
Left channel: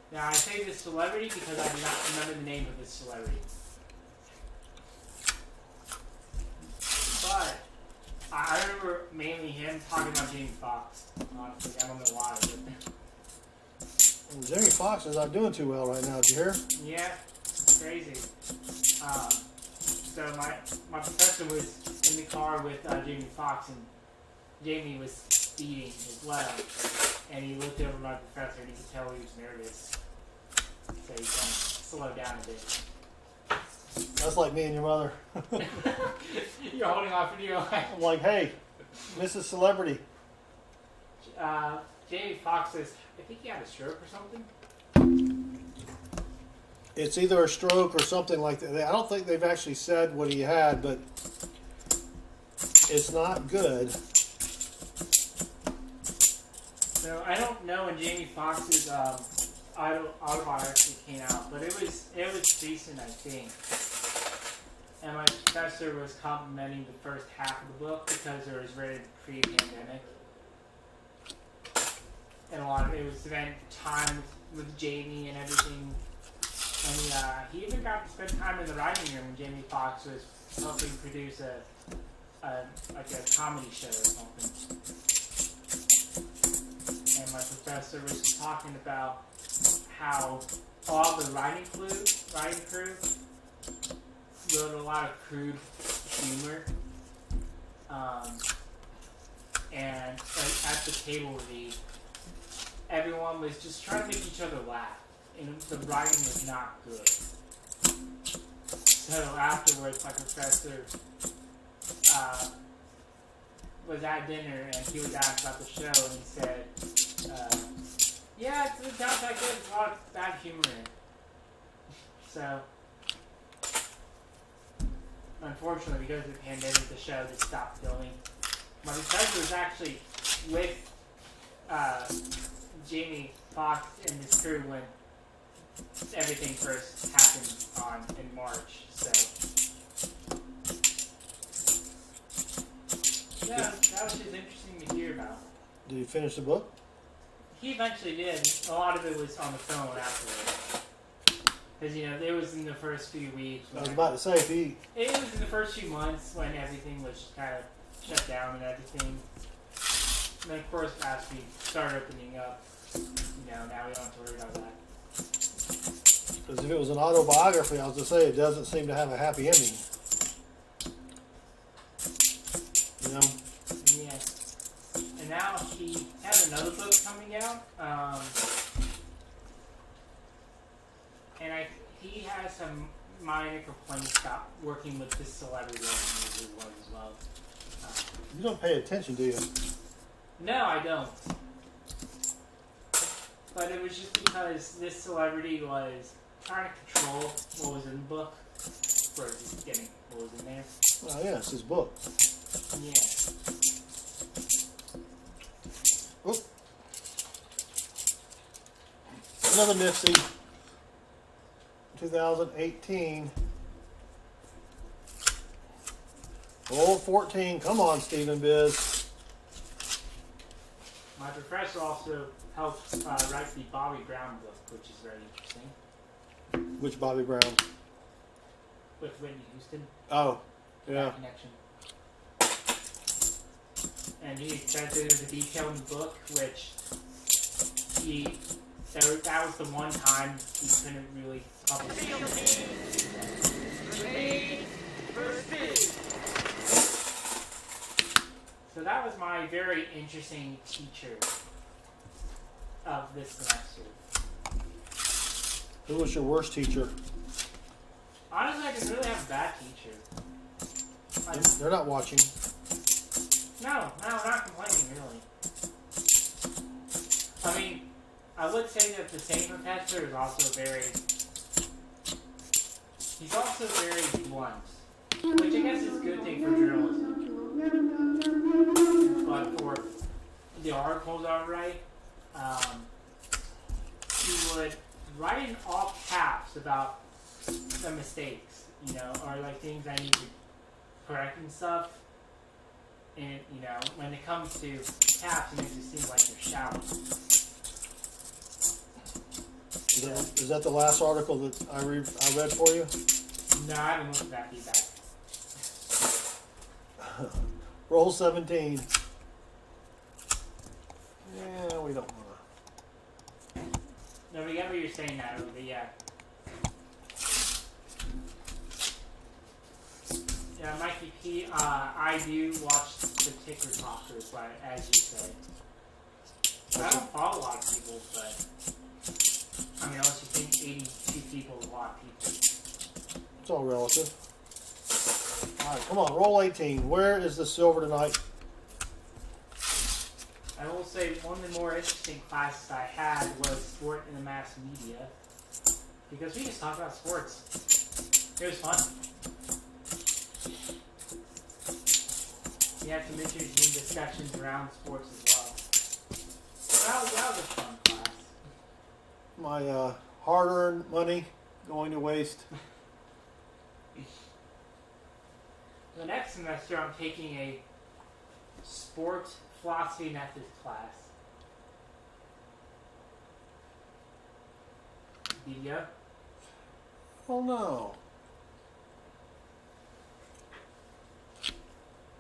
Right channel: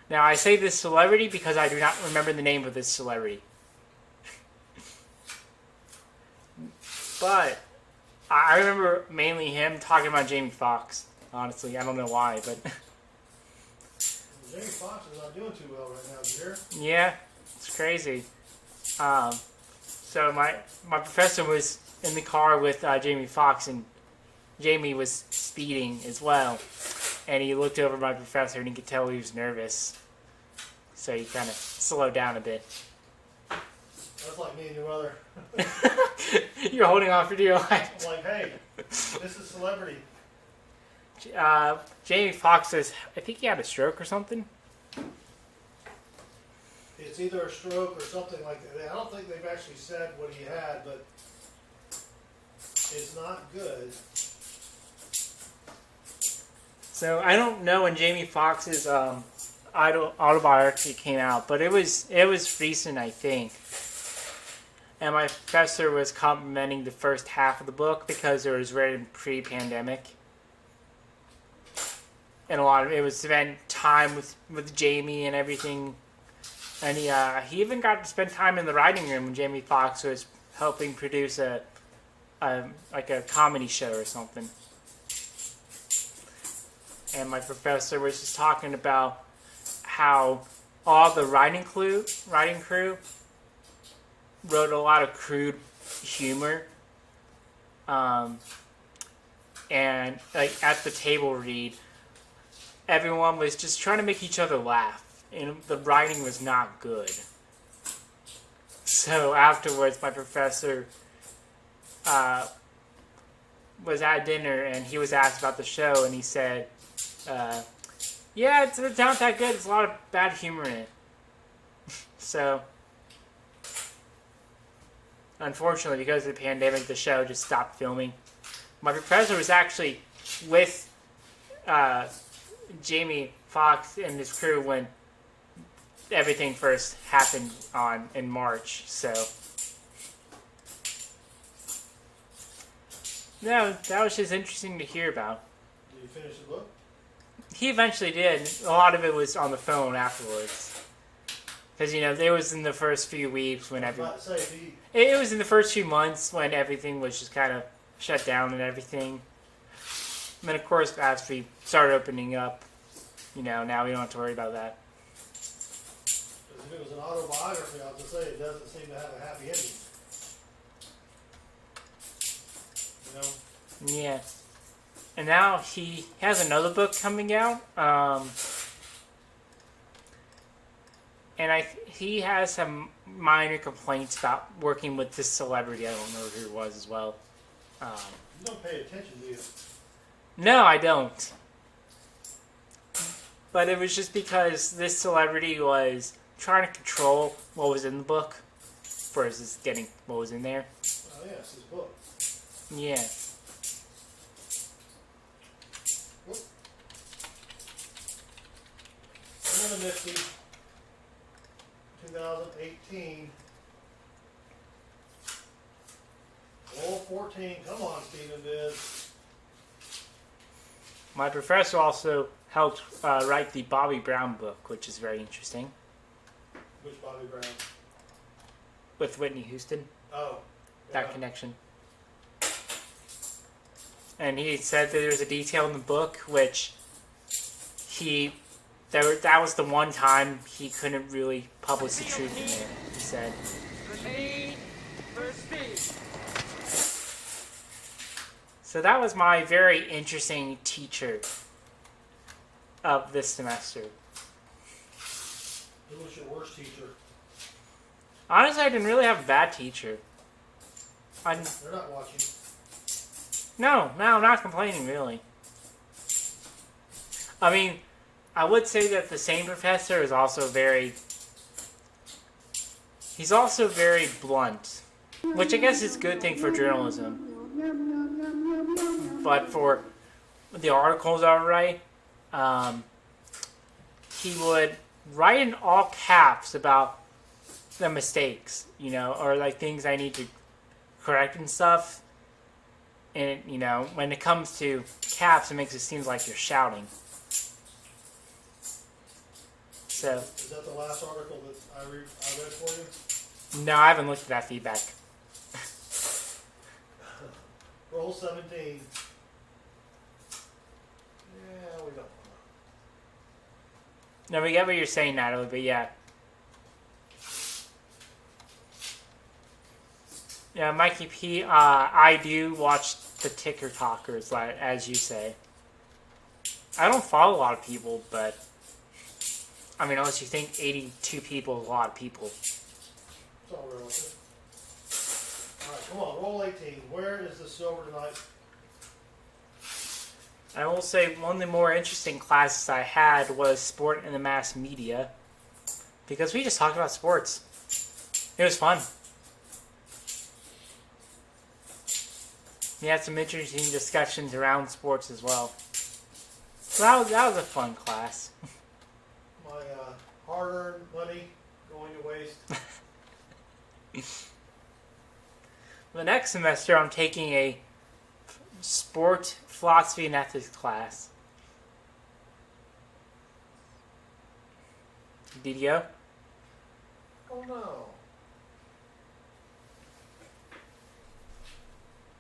Now, I say this celebrity because I do not remember the name of this celebrity. But I remember mainly him talking about Jamie Foxx. Honestly, I don't know why, but Jamie Foxx is not doing too well right now. Did you hear? Yeah, it's crazy. So my professor was in the car with Jamie Foxx, and Jamie was speeding as well. And he looked over at my professor, and he could tell he was nervous. So he kind of slowed down a bit. That's like me and your mother. You're holding on for dear life. I'm like, hey, this is celebrity. Jamie Foxx says, I think he had a stroke or something. It's either a stroke or something like that. I don't think they've actually said what he had, but it's not good. So I don't know when Jamie Foxx's autobiography came out, but it was recent, I think. And my professor was complimenting the first half of the book because it was written pre-pandemic. And a lot of it was spent time with Jamie and everything. And he even got to spend time in the writing room when Jamie Foxx was helping produce a comedy show or something. And my professor was just talking about how all the writing crew wrote a lot of crude humor. And at the table read, everyone was just trying to make each other laugh, and the writing was not good. So afterwards, my professor was at dinner, and he was asked about the show, and he said, yeah, it's not that good. There's a lot of bad humor in it. So, unfortunately, because of the pandemic, the show just stopped filming. my professor was actually with Jamie Foxx and his crew when everything first happened in March. So that was just interesting to hear about. Did you finish the book? He eventually did. A lot of it was on the phone afterwards. Because, there was in the first few weeks when I was about to say, if he... It was in the first few months when everything was just kind of shut down and everything. And then, of course, as we started opening up, now we don't have to worry about that. Because if it was an autobiography, I was going to say, it doesn't seem to have a happy ending. Yeah. And now he has another book coming out. And he has some minor complaints about working with this celebrity. I don't know who it was as well. You don't pay attention, do you? No, I don't. But it was just because this celebrity was trying to control what was in the book versus getting what was in there. Well, yeah, it's his book. Yeah. Oop. Another NIFC. 2018. Old 14. Come on, Stephen Biz. My professor also helped write the Bobby Brown book, which is very interesting. Which Bobby Brown? With Whitney Houston. Oh, yeah. That connection. And he said that there's a detail in the book which that was the one time he couldn't really publish the truth in it, he said. So that was my very interesting teacher of this semester. Who was your worst teacher? Honestly, I didn't really have a bad teacher. They're not watching. No, I'm not complaining, really. I mean, I would say that the same professor is also he's also very blunt, which I guess is a good thing for journalism. But for the articles I would write, he would write in all caps about the mistakes, or like things I need to correct and stuff. And, when it comes to caps, it makes it seem like you're shouting. So, is that the last article that I read for you? No, I haven't looked at that feedback. Roll 17. Yeah, we don't want to. No, we get what you're saying, Natalie, but yeah. Yeah, Mikey P, I do watch the ticker talkers, as you say. I don't follow a lot of people, but I mean, unless you think 82 people is a lot of people. It's all relative. Alright, come on, roll 18. Where is the silver tonight? I will say one of the more interesting classes I had was sport and the mass media. Because we just talked about sports. It was fun. We had some interesting discussions around sports as well. So that was a fun class. My hard-earned money going to waste. The next semester, I'm taking a sport philosophy and ethics class. Video? Oh no.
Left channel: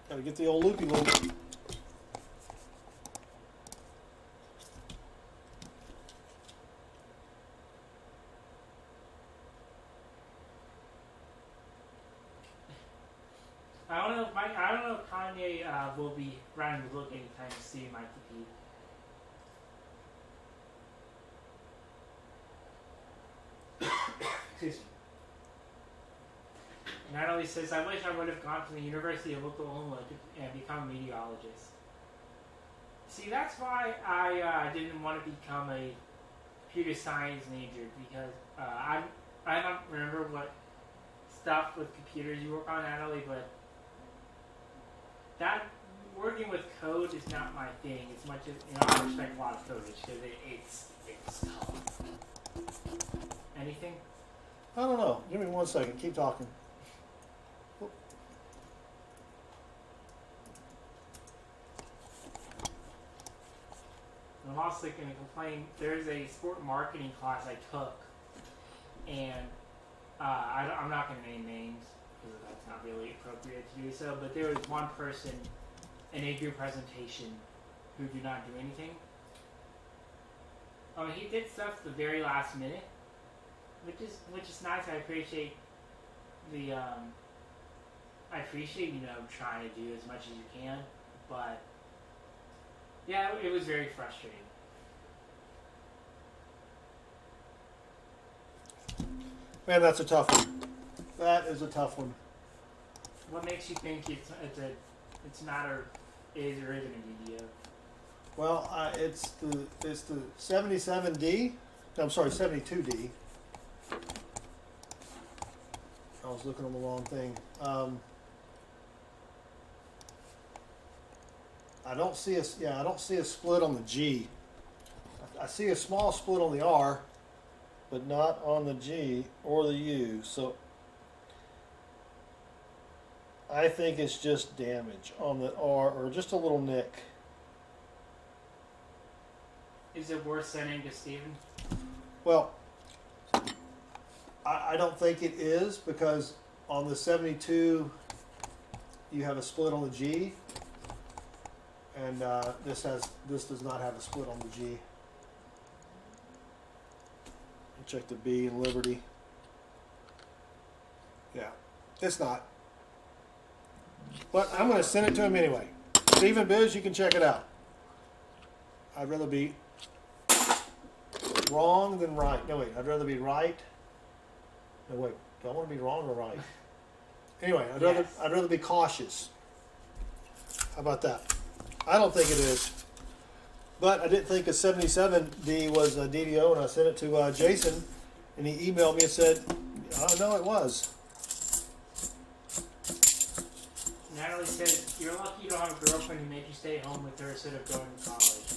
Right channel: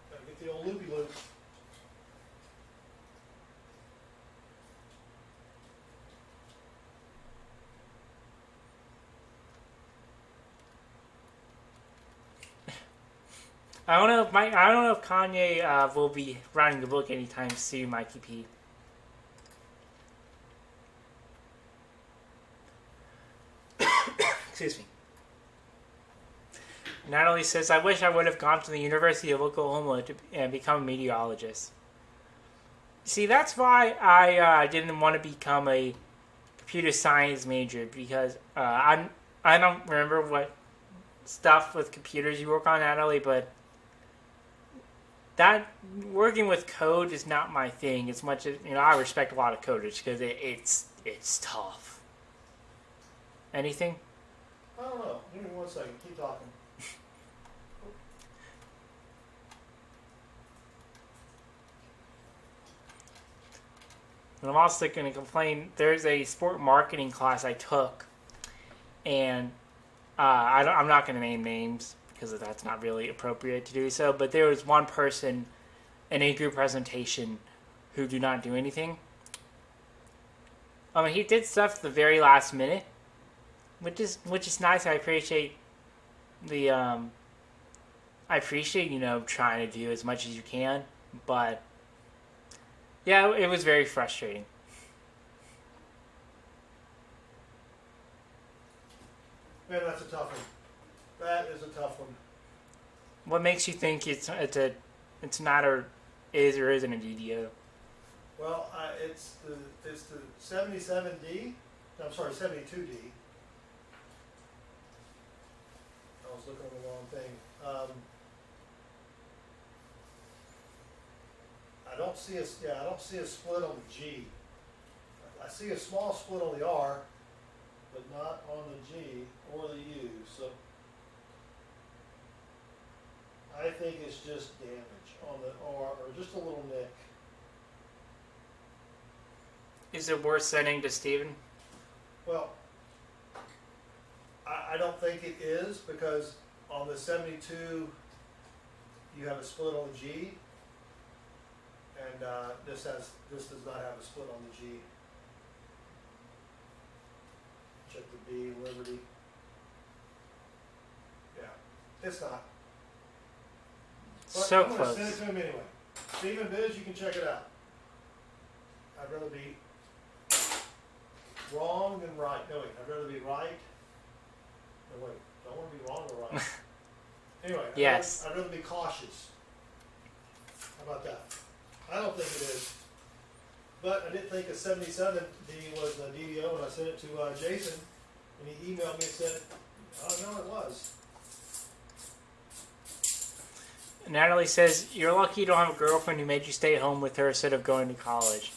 Gotta get the old loopy one. I don't know if Kanye will be writing the book anytime soon, Mikey P. Excuse me. Natalie says, I wish I would have gone to the University of Oklahoma and become a meteorologist. See, that's why I didn't want to become a computer science major, because I don't remember what stuff with computers you work on, Natalie, but that working with code is not my thing as much as, I respect a lot of coders because it's tough. Anything? I don't know. Give me 1 second. Keep talking. And I'm also going to complain. There's a sport marketing class I took, and I'm not going to name names because that's not really appropriate to do so. But there was one person in a group presentation who do not do anything. I mean, he did stuff at the very last minute, which is nice. I appreciate the trying to do as much as you can, but yeah, it was very frustrating. Man, that's a tough one. That is a tough one. What makes you think it's not or is or isn't a DDO? Well, it's the 77D. I'm sorry, 72D. I was looking on the wrong thing. I don't see a split on the G. I see a small split on the R, but not on the G or the U. So I think it's just damage on the R or just a little nick. Is it worth sending to Steven? Well, I don't think it is because on the 72 you have a split on the G. And this does not have a split on the G. Check the B in Liberty. Yeah, it's not. But So I'm going to close. send it to him anyway. Stephen Biz, you can check it out. I'd rather be wrong than right. No, wait, I'd rather be right. No, wait, do I want to be wrong or right? Anyway, Yes. I'd rather be cautious. How about that? I don't think it is. But I didn't think a 77D was a DDO, and I sent it to Jason, and he emailed me and said, "Oh no, it was." Natalie says, you're lucky you don't have a girlfriend who made you stay home with her instead of going to college.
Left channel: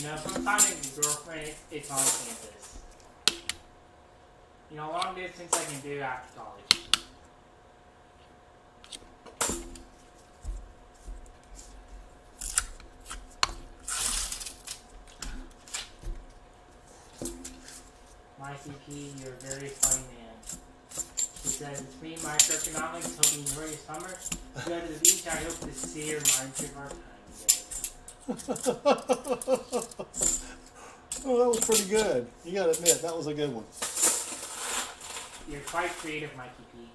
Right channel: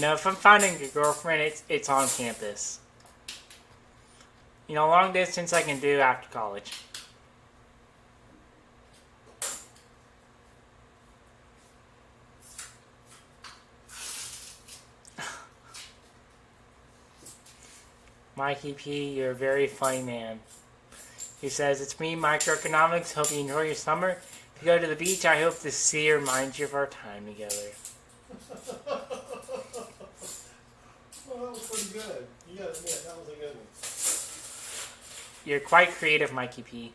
No, if I'm finding a girlfriend, it's on campus. Long distance I can do after college. Mikey P, you're a very funny man. He says, it's me, Microeconomics. Hope you enjoy your summer. If you go to the beach, I hope to see or remind you of our time together. Oh, that was pretty good. You gotta admit, that was a good one. You're quite creative, Mikey P.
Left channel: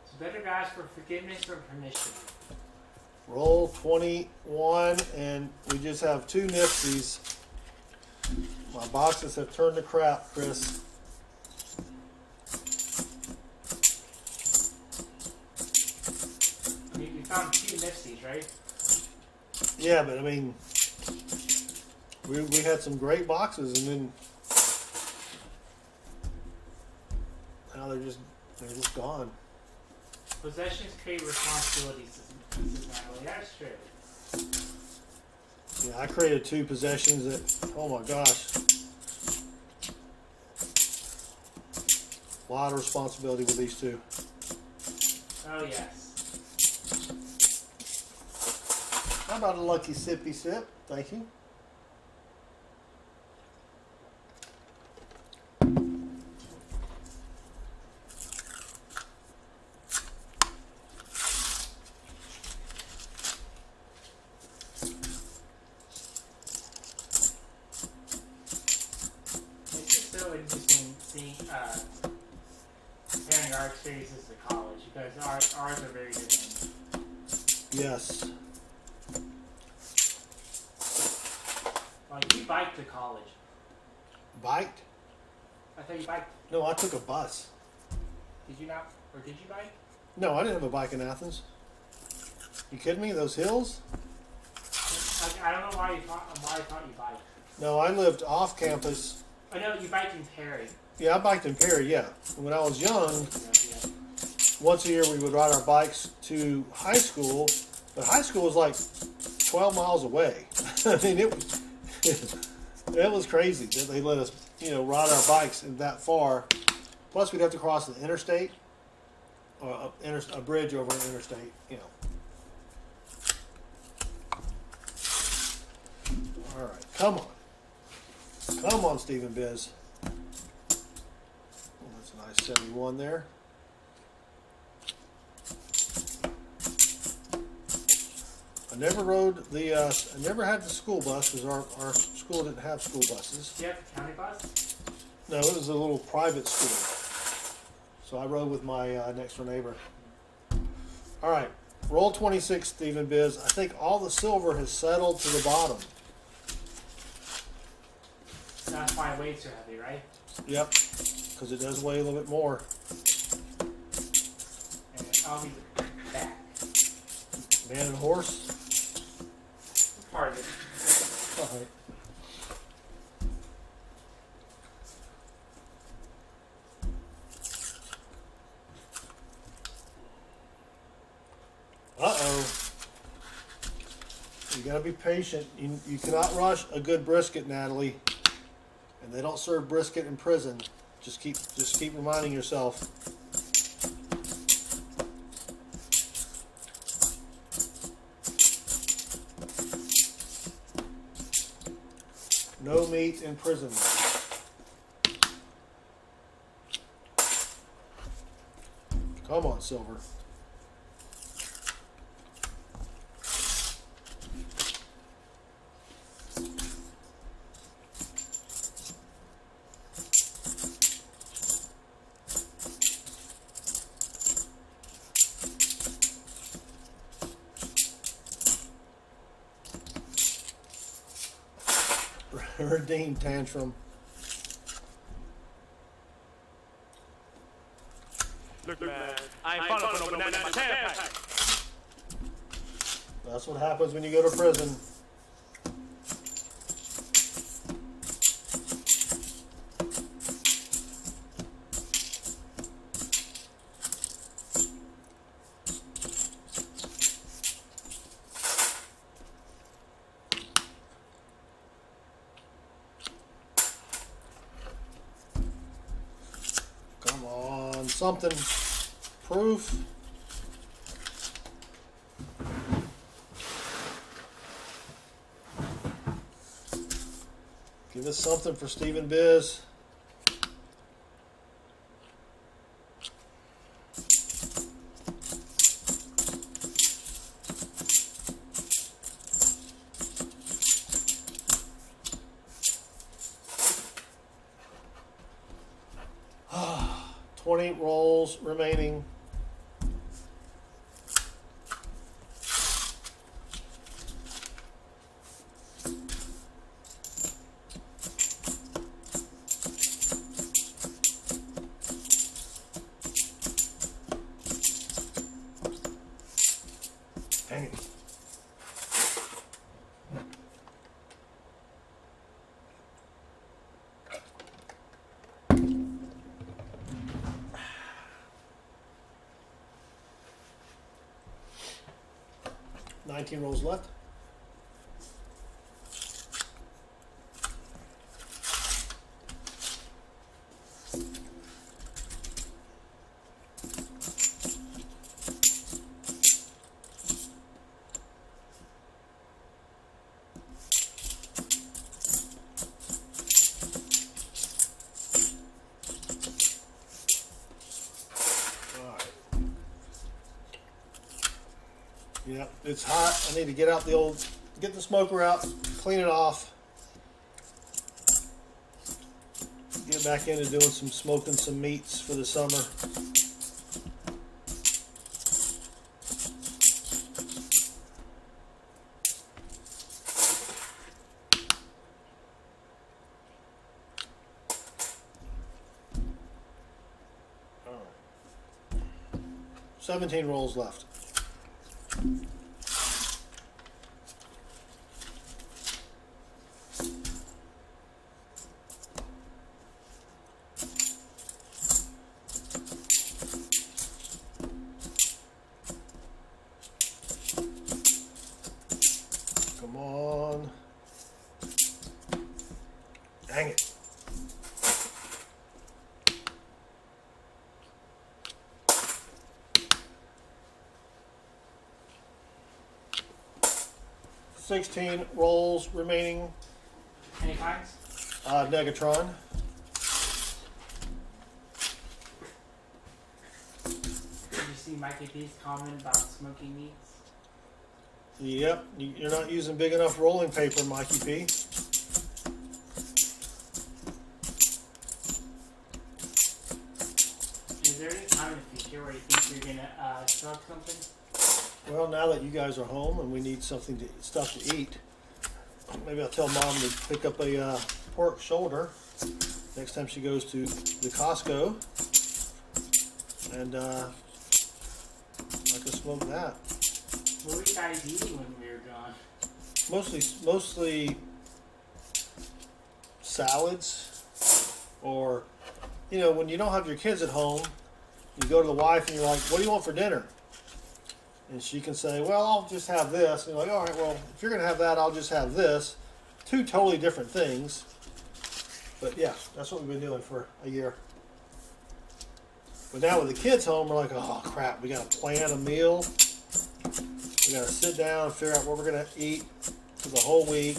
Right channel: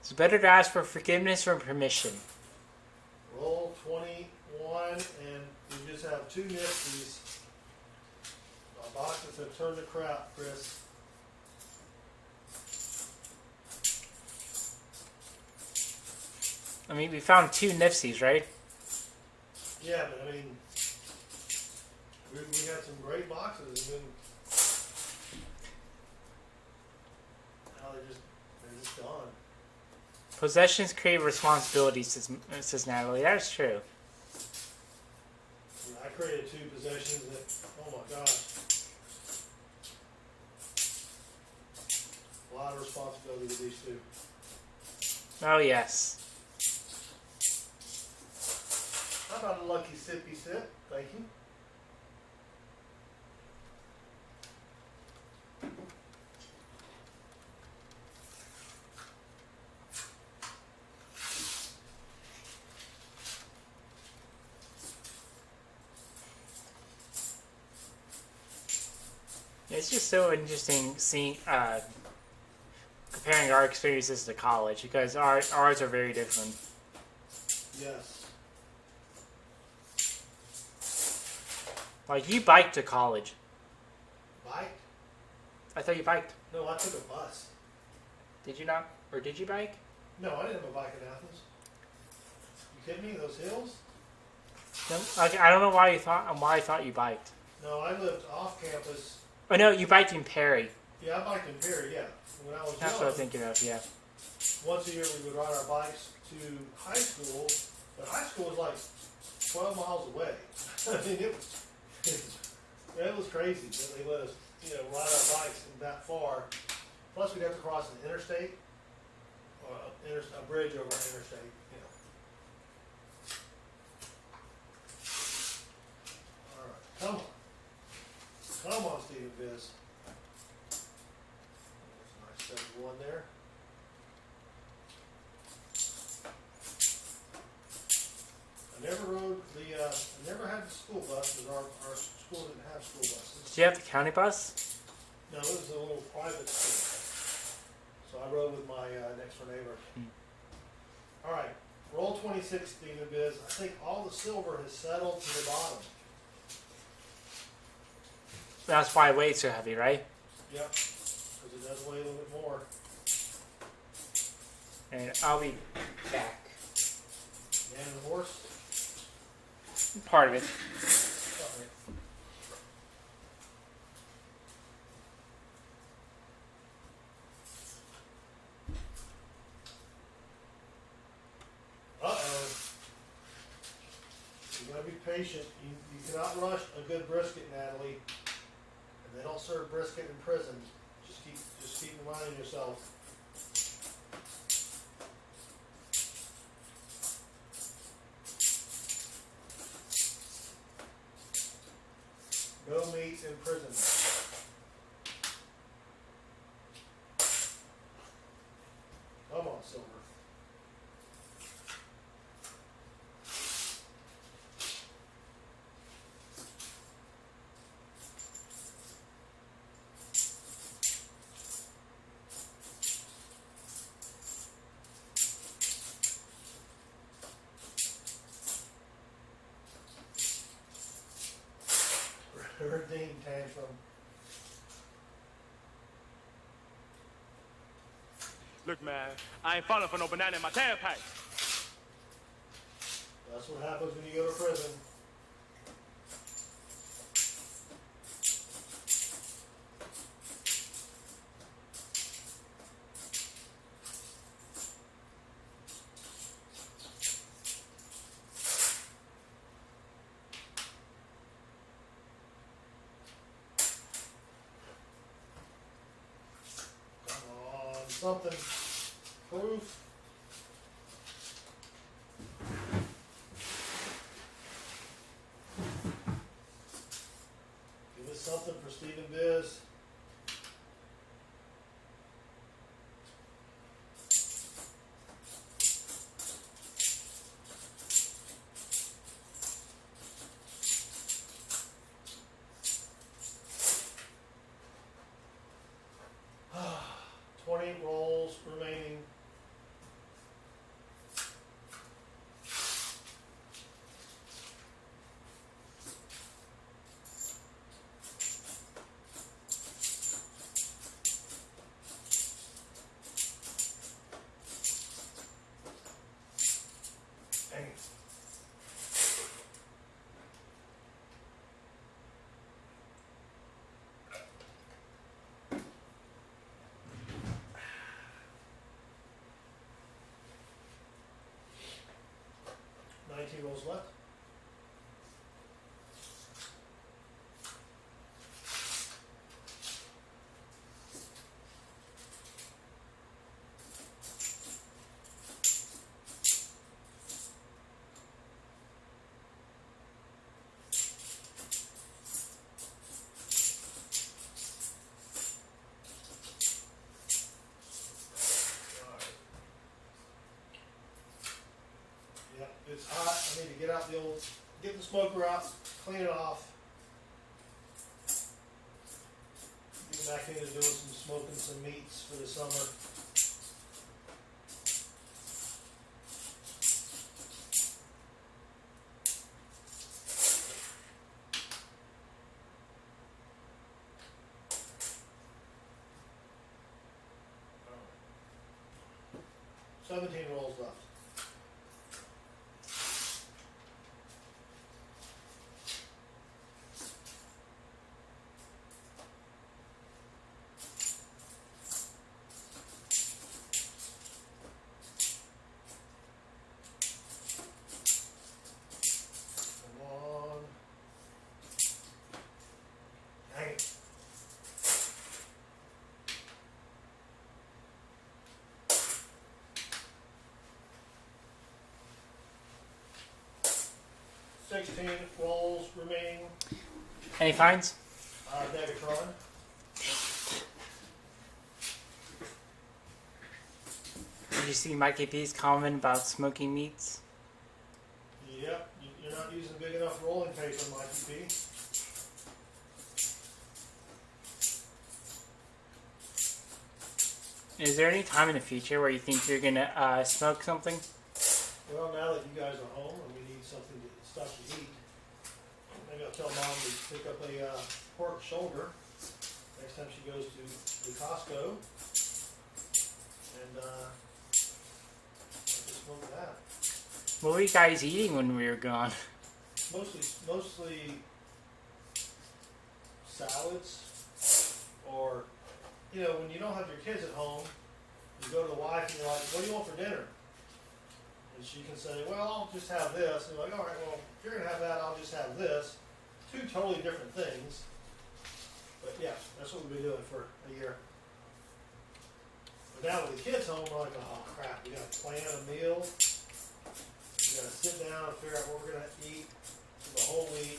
It's better to ask for forgiveness or permission. Roll 21, and we just have 2 NIFCs. My boxes have turned to crap, Chris. I mean, we found 2 NIFCs, right? Yeah, but I mean, we had some great boxes, and then now they're just gone. Possessions create responsibilities, says Natalie. That's true. Yeah, I created 2 possessions that, oh my gosh. A lot of responsibility with these 2. Oh, yes. How about a lucky sippy sip? Thank you. It's just so interesting seeing, comparing our experiences to college because ours are very different. Yes. Like, you biked to college. Biked? I thought you biked. No, I took a bus. Did you not? Or did you bike? No, I didn't have a bike in Athens. You kidding me? Those hills? Okay, I don't know why I thought you biked. No, I lived off campus. Oh no, you biked in Perry. Yeah, I biked in Perry, yeah. When I was That's what I young, was thinking of, yeah. once a year we would ride our bikes to high school, but high school was like 12 miles away. I mean, it was crazy that they let us, ride our bikes that far. Plus, we'd have to cross the interstate, or a bridge over an interstate, All right, come on. Come on, Stephen Biz. Oh, that's a nice 71 there. I never rode I never had the school bus because our school didn't have school buses. Do you have the county bus? No, it was a little private school. So I rode with my next door neighbor. All right, roll 26, Stephen Biz. I think all the silver has settled to the bottom. That's why it weighs so heavy, right? Yep, because it does weigh a little bit more. And I'll be back. Man and horse. Part of it. All right. Uh-oh. You gotta be patient. You cannot rush a good brisket, Natalie. And they don't serve brisket in prison. Just keep reminding yourself. No meat in prison. Come on, Silver. Redeem tantrum. Look, man, I ain't falling for no banana in my tailpipe. That's what happens when you go to prison. Come on, something. Proof. Give us something for Stephen Biz. Ah, 20 rolls remaining. Dang it. Nineteen rolls left. Yep, it's hot. I need to get out get the smoker out, clean it off. Get back into doing some smoking some meats for the summer. All right. 17 rolls left. 16 rolls remaining. Any finds? Negatron. Did you see Mikey P's comment about smoking meats? Yep, you're not using big enough rolling paper, Mikey P. Is there any time in the future where you think you're gonna smoke something? Well, now that you guys are home and we need stuff to eat, maybe I'll tell Mom to pick up a pork shoulder next time she goes to the Costco, and I can smoke that. What were you guys eating when we were gone? Mostly salads, or when you don't have your kids at home, you go to the wife and you're like, "What do you want for dinner?" And she can say, "Well, I'll just have this." And you're like, "All right, well, if you're gonna have that, I'll just have this." Two totally different things. But yeah, that's what we've been doing for a year. But now with the kids home, we're like, "Oh crap, we gotta plan a meal. We gotta sit down and figure out what we're gonna eat for the whole week.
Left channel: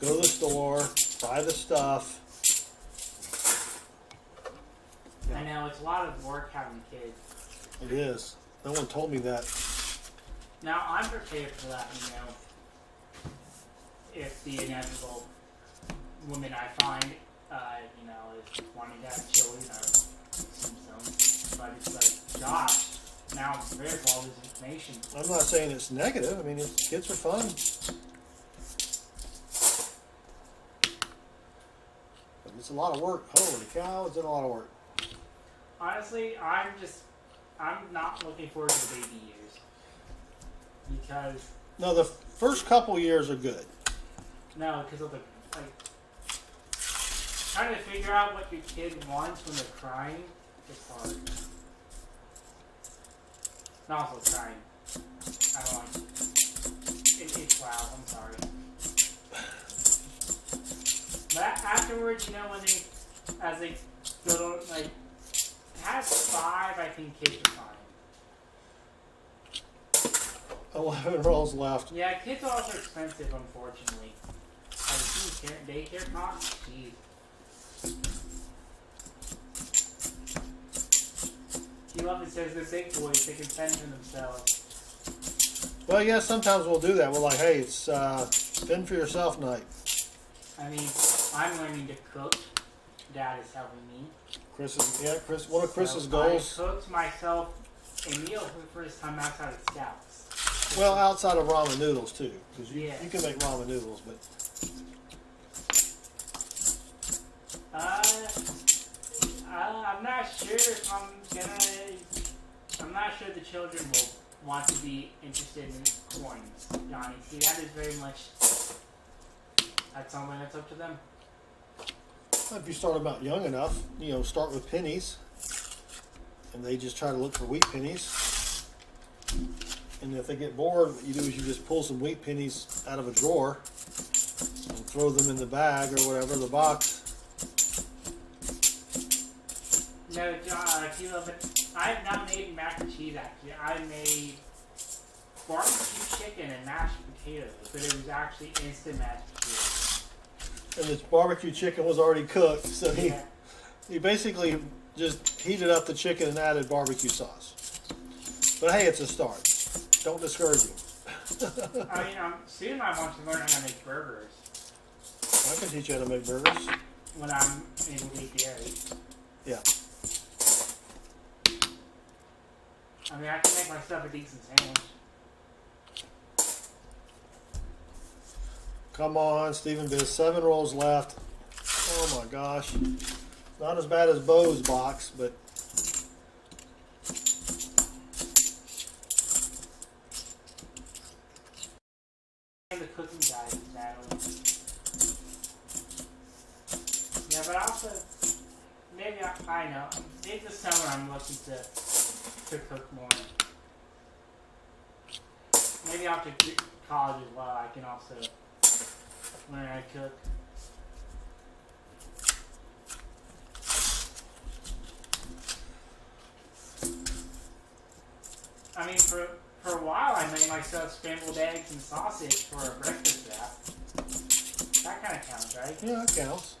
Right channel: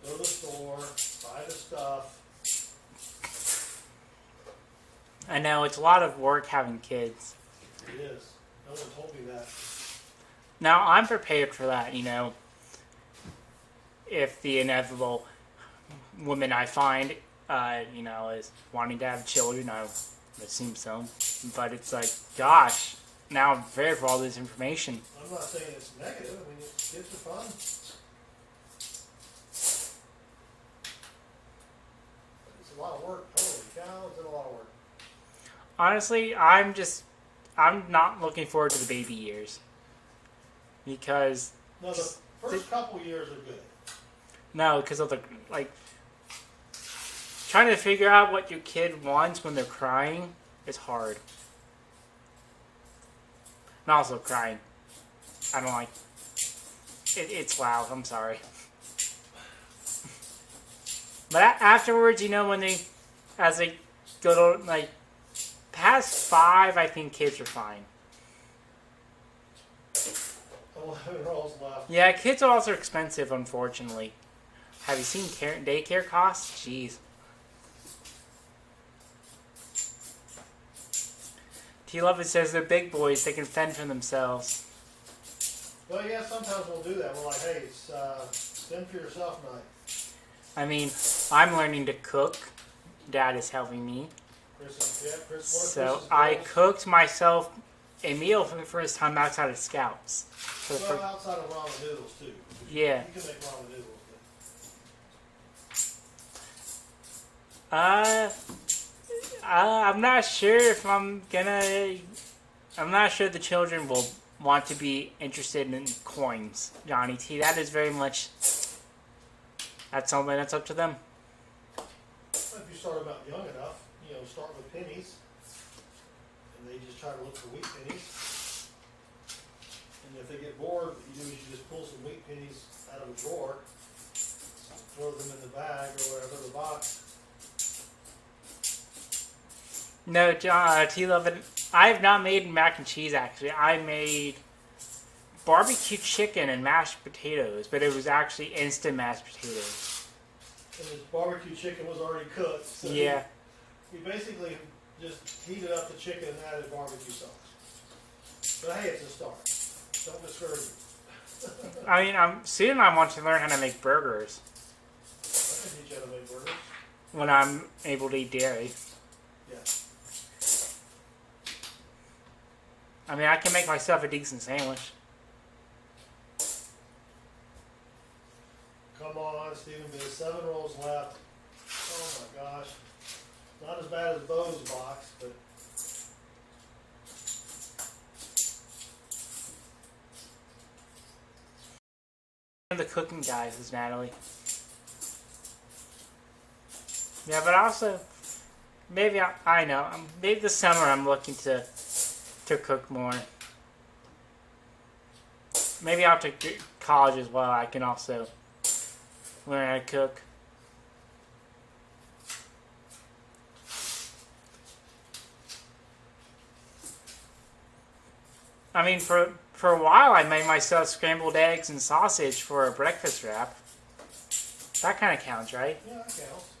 Go to the store, buy the stuff." I know, it's a lot of work having kids. It is. No one told me that. Now, I'm prepared for that, if the inevitable woman I find, is wanting to have children, I assume so. But it's like, gosh, now I'm prepared for all this information. I'm not saying it's negative. I mean, kids are fun. But it's a lot of work. Holy cow, it's a lot of work. Honestly, I'm not looking forward to the baby years. Because... No, the first couple years are good. No, because of trying to figure out what your kid wants when they're crying is hard. And also crying. I don't like it. It's loud. I'm sorry. But afterwards, when as they go to, past 5, I think kids are fine. 11 rolls left. Yeah, kids are also expensive, unfortunately. Have you seen daycare costs? Jeez. T11 says they're big boys. They can fend for themselves. Well, yeah, sometimes we'll do that. We're like, "Hey, it's fend for yourself night." I mean, I'm learning to cook. Dad is helping me. Chris, one of Chris's goals. I cooked myself a meal for the first time outside of Scouts. Well, outside of ramen noodles too. Yeah. You can make ramen noodles, but I'm not sure if I'm not sure the children will want to be interested in coins, Johnny T. That is very much. That's something that's up to them. if you start them out young enough, start with pennies, and they just try to look for wheat pennies. And if they get bored, what you do is you just pull some wheat pennies out of a drawer and throw them in the bag or whatever, the box. No, T11, I have not made mac and cheese, actually. I made barbecue chicken and mashed potatoes, but it was actually instant mashed potatoes. And this barbecue chicken was already cooked, so yeah. you basically just heated up the chicken and added barbecue sauce. But hey, it's a start. Don't discourage you. I mean, soon I want to learn how to make burgers. I can teach you how to make burgers. When I'm able to eat dairy. Yeah. I mean, I can make myself a decent sandwich. Come on, Stephen. There's 7 rolls left. Oh my gosh. Not as bad as Beau's box, but The cooking guys is Natalie. Yeah, but also maybe I know. Maybe this summer I'm looking to cook more. Maybe after college as well, I can also learn how to cook. I mean, for For a while, I made myself scrambled eggs and sausage for a breakfast wrap. That kind of counts, right? Yeah, that counts.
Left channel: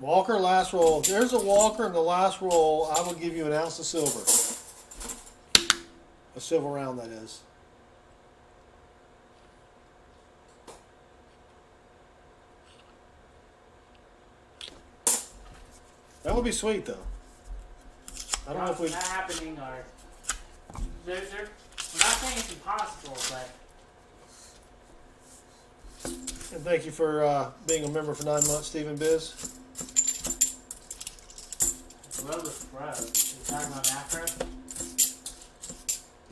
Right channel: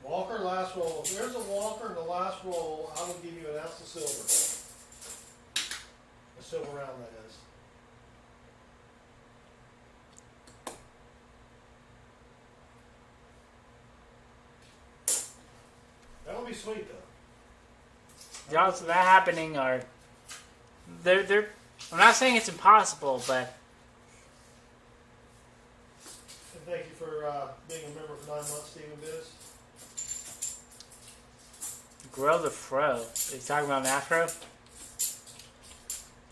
Walker, last roll. If there's a Walker in the last roll, I will give you an ounce of silver. A silver round, that is. That would be sweet, though. I don't know Odds if of we- that happening are... They're... I'm not saying it's impossible, but... And thank you for being a member for 9 months, Stephen Biz. Grow the fro. Are you talking about an afro?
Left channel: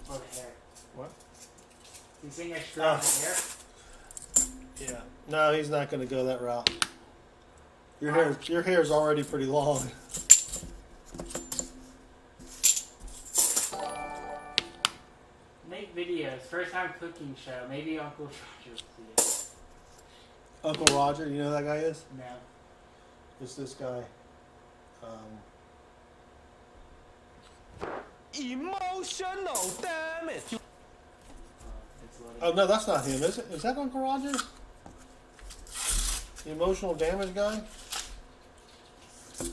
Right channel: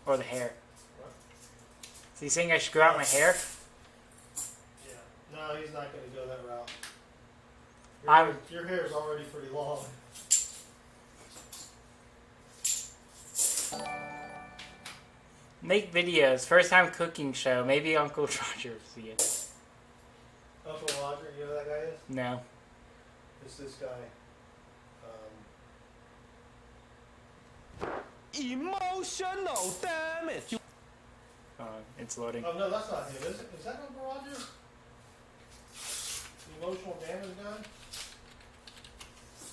Or the hair? What? Is he saying I should grow out my hair? Yeah. No, he's not going to go that route. I'm- Your hair's already pretty long. Make videos. First time cooking show. Maybe Uncle Roger will see it. Uncle Roger, you know who that guy is? No. It's this guy. Emotional damage. It's loading. Oh, no, that's not him, is it? Is that Uncle Roger? The emotional damage guy? I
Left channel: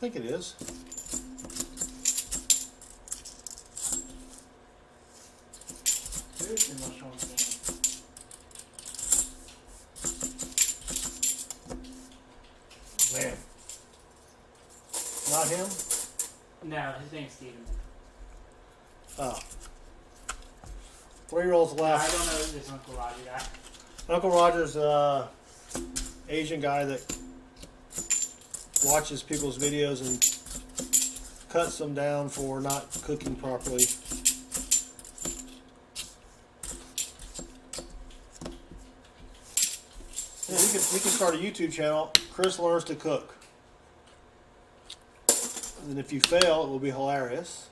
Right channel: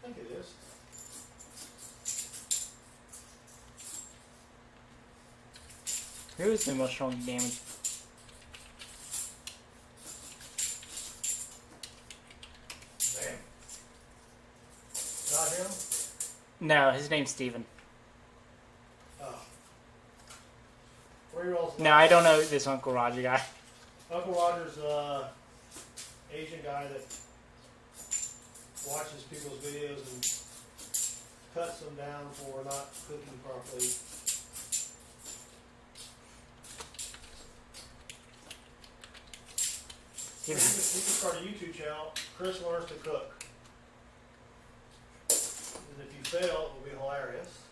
think it is. Who is emotional damage? Man. Not him? No, his name's Steven. Oh. 3-year-olds left. No, I don't know this Uncle Roger guy. Uncle Roger's Asian guy that watches people's videos and cuts them down for not cooking properly. Yeah, you can start a YouTube channel, Chris Learns to Cook. And if you fail, it will be hilarious.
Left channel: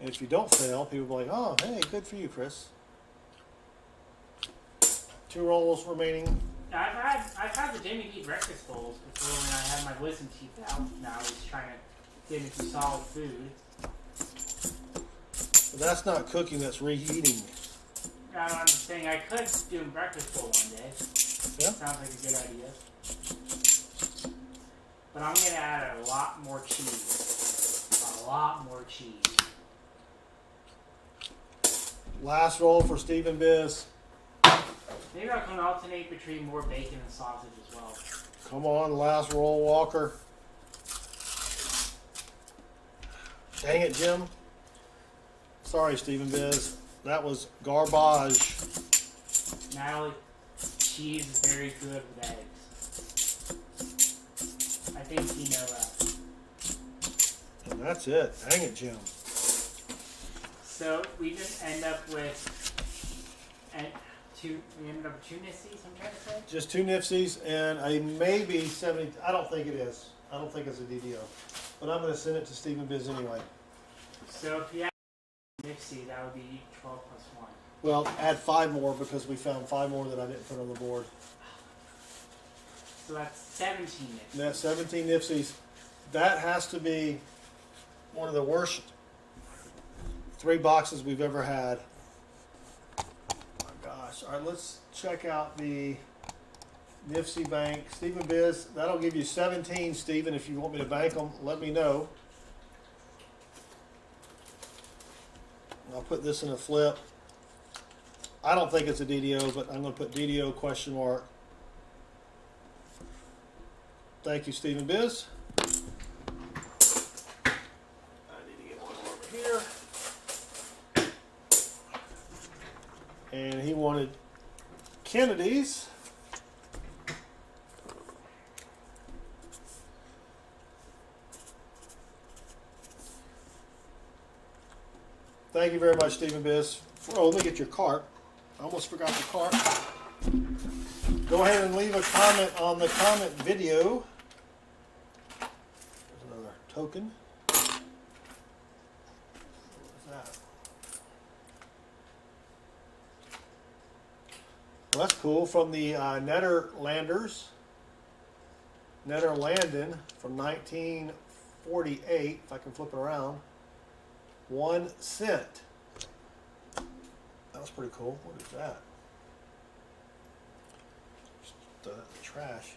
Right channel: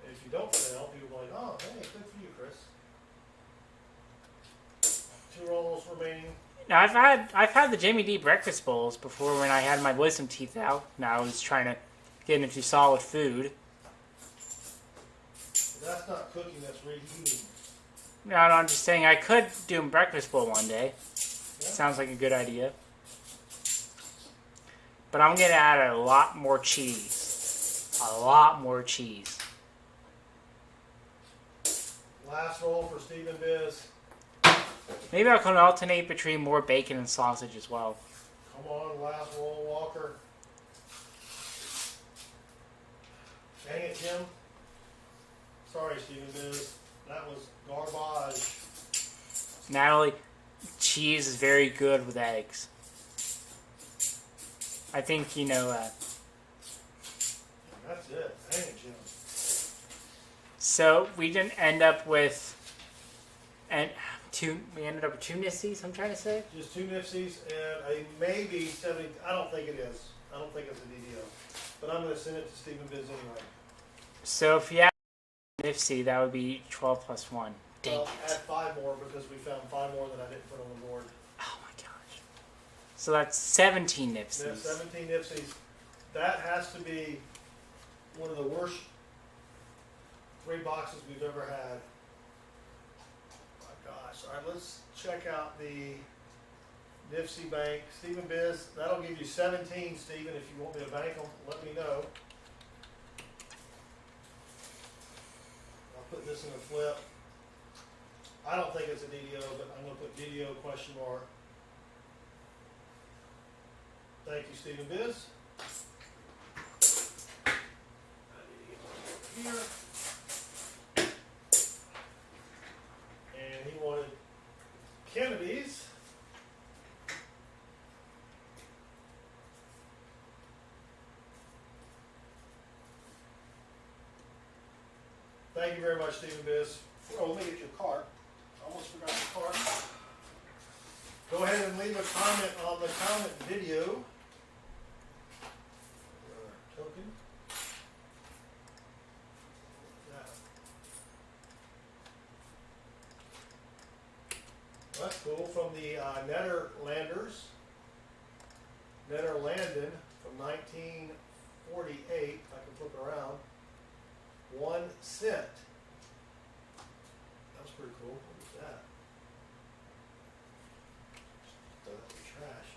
And if you don't fail, people will be like, oh, hey, good for you, Chris. 2 rolls remaining. Now I've had the Jimmy D breakfast bowls before when I had my wisdom teeth out. Now I was trying to get into solid food. But that's not cooking, that's reheating. No, I'm just saying I could do a breakfast bowl one day. Yeah. Sounds like a good idea. But I'm gonna add a lot more cheese. A lot more cheese. Last roll for Stephen Biz. Maybe I can alternate between more bacon and sausage as well. Come on, last roll, Walker. Dang it, Jim. Sorry, Stephen Biz. That was garbage. Natalie, cheese is very good with eggs. I think you know that. And that's it. Dang it, Jim. So we didn't end up with we ended up with 2 NIFCs, I'm trying to say. Just 2 NIFCs and a maybe 70. I don't think it is. I don't think it's a DDO. But I'm going to send it to Stephen Biz anyway. So if you add NIFC, that would be 12 plus 1. Well, add 5 more because we found 5 more that I didn't put on the board. Oh my gosh. So that's 17 NIFCs. Yeah, 17 NIFCs. That has to be one of the worst 3 boxes we've ever had. Oh my gosh. All right, let's check out the NIFC bank. Stephen Biz, that'll give you 17, Stephen. If you want me to bank them, let me know. I'll put this in a flip. I don't think it's a DDO, but I'm going to put DDO question mark. Thank you, Stephen Biz. I need to get one over here. And he wanted Kennedy's. Thank you very much, Stephen Biz. Oh, let me get your CARP. I almost forgot the CARP. Go ahead and leave a comment on the comment video. There's our token. What's that? Well, that's cool. From the Netherlanders. Netherlanden from 1948, if I can flip it around. 1 cent. That's pretty cool. What is that? Just throw that in the trash.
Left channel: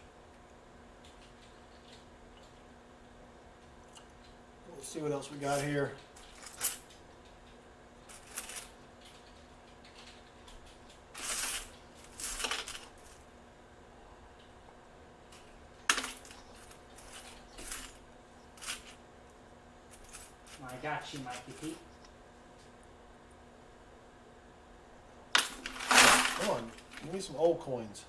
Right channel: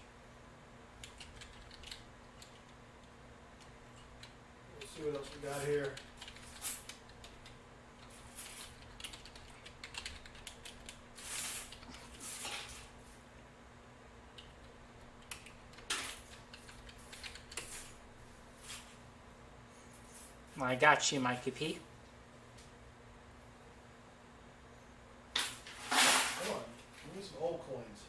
Let's see what else we got here. I got you, Mikey P. Come on, give me some old coins.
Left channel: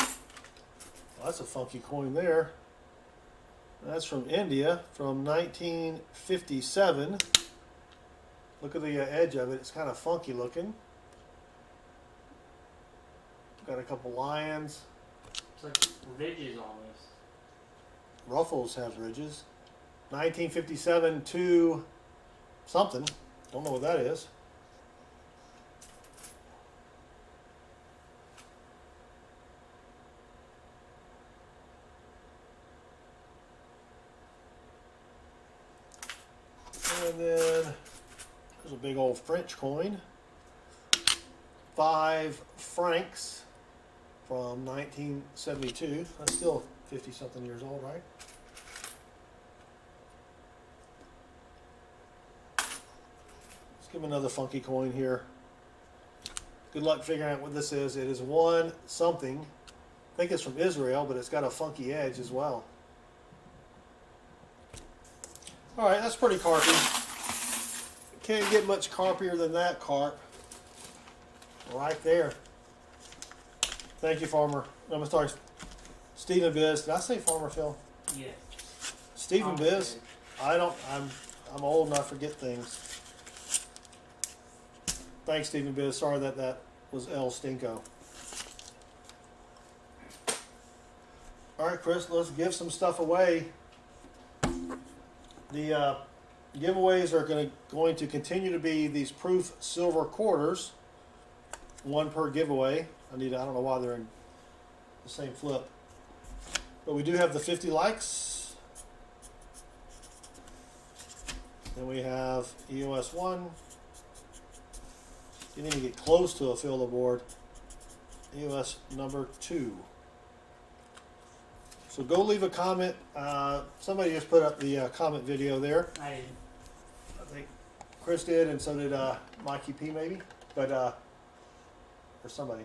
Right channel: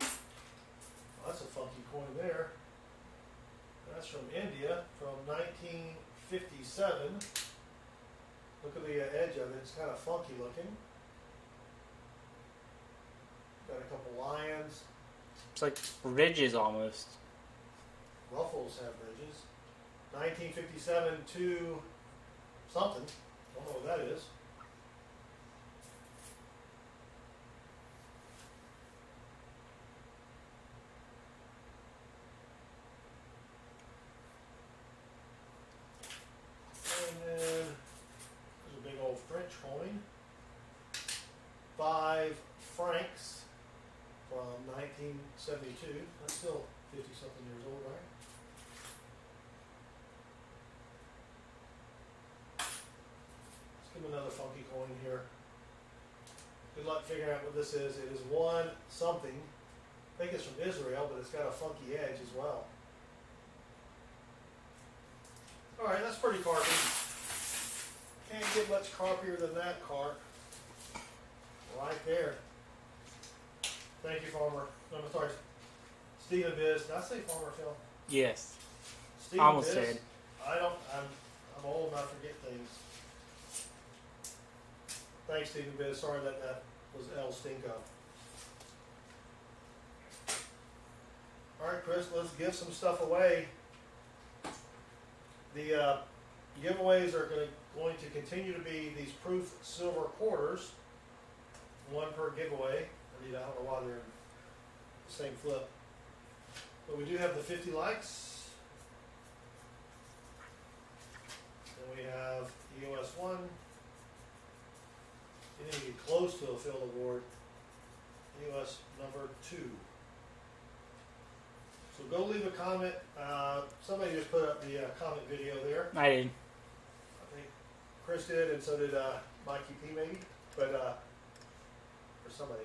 Well, that's a funky coin there. That's from India, from 1957. Look at the edge of it. It's kind of funky looking. Got a couple lions. It's like ridges almost. Ruffles have ridges. 1957 to something. Don't know what that is. And then there's a big old French coin. 5 francs from 1972. That's still 50 something years old, right? Give him another funky coin here. Good luck figuring out what this is. It is 1 something. I think it's from Israel, but it's got a funky edge as well. Alright, that's pretty carpy. Can't get much carpier than that, carp. Right there. Thank you, Farmer. I'm sorry, Stephen Biz. Did I say Farmer Phil? Yes. Stephen Almost Biz. did. I'm old and I forget things. Thanks, Stephen Biz. Sorry that was El Stinko. All right, Chris, let's give some stuff away. The giveaways are going to continue to be these proof silver quarters, 1 per giveaway. I don't know why they're in the same flip, but we do have the 50 likes. Then we have EOS 1. You need to get close to a fill the board. EOS number 2. So go leave a comment. Somebody just put up the comment video there. I did. I think Chris did, and so did Mikey P maybe, but or somebody.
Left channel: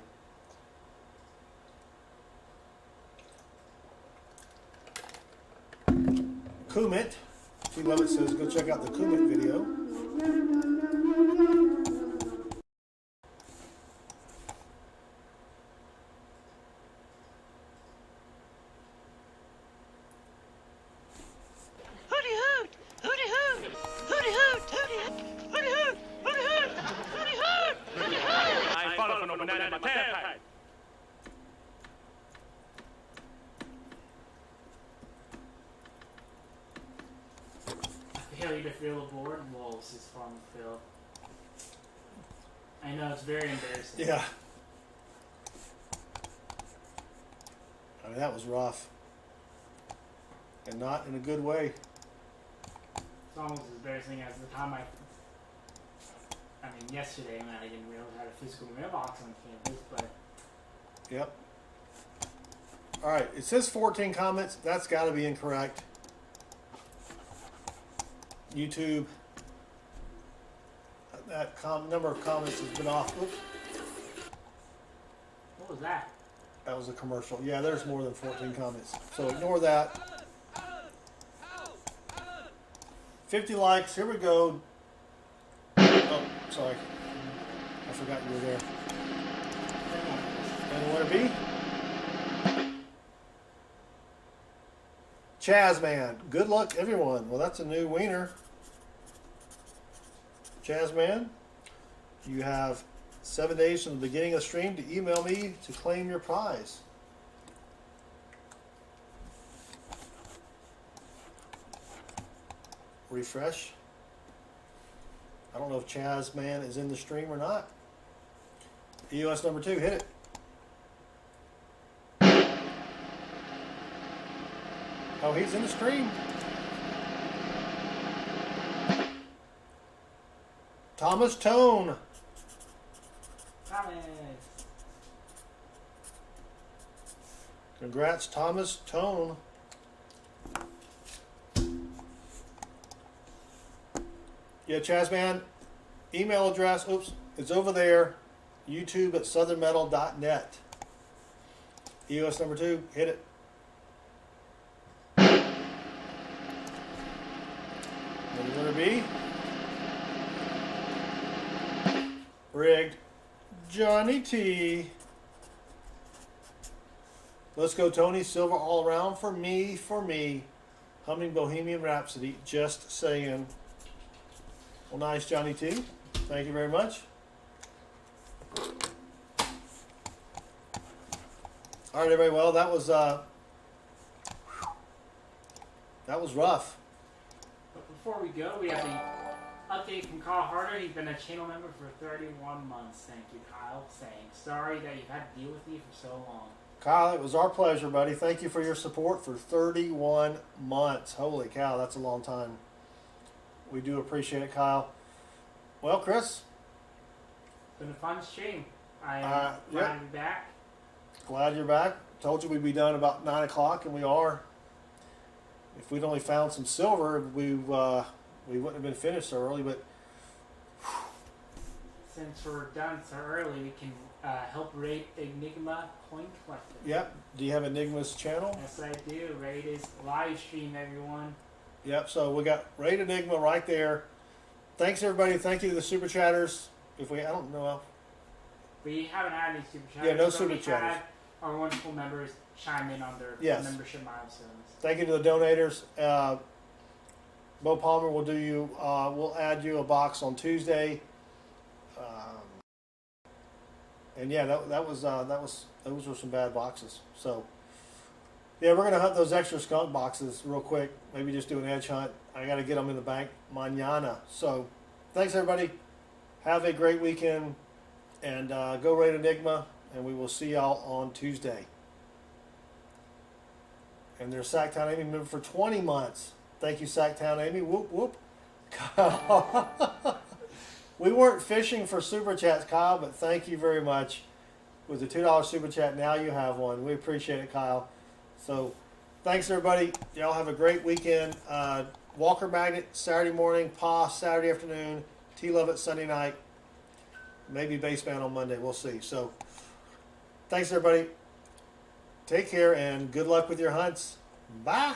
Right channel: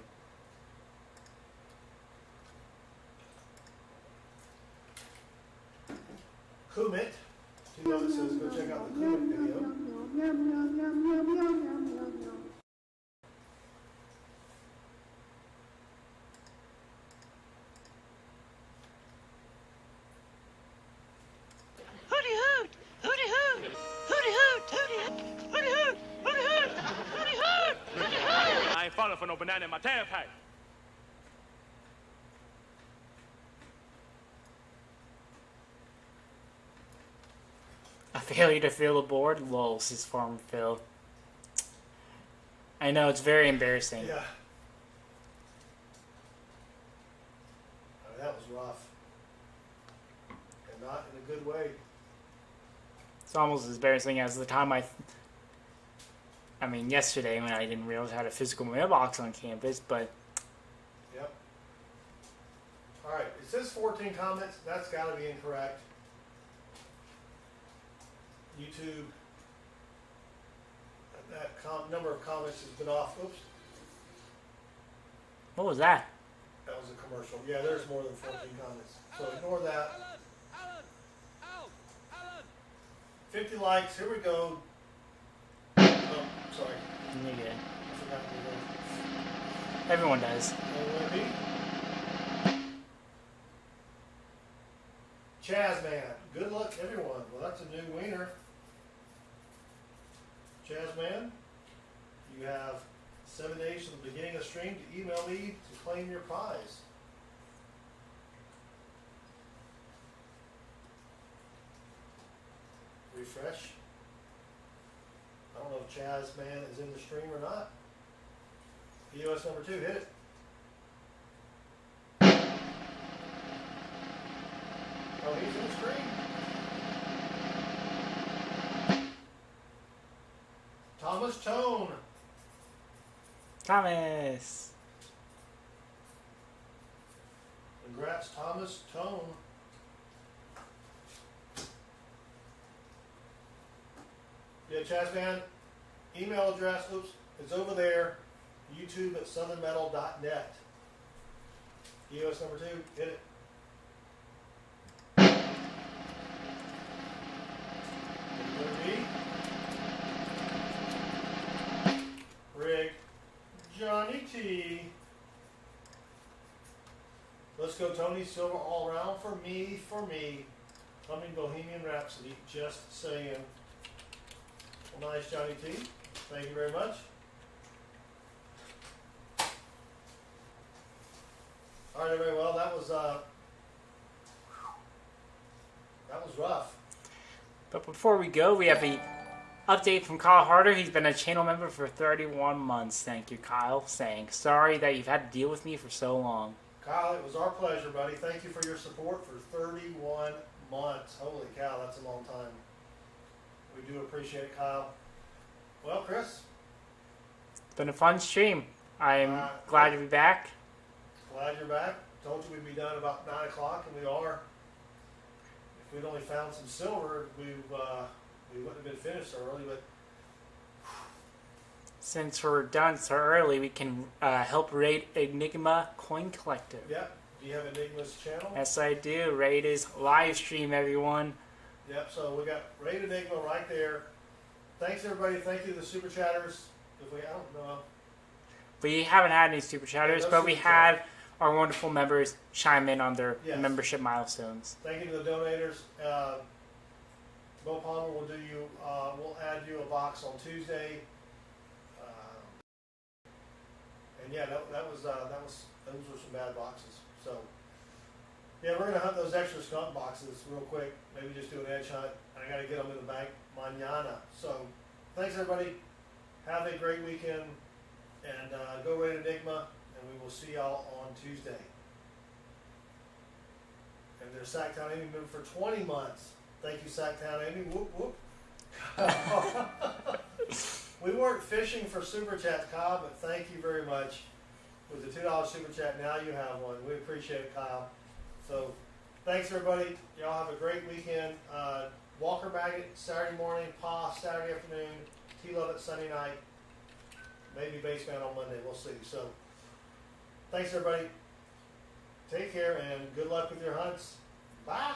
Kumit. She notes says go check out the Kumit video. I ain't falling for no banana in my tailpipe. A failure to fill the board? Lol, says Farm Phil. I know, it's very embarrassing. Yeah. I mean, that was rough. And not in a good way. It's almost as embarrassing as the time I mean, yesterday when I didn't realize I had a physical mailbox on campus, but... Yep. Alright, it says 14 comments. That's got to be incorrect. YouTube, that number of comments has been off. Oops. What was that? That was a commercial. Yeah, there's more than 14 comments. So ignore that. 50 likes. Here we go. Oh, sorry. I forgot you were there. Everyone does. And where it be? Chazman. Good luck, everyone. Well, that's a new wiener. Chazman, you have 7 days from the beginning of the stream to email me to claim your prize. Refresh. I don't know if Chazman is in the stream or not. EOS number 2, hit it. Oh, he's in the stream. Thomas Tone. Thomas. Congrats, Thomas Tone. Yeah, Chazman, email address, oops, it's over there. YouTube at SouthernMetal.net. EOS number 2, hit it. What are you going to be? Rigged. Johnny T. Let's go, Tony. Silver all around for me. Humming Bohemian Rhapsody. Just saying. Well, nice, Johnny T. Thank you very much. All right, everybody. Well, that was rough. But before we go, we have the update from Kyle Harder. He's been a channel member for 31 months. Thank you, Kyle. Saying sorry that you've had to deal with me for so long. Kyle, it was our pleasure, buddy. Thank you for your support for 31 months. Holy cow, that's a long time. We do appreciate it, Kyle. Well, Chris. It's been a fun stream. I'm glad to be back. Glad you're back. Told you we'd be done about 9 o'clock, and we are. If we'd only found some silver, we wouldn't have been finished so early, but Since we're done so early, we can help raid Enigma Coin Collector. Yep. Do you have Enigma's channel? Yes, I do. Raid is live stream, everyone. Yep. So we got Raid Enigma right there. Thanks, everybody. Thank you to the super chatters. I don't know. We haven't had any super chatters, no but we super had chatters. our wonderful members chime in on their Yes. membership milestones. Thank you to the donators. Beau Palmer will do you. We'll add you a box on Tuesday. And yeah, those were some bad boxes. So yeah, we're gonna hunt those extra skunk boxes real quick. Maybe just do an edge hunt. I gotta get them in the bank mañana. So thanks, everybody. Have a great weekend, and go raid Enigma, and we will see y'all on Tuesday. And there's Sacktown Amy member for 20 months. Thank you, Sacktown Amy. Whoop whoop. We weren't fishing for super chats, Kyle, but thank you very much. With the $2 super chat, now you have one. We appreciate it, Kyle. So thanks, everybody. Y'all have a great weekend. Walker Magnet Saturday morning, Pa Saturday afternoon, T-Love Sunday night, maybe Baseband on Monday. We'll see. So thanks, everybody. Take care and good luck with your hunts. Bye.